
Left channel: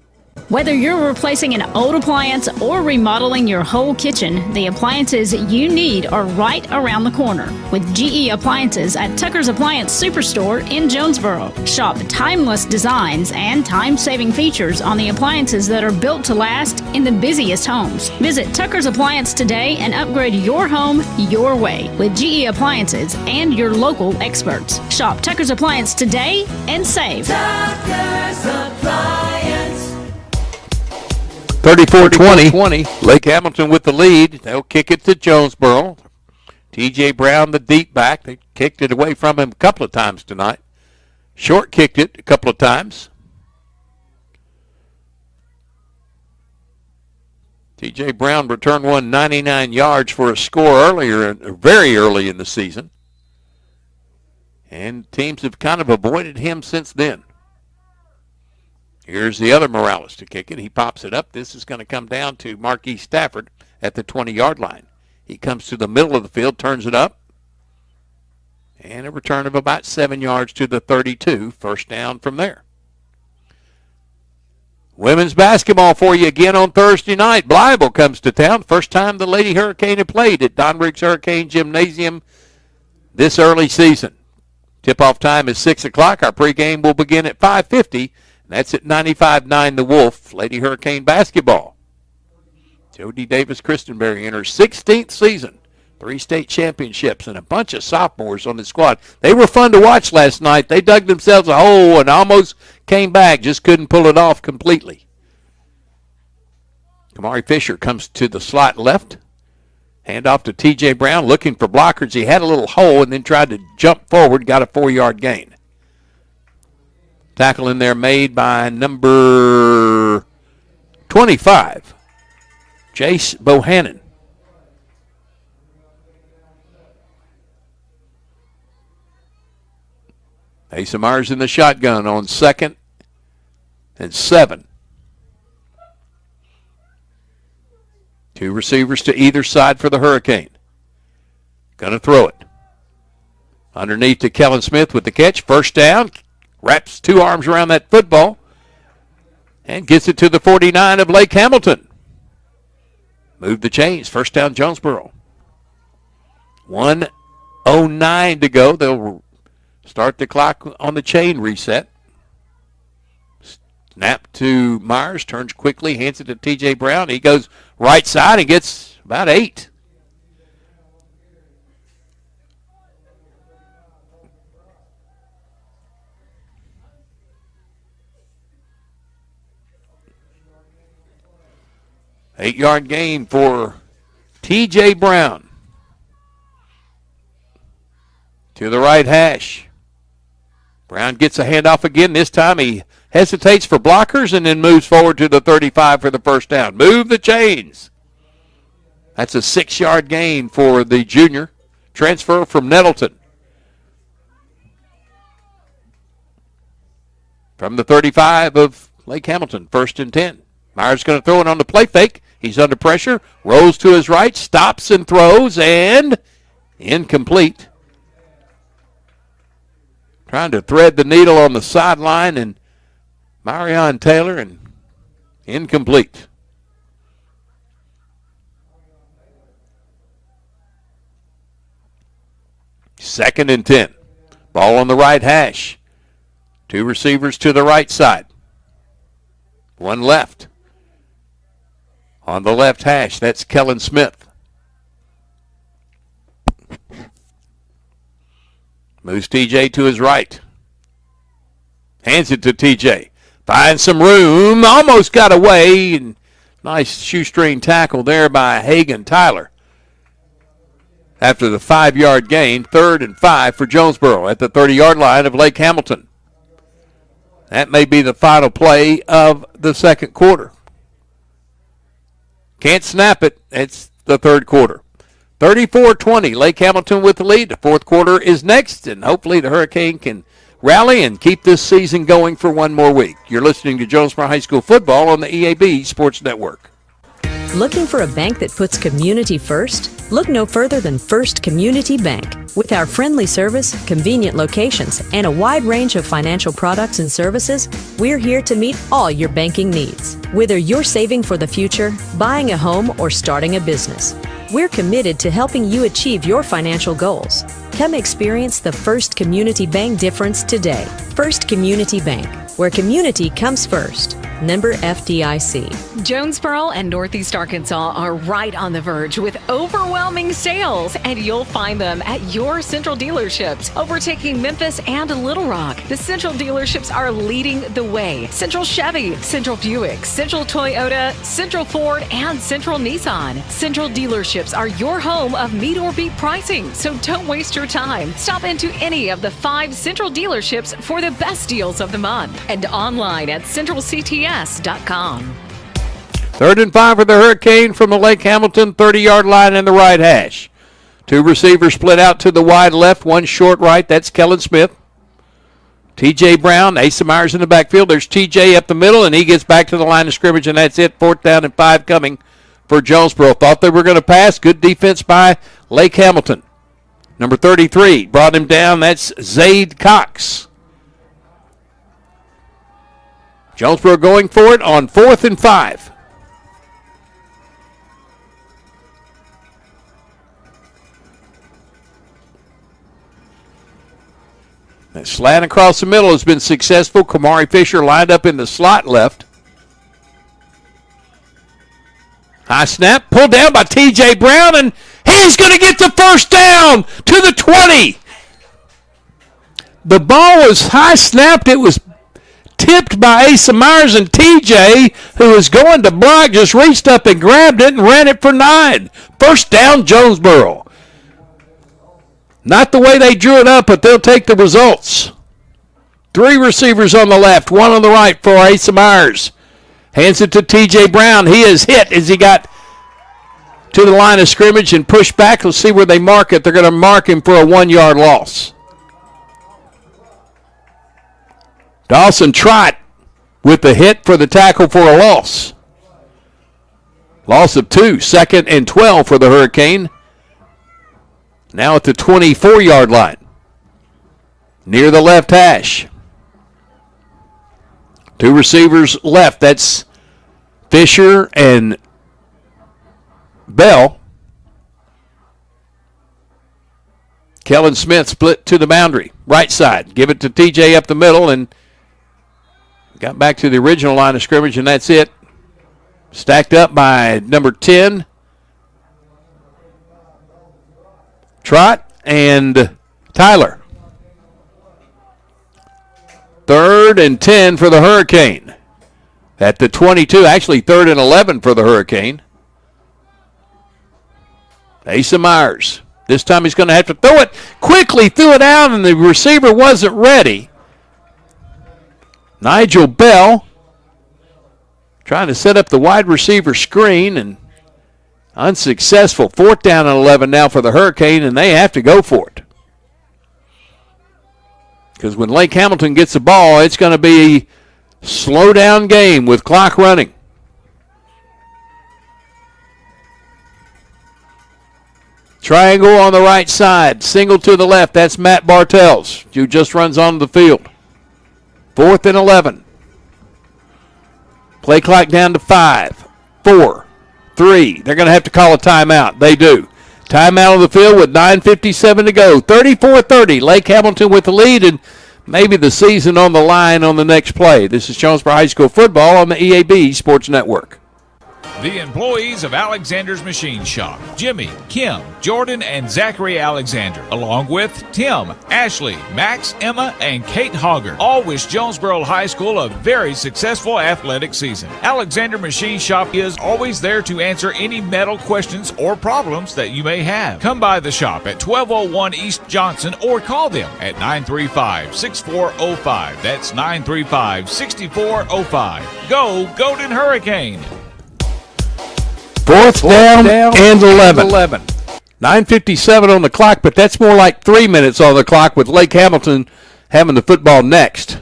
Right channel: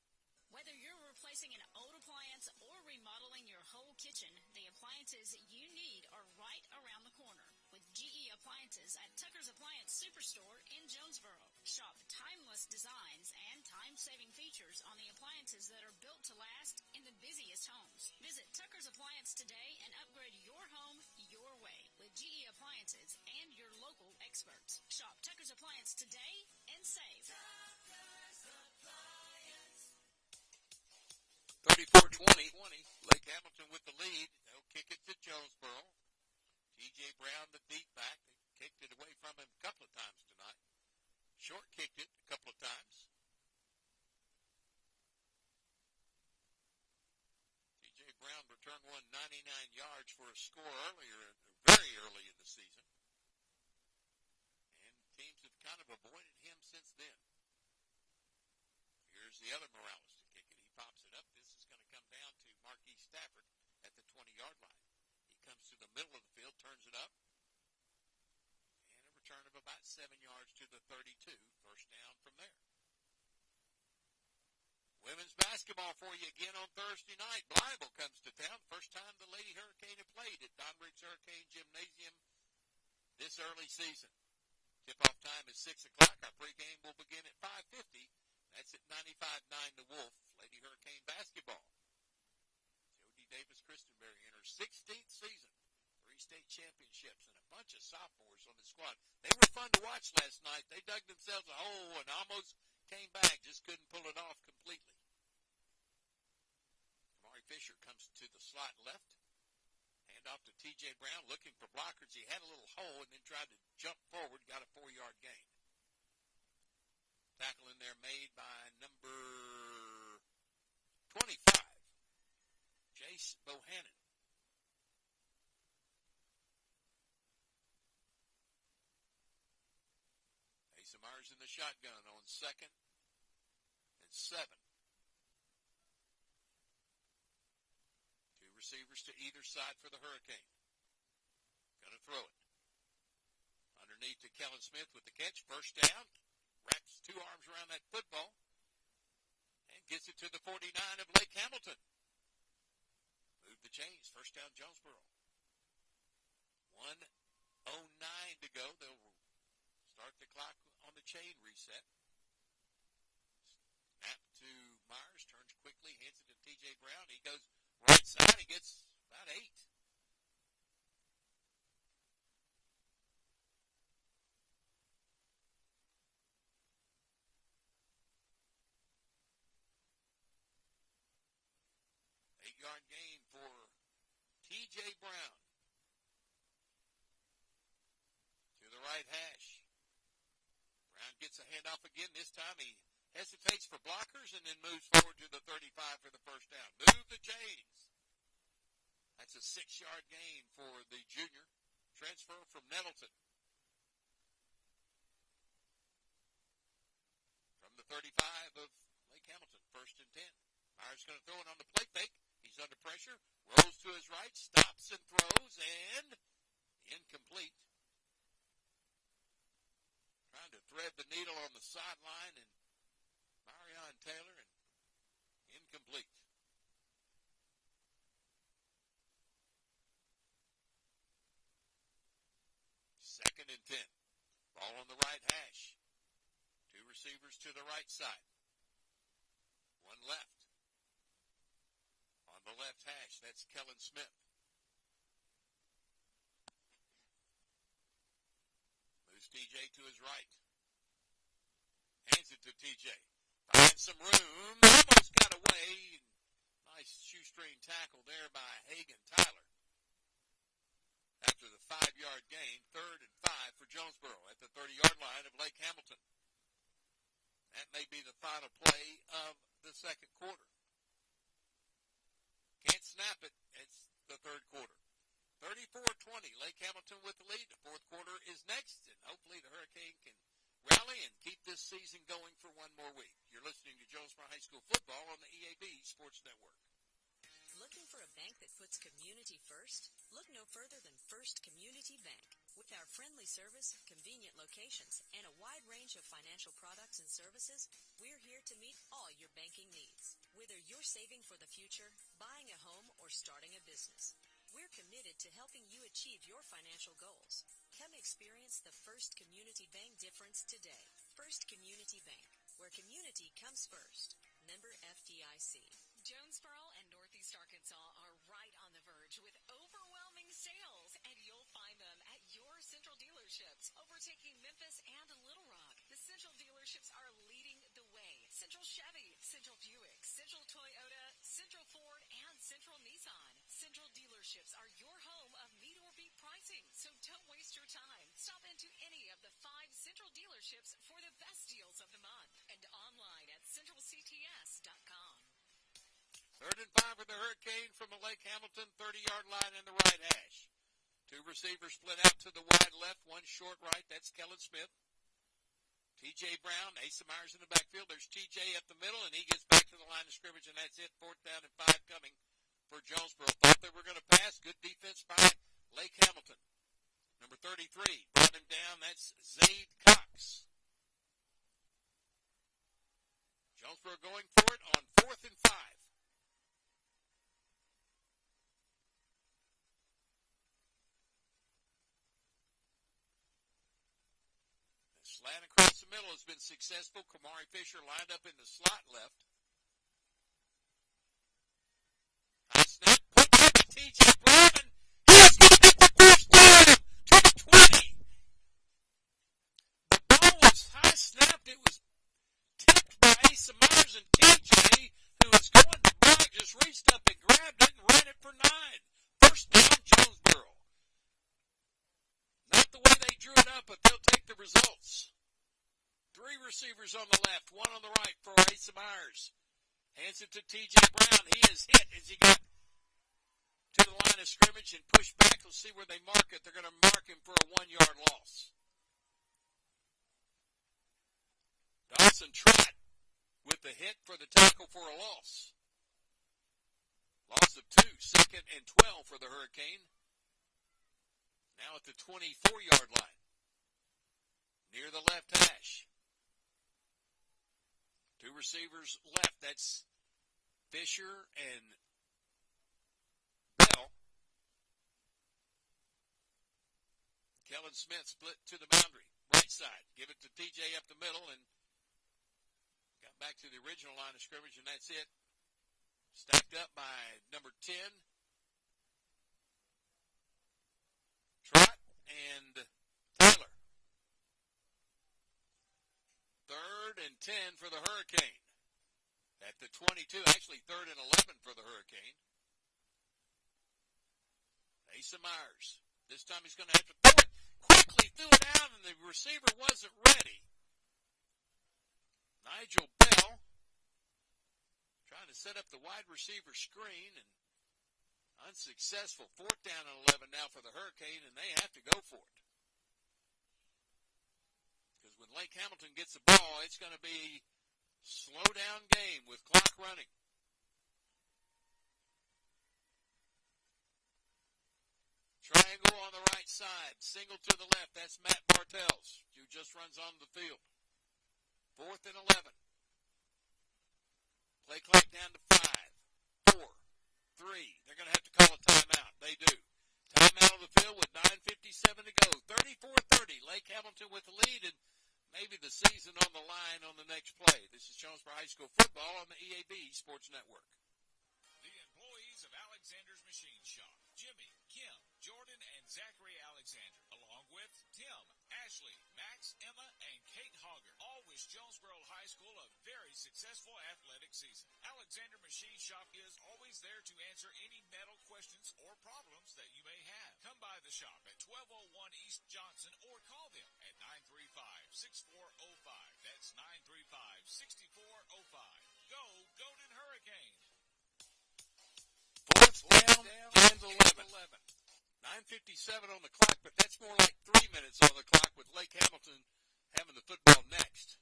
Whether you're replacing an old appliance or remodeling your whole kitchen, the appliances you need are right around the corner with GE Appliances at Tucker's Appliance Superstore in Jonesboro. Shop timeless designs and time-saving features on the appliances that are built to last in the busiest homes. Visit Tucker's Appliance today and upgrade your home your way with GE Appliances and your local experts. Shop Tucker's Appliance today and save. Tucker's Appliance. 34-20. Lake Hamilton with the lead. They'll kick it to Jonesboro. T.J. Brown, the deep back. They kicked it away from him a couple of times tonight. Short kicked it a couple of times. T.J. Brown returned one 99 yards for a score very early in the season. And teams have kind of avoided him since then. Here's the other Morales to kick it. He pops it up. This is going to come down to Marquis Stafford at the 20-yard line. He comes to the middle of the field, turns it up, and a return of about 7 yards to the 32. First down from there. Women's basketball for you again on Thursday night. Blytheville comes to town. First time the Lady Hurricane have played at Don Riggs Hurricane Gymnasium this early season. Tip-off time is 6 o'clock. Our pregame will begin at 5:50. That's at 95.9 The Wolf, Lady Hurricane basketball. Jody Davis-Christenberry in her 16th season, 3 state championships, and a bunch of sophomores on the squad. They were fun to watch last night. They dug themselves a hole and almost came back, just couldn't pull it off completely. Kamari Fisher comes to the slot left. Hand off to T.J. Brown, looking for blockers. He had a little hole and then tried to jump forward, got a 4-yard gain. Tackle in there made by number 25, Jace Bohannon. Asa Myers in the shotgun on 2nd and 7. 2 receivers to either side for the Hurricane. Going to throw it. Underneath to Kellen Smith with the catch. First down. Wraps 2 arms around that football and gets it to the 49 of Lake Hamilton. Move the chains. First down, Jonesboro. 1:09 to go. They'll start the clock on the chain reset. Snap to Myers. Turns quickly. Hands it to T.J. Brown. He goes right side and gets about 8. Eight-yard gain for T.J. Brown. To the right hash. Brown gets a handoff again. This time he hesitates for blockers and then moves forward to the 35 for the first down. Move the chains. That's a 6-yard gain for the junior. Transfer from Nettleton. From the 35 of Lake Hamilton, 1st and 10. Myers going to throw it on the play fake. He's under pressure, rolls to his right, stops and throws, and incomplete. Trying to thread the needle on the sideline, and Marion Taylor, and incomplete. Second and 10. Ball on the right hash. 2 receivers to the right side. 1 left. On the left hash, that's Kellen Smith. Moves TJ to his right. Hands it to TJ. Finds some room. Almost got away. And nice shoestring tackle there by Hagan Tyler. After the 5-yard gain, 3rd and 5 for Jonesboro at the 30-yard line of Lake Hamilton. That may be the final play of the second quarter. Can't snap it. It's the third quarter. 34-20, Lake Hamilton with the lead. The fourth quarter is next, and hopefully the Hurricane can rally and keep this season going for one more week. You're listening to Jonesboro High School football on the EAB Sports Network. Looking for a bank that puts community first? Look no further than First Community Bank. With our friendly service, convenient locations, and a wide range of financial products and services, we're here to meet all your banking needs. Whether you're saving for the future, buying a home, or starting a business, we're committed to helping you achieve your financial goals. Come experience the First Community Bank difference today. First Community Bank, where community comes first. Member FDIC. Jonesboro and Northeast Arkansas are right on the verge with overwhelming sales, and you'll find them at your Central dealerships, overtaking Memphis and Little Rock. The Central dealerships are leading the way. Central Chevy, Central Buick, Central Toyota, Central Ford, and Central Nissan. Central dealerships are your home of meet or beat pricing, so don't waste your time. Stop into any of the 5 Central dealerships for the best deals of the month, and online at centralcts.com. 3rd and 5 for the Hurricane from the Lake Hamilton 30-yard line in the right hash. 2 receivers split out to the wide left, 1 short right. That's Kellen Smith. T.J. Brown, Asa Myers in the backfield. There's T.J. up the middle, and he gets back to the line of scrimmage, and that's it. 4th down and 5 coming for Jonesboro. Thought they were going to pass. Good defense by Lake Hamilton. Number 33 brought him down. That's Zaid Cox. Jonesboro going for it on 4th and 5. That slant across the middle has been successful. Kamari Fisher lined up in the slot left. High snap, pulled down by T.J. Brown, and he's going to get the first down to the 20. The ball was high snapped. It was tipped by Asa Myers, and TJ, who was going to block, just reached up and grabbed it and ran it for 9. First down, Jonesboro. Not the way they drew it up, but they'll take the results. 3 receivers on the left, 1 on the right for Asa Myers. Hands it to TJ Brown. He is hit as he got to the line of scrimmage and pushed back. Let's see where they mark it. They're going to mark him for a 1-yard loss. Dawson Trott with the hit for the tackle for a loss. Loss of 2, 2nd and 12 for the Hurricane. Now at the 24-yard line, near the left hash. 2 receivers left. That's Fisher and Bell. Kellen Smith split to the boundary, right side. Give it to TJ up the middle, and got back to the original line of scrimmage, and that's it. Stacked up by number 10, Trott, and Tyler. 3rd and 10 for the Hurricane. At the 22, actually 3rd and 11 for the Hurricane. Asa Myers. This time he's going to have to throw it. Quickly threw it out, and the receiver wasn't ready. Nigel Bell trying to set up the wide receiver screen and unsuccessful. 4th down and 11 now for the Hurricane, and they have to go for it. Because when Lake Hamilton gets the ball, it's going to be a slow down game with clock running. Triangle on the right side, single to the left. That's Matt Bartels, who just runs onto the field. 4th and 11. Play clock down to 5, 4, 3. They're going to have to call a timeout. They do. Timeout on the field with 9:57 to go. 34-30. Lake Hamilton with the lead, and maybe the season on the line on the next play. This is Jonesboro High School football on the EAB Sports Network. The employees of Alexander's Machine Shop, Jimmy, Kim, Jordan, and Zachary Alexander, along with Tim, Ashley, Max, Emma, and Kate Hogger, all wish Jonesboro High School a very successful athletic season. Alexander Machine Shop is always there to answer any metal questions or problems that you may have. Come by the shop at 1201 East Johnson or call them at 935-6405. That's 935-6405. Go Golden Hurricane! Fourth down and 11. 9:57 on the clock, but that's more like 3 minutes on the clock with Lake Hamilton having the football next.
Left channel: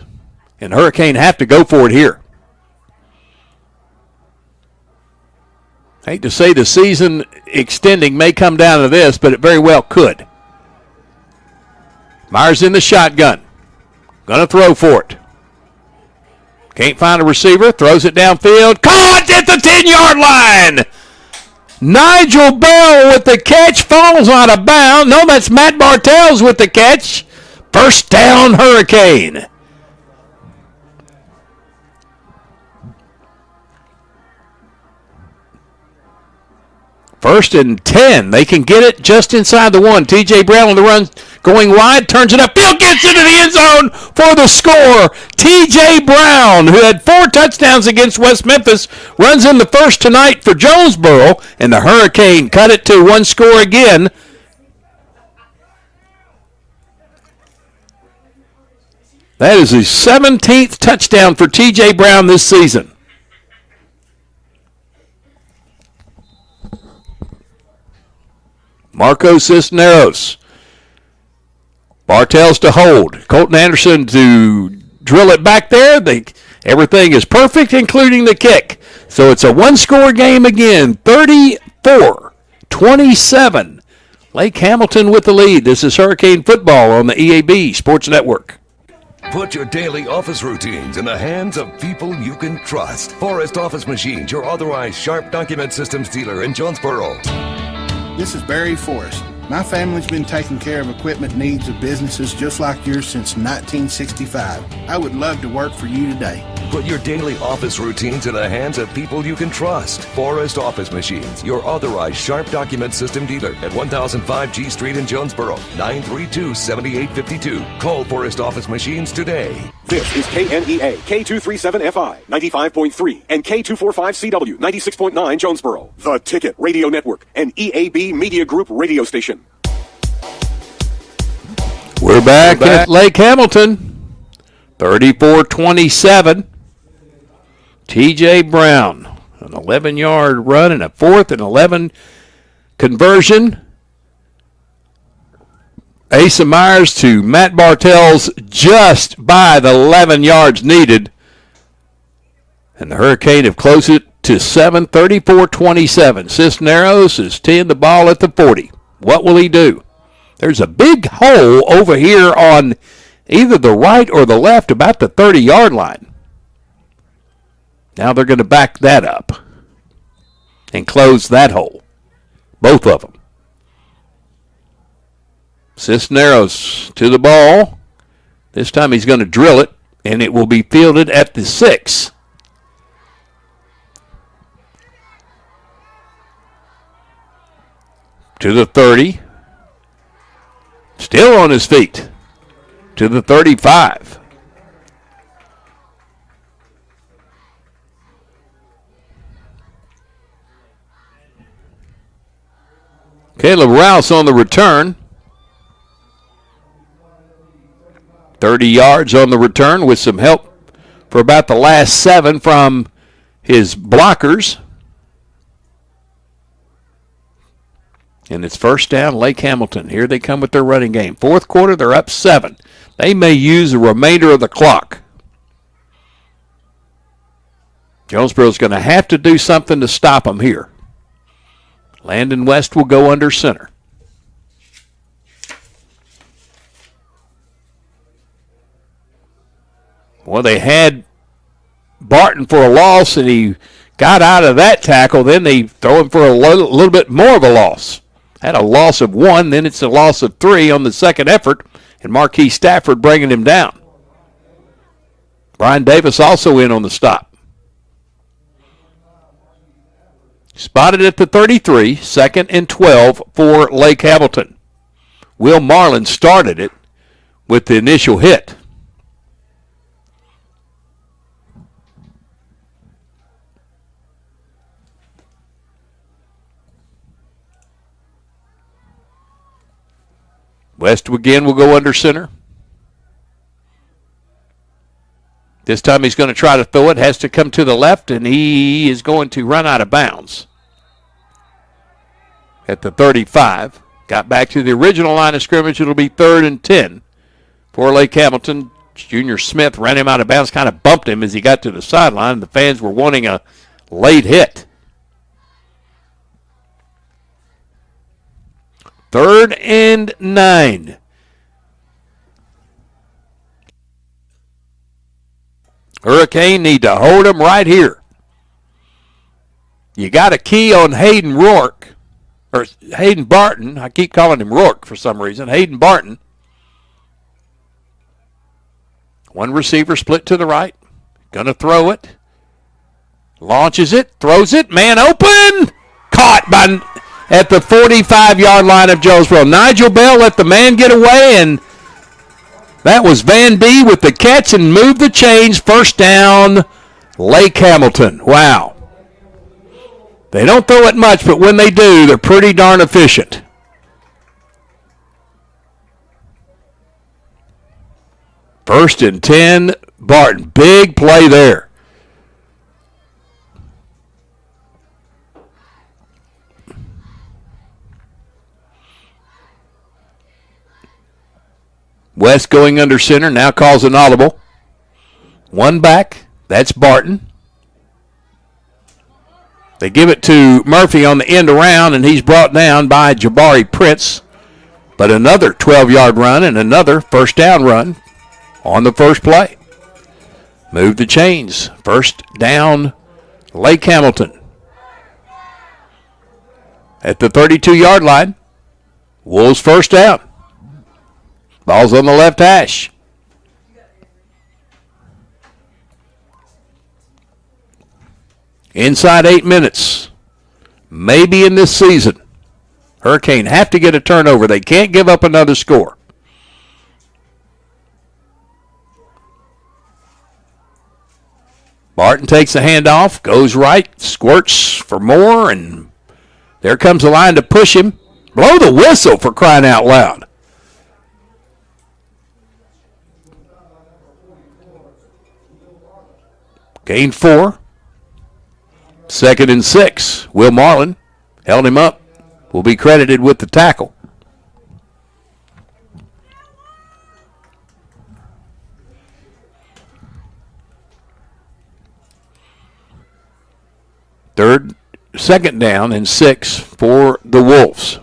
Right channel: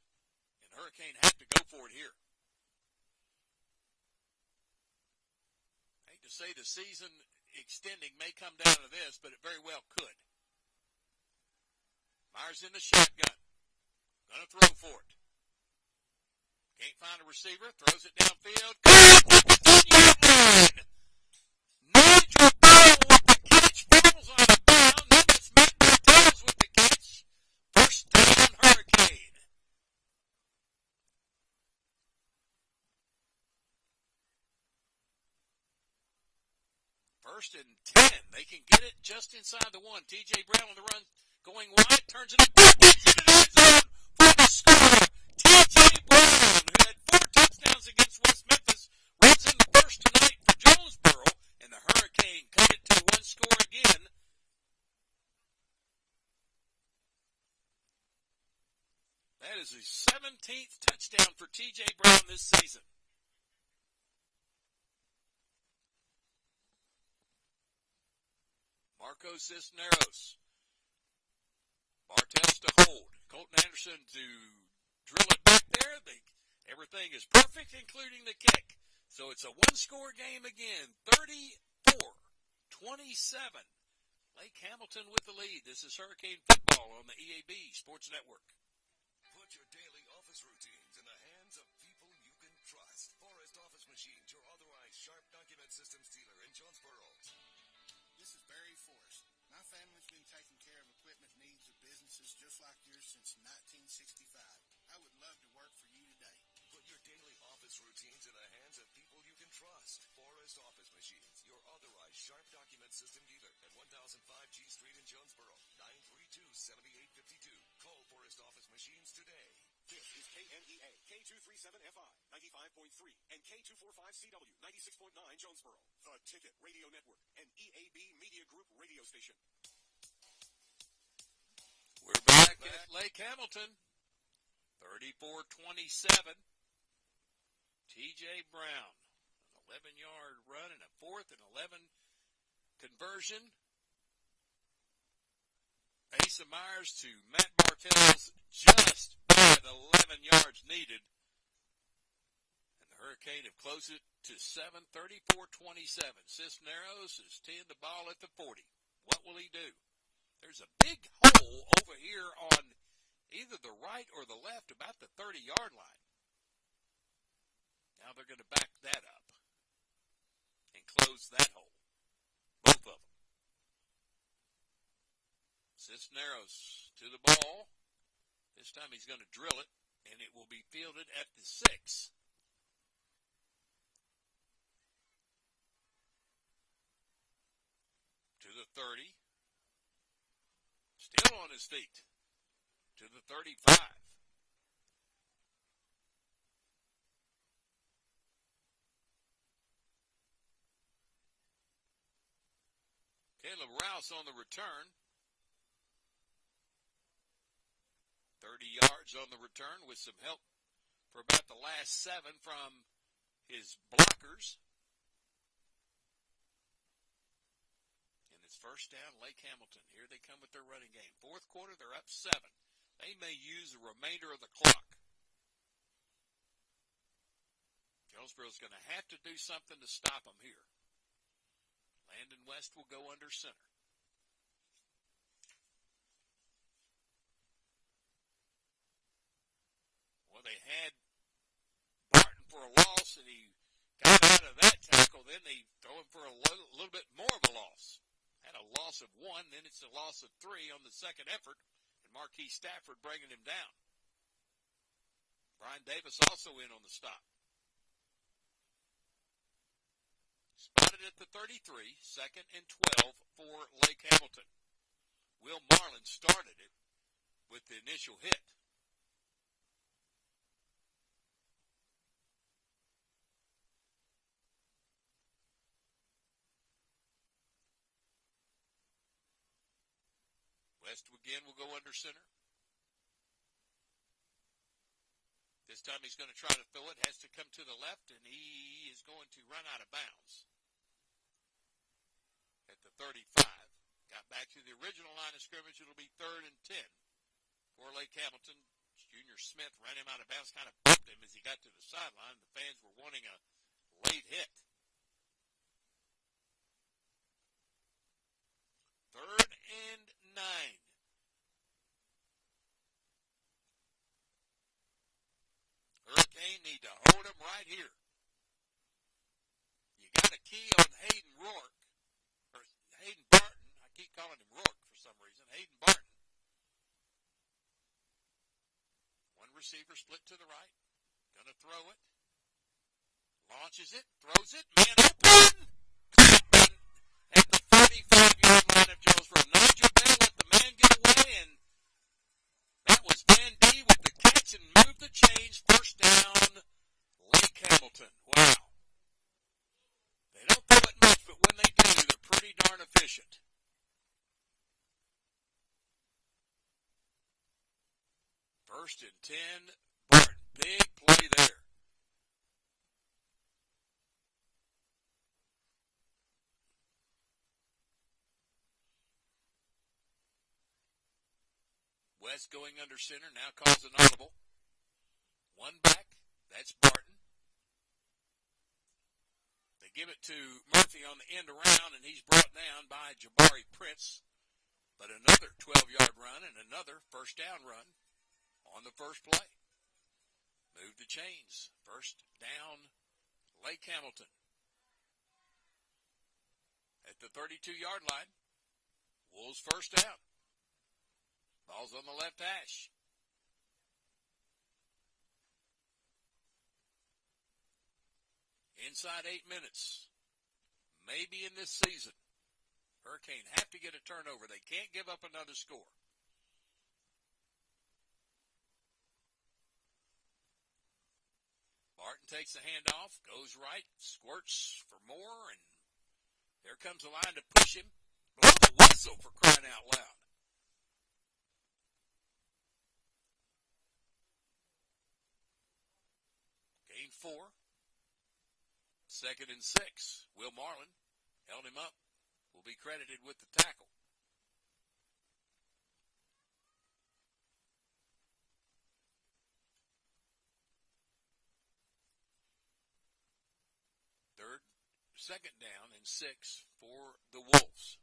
And Hurricane have to go for it here. Hate to say the season extending may come down to this, but it very well could. Myers in the shotgun. Going to throw for it. Can't find a receiver. Throws it downfield. Caught at the 10-yard line. Nigel Bell with the catch. Falls out of bounds. No, that's Matt Bartels with the catch. First down, Hurricane. First and 10. They can get it just inside the one. T.J. Brown on the run, going wide, turns it upfield, gets into the end zone for the score. T.J. Brown, who had 4 touchdowns against West Memphis, runs in the first tonight for Jonesboro, and the Hurricane cut it to 1 score again. That is his 17th touchdown for T.J. Brown this season. Marco Cisneros. Bartels to hold. Colton Anderson to drill it back there. Everything is perfect, including the kick. So it's a 1-score game again. 34-27. Lake Hamilton with the lead. This is Hurricane Football on the EAB Sports Network. Put your daily office routines in the hands of people you can trust. Forrest Office Machines, your authorized Sharp document systems dealer in Jonesboro. This is Barry Forrest. My family's been taking care of equipment needs of businesses just like yours since 1965. I would love to work for you today. Put your daily office routines in the hands of people you can trust. Forrest Office Machines, your authorized Sharp document system dealer at 1005 G Street in Jonesboro, 932-7852. Call Forrest Office Machines today. This is KNEA, K237FI, 95.3, and K245CW, 96.9 Jonesboro. The Ticket Radio Network, an EAB Media Group radio station. We're back at Lake Hamilton, 34-27. T.J. Brown, an 11-yard run and a 4th and 11 conversion. Asa Myers to Matt Bartels just by the 11 yards needed. And the Hurricane have closed it to 7, 34-27. Cisneros is teeing the ball at the 40. What will he do? There's a big hole over here on either the right or the left about the 30-yard line. Now they're going to back that up and close that hole. Both of them. Cisneros to the ball. This time he's going to drill it, and it will be fielded at the 6. To the 30. Still on his feet. To the 35. Caleb Rouse on the return. 30 yards on the return with some help for about the last 7 from his blockers. And it's first down, Lake Hamilton. Here they come with their running game. Fourth quarter, they're up 7. They may use the remainder of the clock. Jonesboro's going to have to do something to stop them here. Landon West will go under center. Well, they had Barton for a loss, and he got out of that tackle. Then they throw him for a little bit more of a loss. Had a loss of 1, then it's a loss of 3 on the second effort, and Marquis Stafford bringing him down. Brian Davis also in on the stop. Spotted at the 33, 2nd and 12 for Lake Hamilton. Will Marlin started it with the initial hit. West again will go under center. This time he's going to try to throw it. Has to come to the left, and he is going to run out of bounds at the 35. Got back to the original line of scrimmage. It'll be 3rd and 10 for Lake Hamilton. Junior Smith ran him out of bounds, kind of bumped him as he got to the sideline. The fans were wanting a late hit. 3rd and 9. Hurricane need to hold him right here. You got a key on Hayden Rourke, or Hayden Barton. I keep calling him Rourke for some reason. Hayden Barton. One receiver split to the right. Gonna throw it. Launches it. Throws it. Man open. Caught by at the 45-yard line of Jonesboro. Nigel Bell let the man get away, and that was Van D with the catch and moved the chains. First down, Lake Hamilton. Wow. They don't throw it much, but when they do, they're pretty darn efficient. First and 10, Barton. Big play there. West going under center, now calls an audible. One back, that's Barton. They give it to Murphy on the end around, and he's brought down by Jabari Prince. But another 12-yard run and another first down run on the first play. Move the chains. First down, Lake Hamilton. At the 32-yard line, Wolves first down. Ball's on the left hash. Inside 8 minutes. Maybe in this season. Hurricane have to get a turnover. They can't give up another score. Barton takes the handoff, goes right, squirts for more, and there comes the line to push him. Blow the whistle for crying out loud. Gain 4. 2nd and 6. Will Marlin held him up. Will be credited with the tackle. Second down and 6 for the Wolves.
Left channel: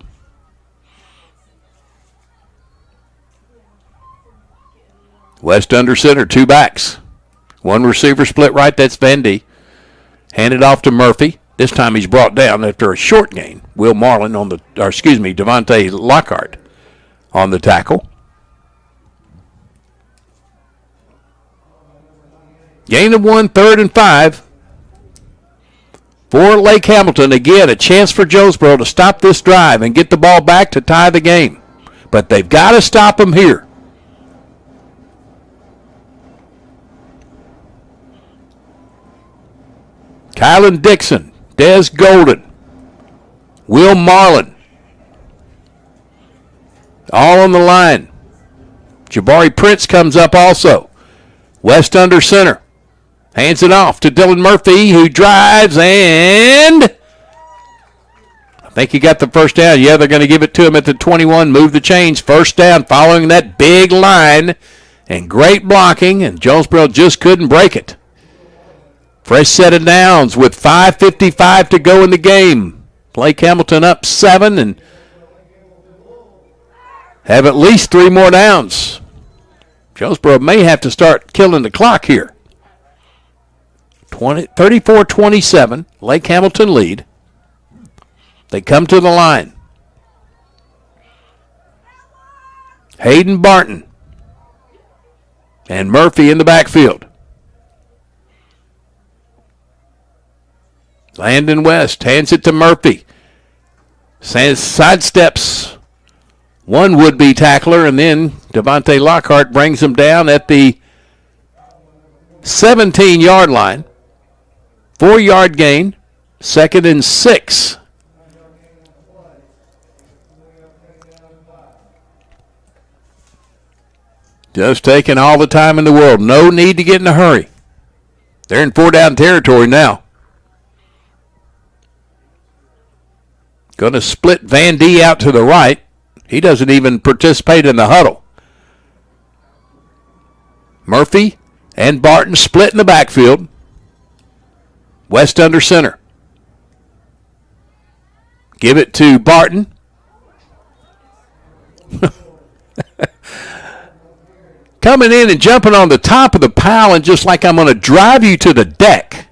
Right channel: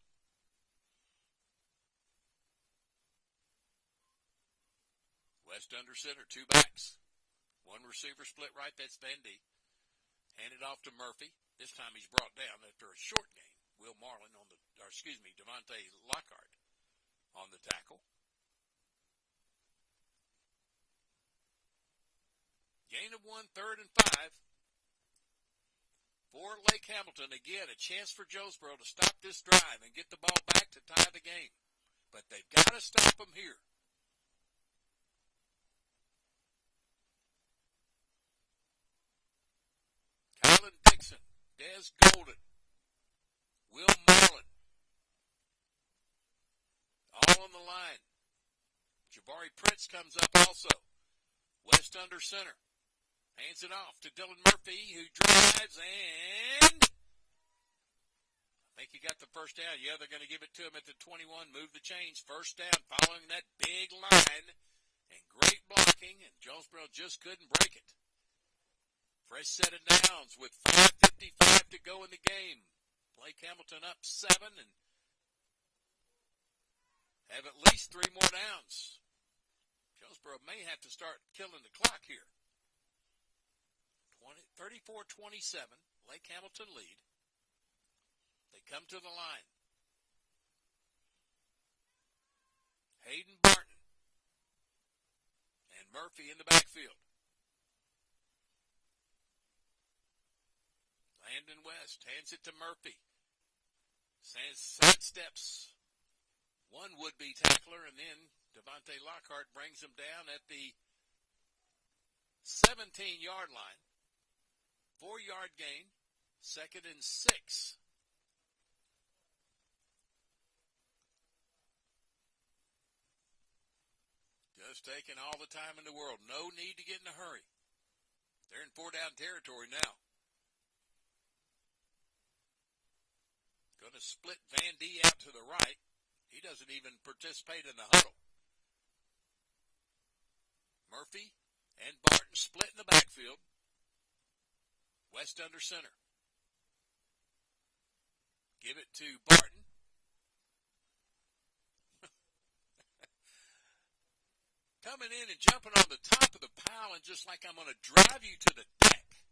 West under center, 2 backs. One receiver split right, that's Vandy. Handed off to Murphy. This time he's brought down after a short gain. Will Marlin Devontae Lockhart on the tackle. Gain of 1, 3rd and 5. For Lake Hamilton, again, a chance for Jonesboro to stop this drive and get the ball back to tie the game. But they've got to stop them here. Kylan Dixon, Des Golden, Will Marlin, all on the line. Jabari Prince comes up also. West under center. Hands it off to Dylan Murphy, who drives, and I think he got the first down. Yeah, they're going to give it to him at the 21. Move the chains. First down following that big line. And great blocking, and Jonesboro just couldn't break it. Fresh set of downs with 5:55 to go in the game. Lake Hamilton up 7 and have at least 3 more downs. Jonesboro may have to start killing the clock here. 34-27, Lake Hamilton lead. They come to the line. Hayden Barton and Murphy in the backfield. Landon West hands it to Murphy. Sidesteps one would-be tackler, and then Devontae Lockhart brings him down at the 17-yard line. 4-yard gain, 2nd and 6. Just taking all the time in the world. No need to get in a hurry. They're in 4-down territory now. Going to split Van D out to the right. He doesn't even participate in the huddle. Murphy and Barton split in the backfield. West under center. Give it to Barton. Coming in and jumping on the top of the pile and just like I'm going to drive you to the deck.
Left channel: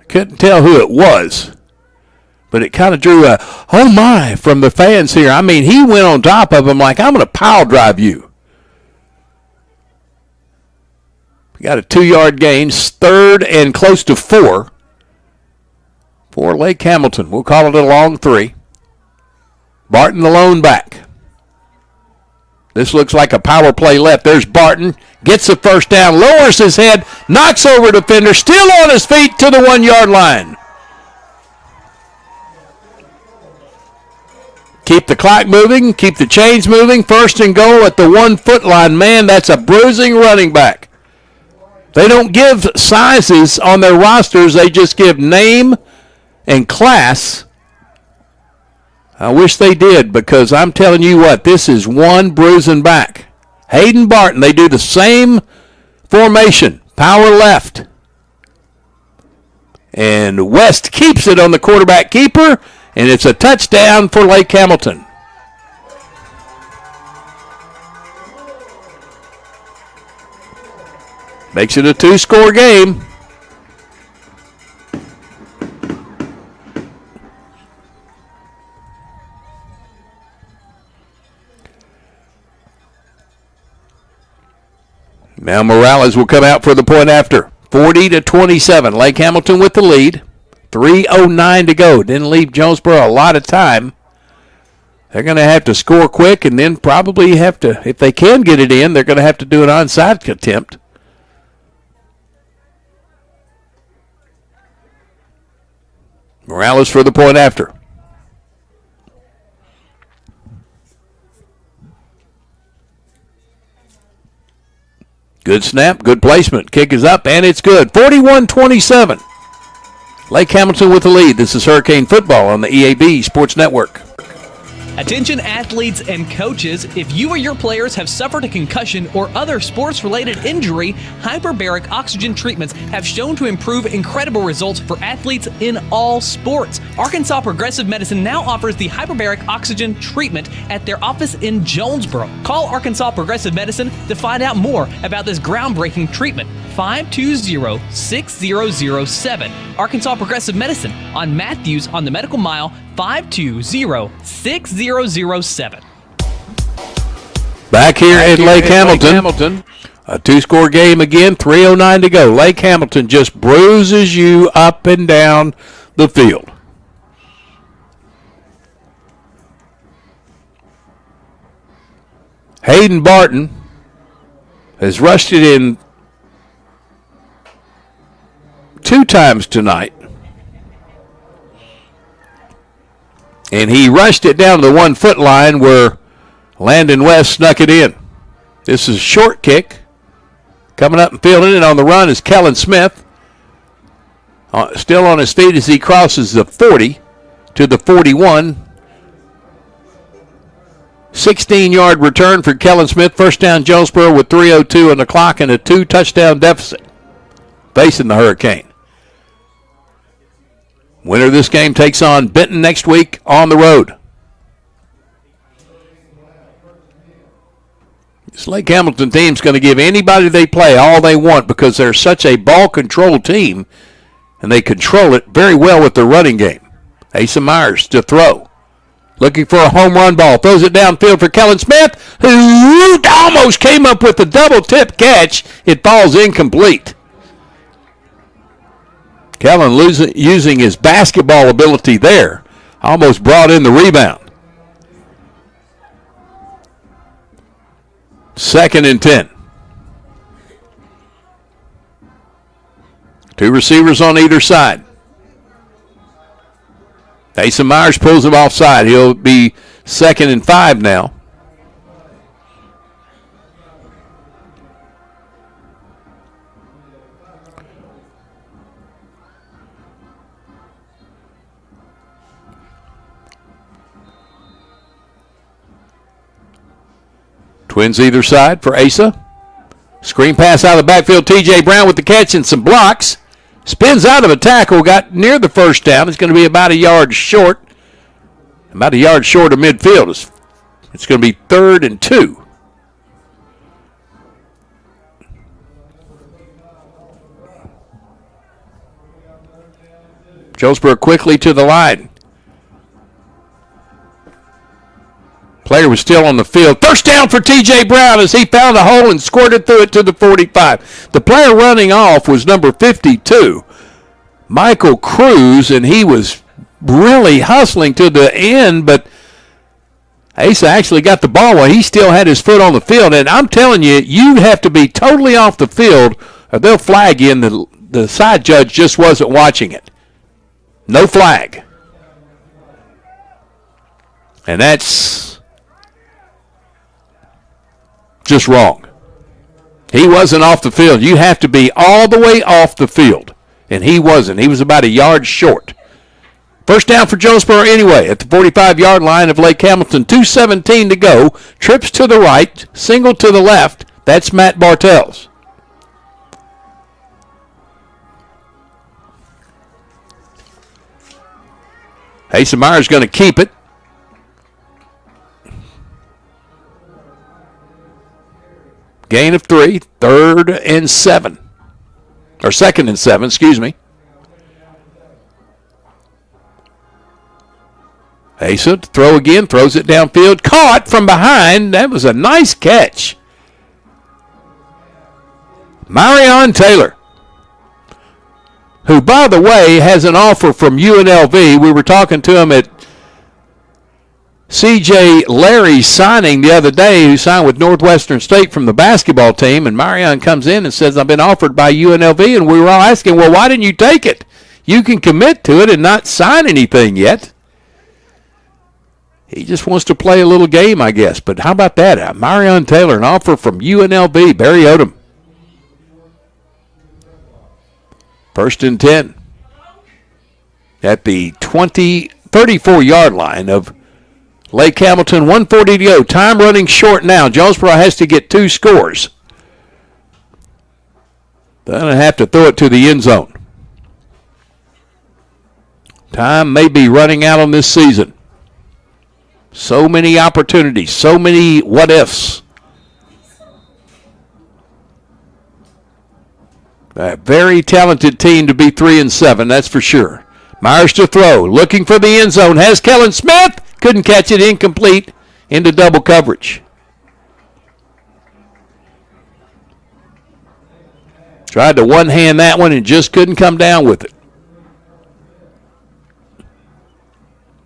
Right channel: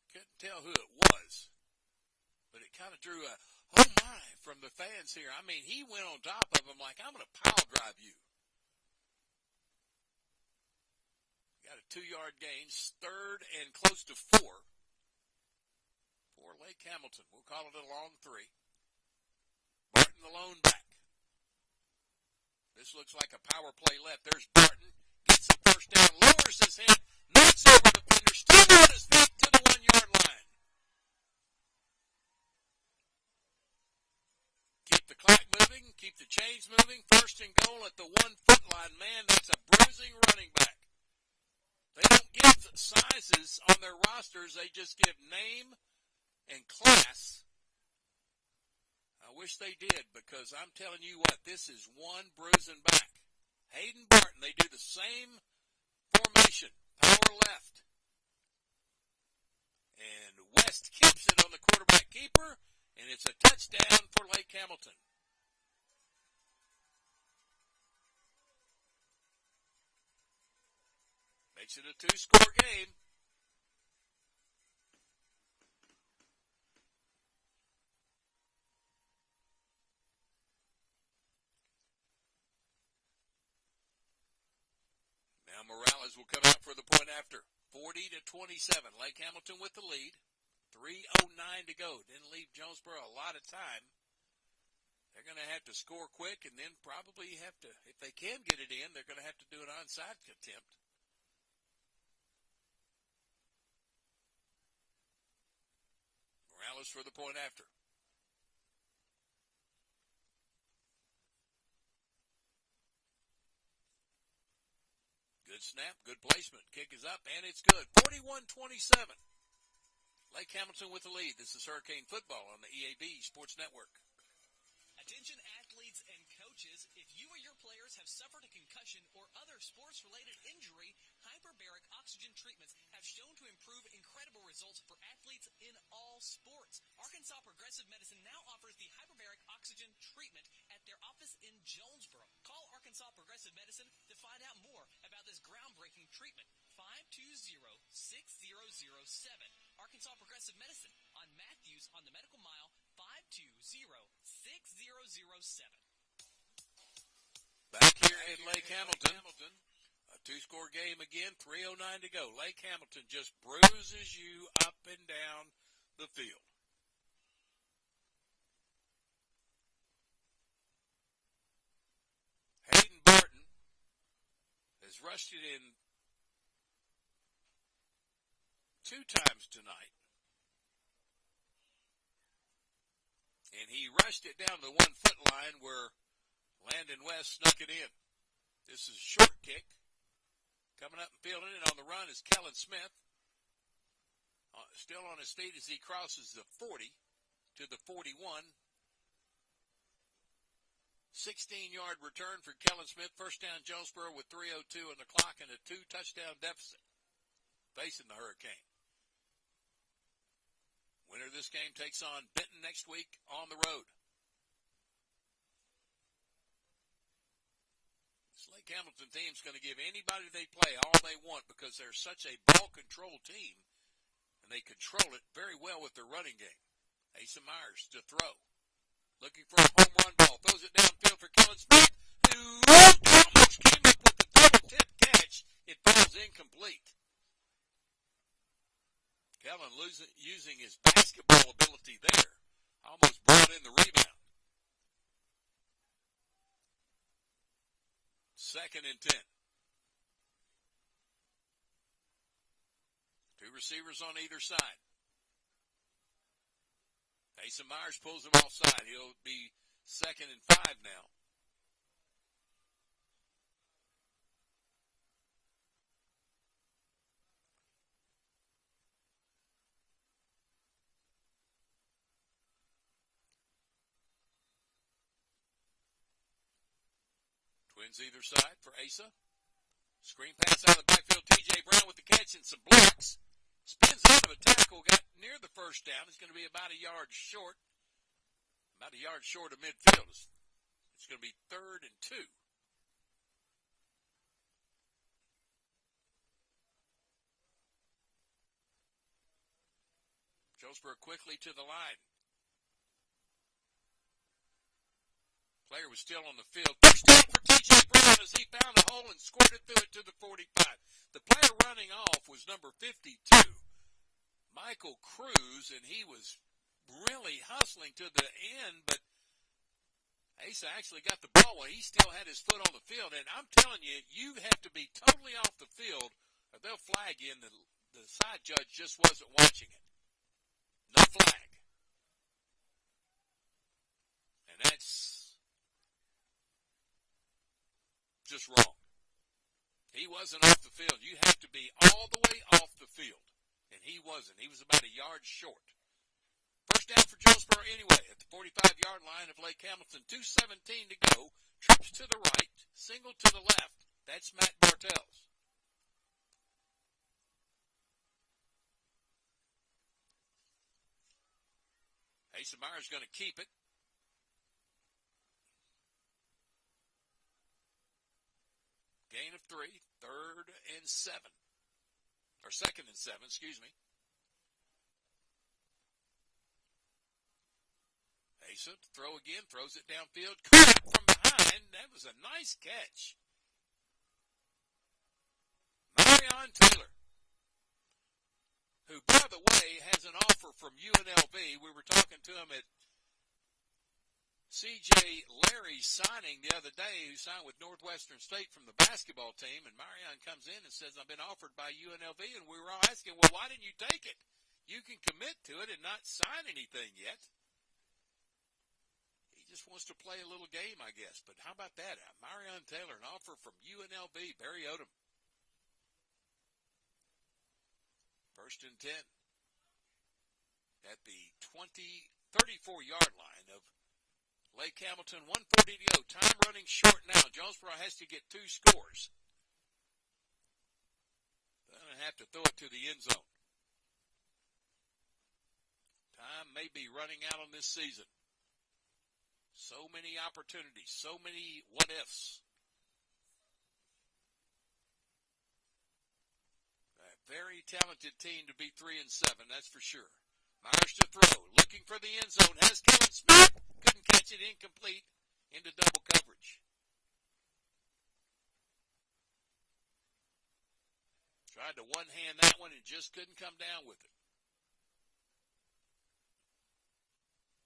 I couldn't tell who it was, but it kind of drew a, oh my, from the fans here. I mean, he went on top of him like, I'm going to pile drive you. We got a 2-yard gain, 3rd and close to 4. For Lake Hamilton. We'll call it a long 3. Barton the lone back. This looks like a power play left. There's Barton. Gets the first down. Lowers his head. Knocks over the defender. Still on his feet to the 1-yard line. Keep the clock moving. Keep the chains moving. 1st and goal at the 1-foot line. Man, that's a bruising running back. They don't give sizes on their rosters. They just give name and class. I wish they did, because I'm telling you what, this is one bruising back. Hayden Barton, they do the same formation, power left. And West keeps it on the quarterback keeper, and it's a touchdown for Lake Hamilton. Makes it a 2-score game. Now Morales will come out for the point after. 40-27. Lake Hamilton with the lead. 3:09 to go. Didn't leave Jonesboro a lot of time. They're going to have to score quick and then probably have to, if they can get it in, they're going to have to do an onside attempt. Morales for the point after. Good snap, good placement. Kick is up, and it's good. 41-27. Lake Hamilton with the lead. This is Hurricane Football on the EAB Sports Network. Attention athletes and coaches, if you or your players have suffered a concussion or other sports-related injury, hyperbaric oxygen treatments have shown to improve incredible results for athletes in all sports. Arkansas Progressive Medicine now offers the hyperbaric oxygen treatment at their office in Jonesboro. Call Arkansas Progressive Medicine to find out more about this groundbreaking treatment. 520-6007. Arkansas Progressive Medicine on Matthews on the Medical Mile, 520-6007. Back here at Lake Hamilton. A 2-score game again, 3:09 to go. Lake Hamilton just bruises you up and down the field. Hayden Barton has rushed it in 2 times tonight. And he rushed it down to the 1-foot line where Landon West snuck it in. This is a short kick. Coming up and fielding it on the run is Kellen Smith. Still on his feet as he crosses the 40 to the 41. 16-yard return for Kellen Smith. First down Jonesboro with 3:02 on the clock and a 2-touchdown deficit facing the Hurricane. Winner of this game takes on Benton next week on the road. This Lake Hamilton team's going to give anybody they play all they want because they're such a ball-control team, and they control it very well with their running game. Asa Myers to throw. looking for a home run ball. Throws it downfield for Kellen Smith, who almost came up with a double tip catch. It falls incomplete. Kellen using his basketball ability there. Almost brought in the rebound. 2nd and 10. 2 receivers on either side. Asa Myers pulls him offside. He'll be 2nd and 5 now. Twins either side for Asa. Screen pass out of the backfield. T.J. Brown with the catch and some blocks. Spins out of a tackle. Got near the first down. It's going to be about a yard short. About a yard short of midfield. It's going to be 3rd and 2. Jonesboro quickly to the line. Player was still on the field. First down for T.J. Brown as he found a hole and squirted through it to the 45. The player running off was number 52, Michael Cruz, and he was really hustling to the end, but Asa actually got the ball while he still had his foot on the field. And I'm telling you, you have to be totally off the field or they'll flag you, and the side judge just wasn't watching it. No flag. And that's just wrong. He wasn't off the field. You have to be all the way off the field, and he wasn't. He was about a yard short. First down for Jonesboro anyway at the 45-yard line of Lake Hamilton. 2:17 to go. Trips to the right, single to the left. That's Matt Bartels. Asa Myers going to keep it. Gain of 3, 3rd and 7. Or 2nd and 7, excuse me. Asa to throw again, throws it downfield. Caught from behind. That was a nice catch. Marion Taylor, who, by the way, has an offer from UNLV. We were talking to him at C.J. Larry's signing the other day, who signed with Northwestern State from the basketball team, and Marion comes in and says, I've been offered by UNLV, and we were all asking, well, why didn't you take it? You can commit to it and not sign anything yet. He just wants to play a little game, I guess. But how about that? Marion Taylor, an offer from UNLV, Barry Odom. 1st and 10 at the 34-yard line of Lake Hamilton. 1:40 to go. Time running short now. Jonesboro has to get 2 scores. They're going to have to throw it to the end zone. Time may be running out on this season. So many opportunities, so many what-ifs. A very talented team to be 3-7, that's for sure. Myers to throw, looking for the end zone. Has Kellen Smith. Couldn't catch it, incomplete, into double coverage. Tried to one-hand that one and just couldn't come down with it.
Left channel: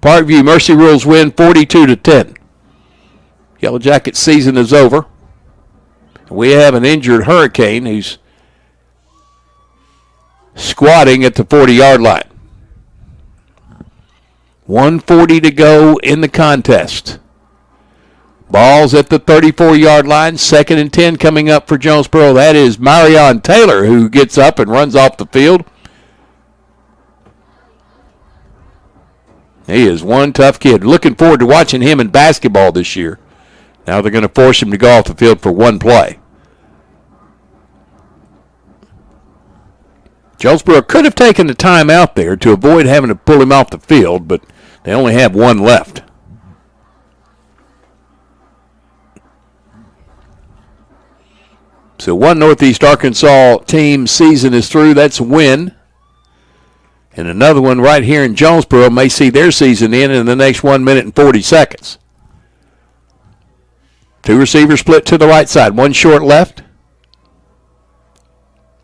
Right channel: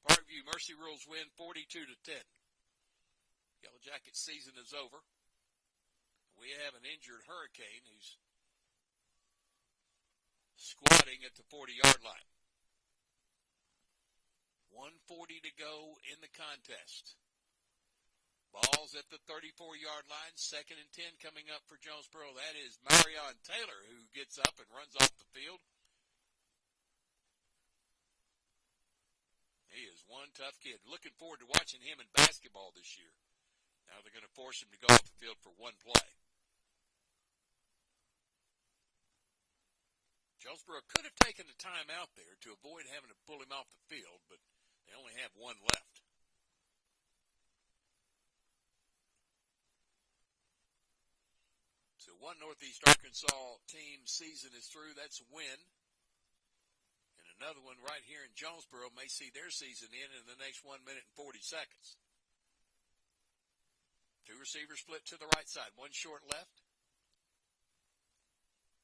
Parkview Mercy Rules win 42-10. Yellow Jacket season is over. We have an injured Hurricane who's squatting at the 40-yard line. 1:40 to go in the contest. Ball's at the 34-yard line. 2nd and 10 coming up for Jonesboro. That is Marion Taylor who gets up and runs off the field. He is one tough kid. Looking forward to watching him in basketball this year. Now they're going to force him to go off the field for one play. Jonesboro could have taken the time out there to avoid having to pull him off the field, but they only have one left. So one Northeast Arkansas team season is through. That's a win. And another one right here in Jonesboro may see their season end in the next 1 minute and 40 seconds. Two receivers split to the right side. One short left.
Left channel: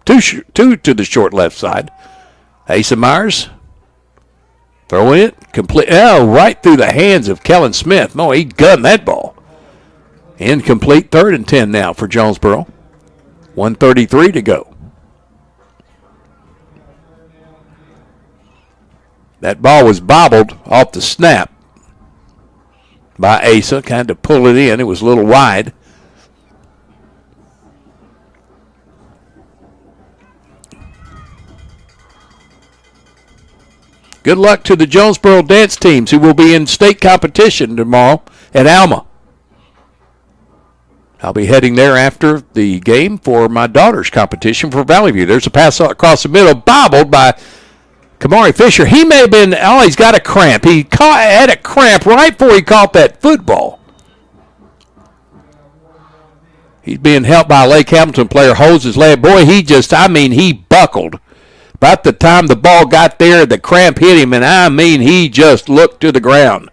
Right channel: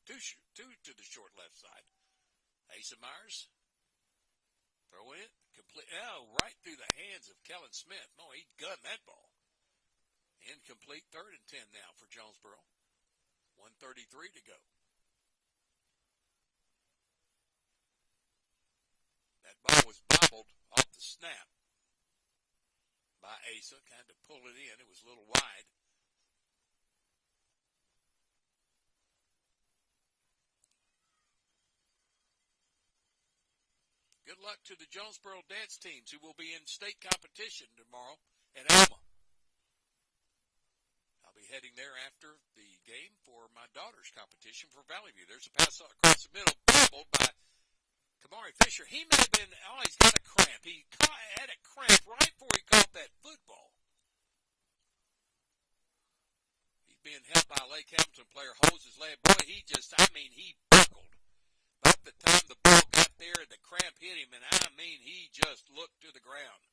Two to the short left side. Asa Myers throwing it. Complete. Oh, right through the hands of Kellen Smith. No, he gunned that ball. Incomplete. 3rd and 10 now for Jonesboro. 1:33 to go. That ball was bobbled off the snap by Asa. Kind of pulled it in. It was a little wide. Good luck to the Jonesboro dance teams who will be in state competition tomorrow at Alma. I'll be heading there after the game for my daughter's competition for Valley View. There's a pass across the middle, bobbled by Kamari Fisher. He may have been, he's got a cramp. He had a cramp right before he caught that football. He's being helped by a Lake Hamilton player, holds his leg. Boy, he buckled. About the time the ball got there, the cramp hit him, and he just looked to the ground.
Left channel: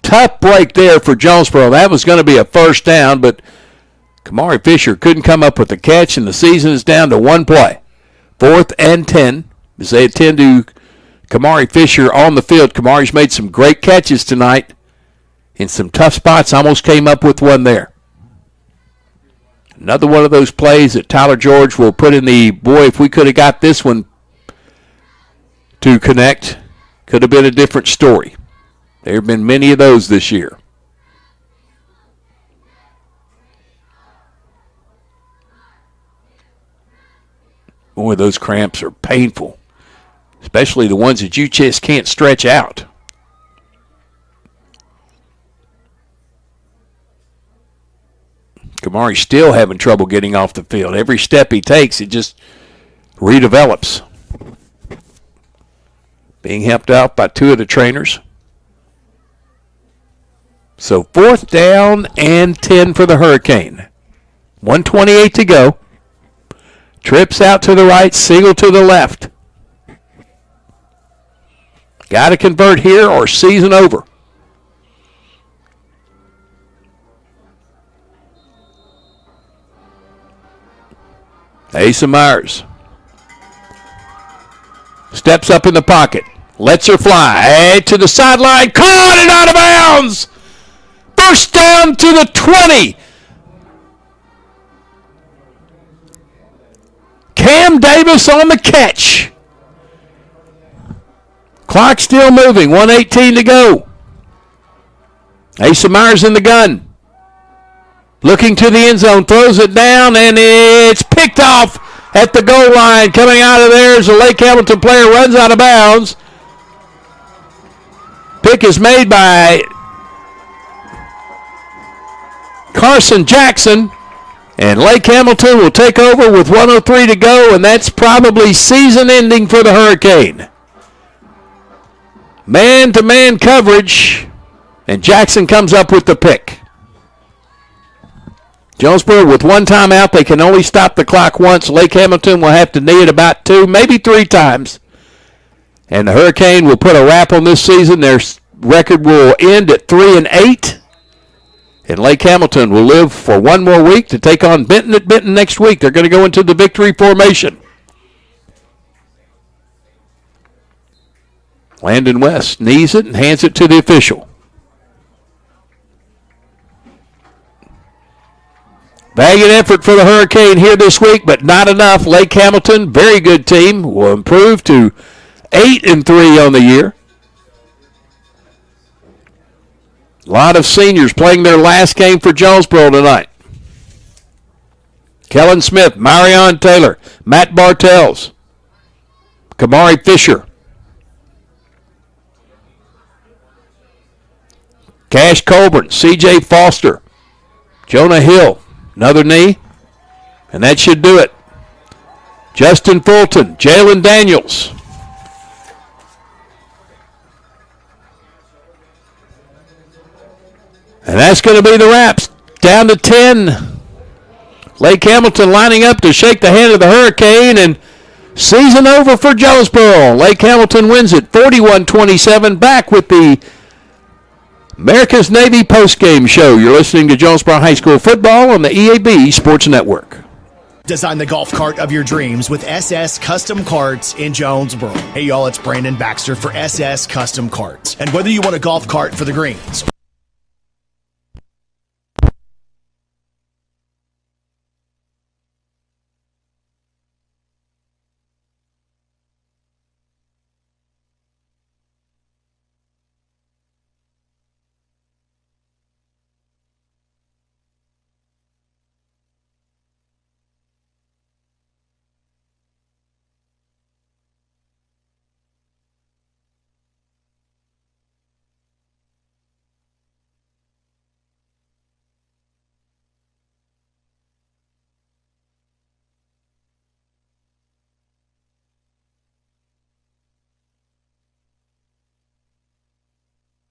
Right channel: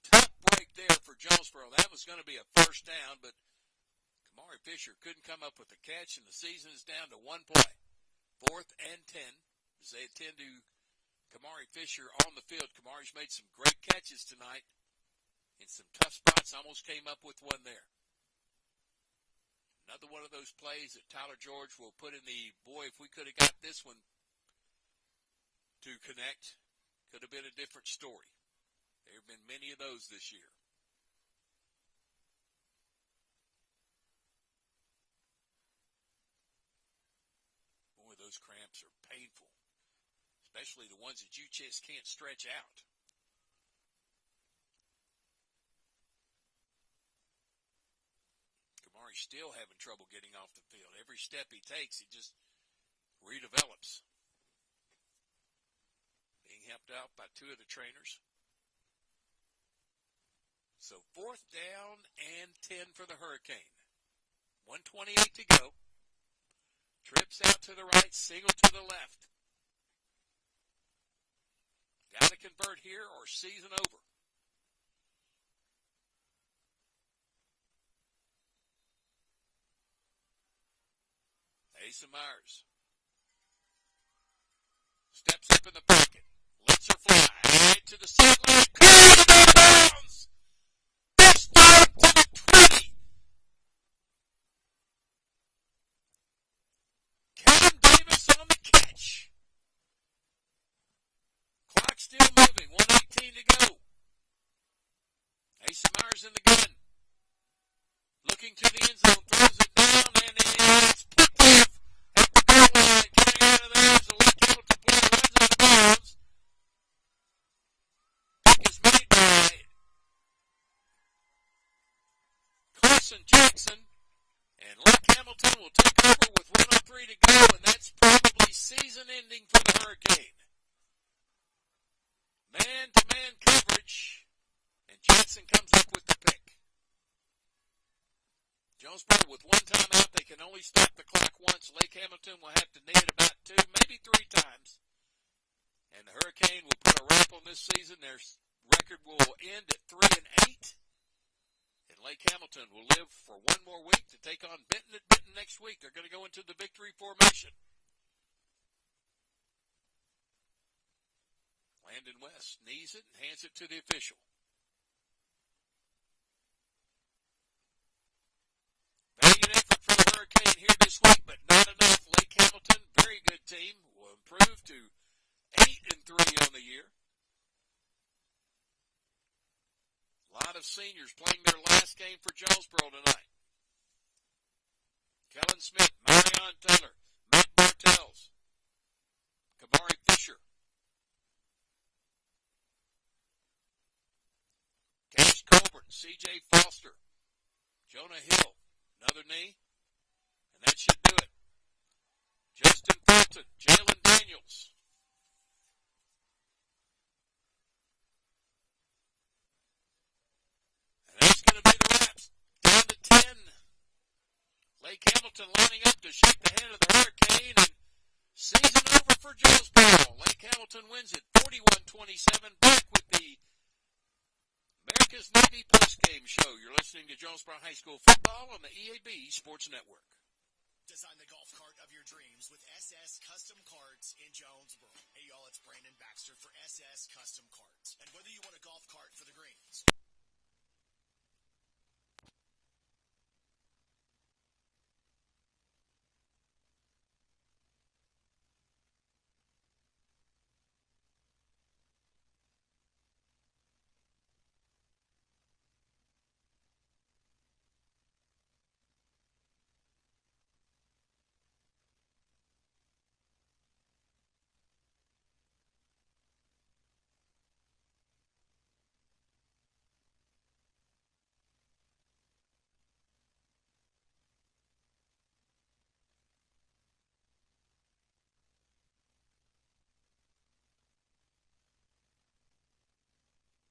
Tough break there for Jonesboro. That was going to be a first down, but Kamari Fisher couldn't come up with the catch, and the season is down to one play. 4th and 10. As they attend to Kamari Fisher on the field. Kamari's made some great catches tonight in some tough spots. Almost came up with one there. Another one of those plays that Tyler George will put in the, boy, if we could have got this one to connect, could have been a different story. There have been many of those this year. Boy, those cramps are painful, especially the ones that you just can't stretch out. Kamari's still having trouble getting off the field. Every step he takes, it just redevelops. Being helped out by two of the trainers. So 4th down and 10 for the Hurricane. 1:28 to go. Trips out to the right, Siegel to the left. Got to convert here or season over. Asa Myers steps up in the pocket, lets her fly, to the sideline, caught and out of bounds. First down to the 20. Cam Davis on the catch. Clock still moving, 1:18 to go. Asa Myers in the gun. Looking to the end zone, throws it down, and it's picked off at the goal line. Coming out of there as a Lake Hamilton player runs out of bounds. Pick is made by Carson Jackson, and Lake Hamilton will take over with 1:03 to go, and that's probably season ending for the Hurricane. Man-to-man coverage, and Jackson comes up with the pick. Jonesboro with one timeout. They can only stop the clock once. Lake Hamilton will have to knee it about 2, maybe 3 times. And the Hurricane will put a wrap on this season. Their record will end at 3-8. And Lake Hamilton will live for one more week to take on Benton at Benton next week. They're going to go into the victory formation. Landon West knees it and hands it to the official. Valiant effort for the Hurricane here this week, but not enough. Lake Hamilton, very good team, will improve to 8-3 on the year. A lot of seniors playing their last game for Jonesboro tonight. Kellen Smith, Marion Taylor, Matt Bartels, Kamari Fisher, Cash Colburn, C.J. Foster, Jonah Hill, another knee, and that should do it. Justin Fulton, Jalen Daniels. And that's going to be the wraps. Down to 10. Lake Hamilton lining up to shake the hand of the Hurricane, and Season over for Jonesboro. Lake Hamilton wins it 41-27. Back with the America's Navy postgame show. You're listening to Jonesboro High School football on the EAB Sports Network. Design the golf cart of your dreams with SS Custom Carts in Jonesboro. Hey, y'all, it's Brandon Baxter for SS Custom Carts. And whether you want a golf cart for the greens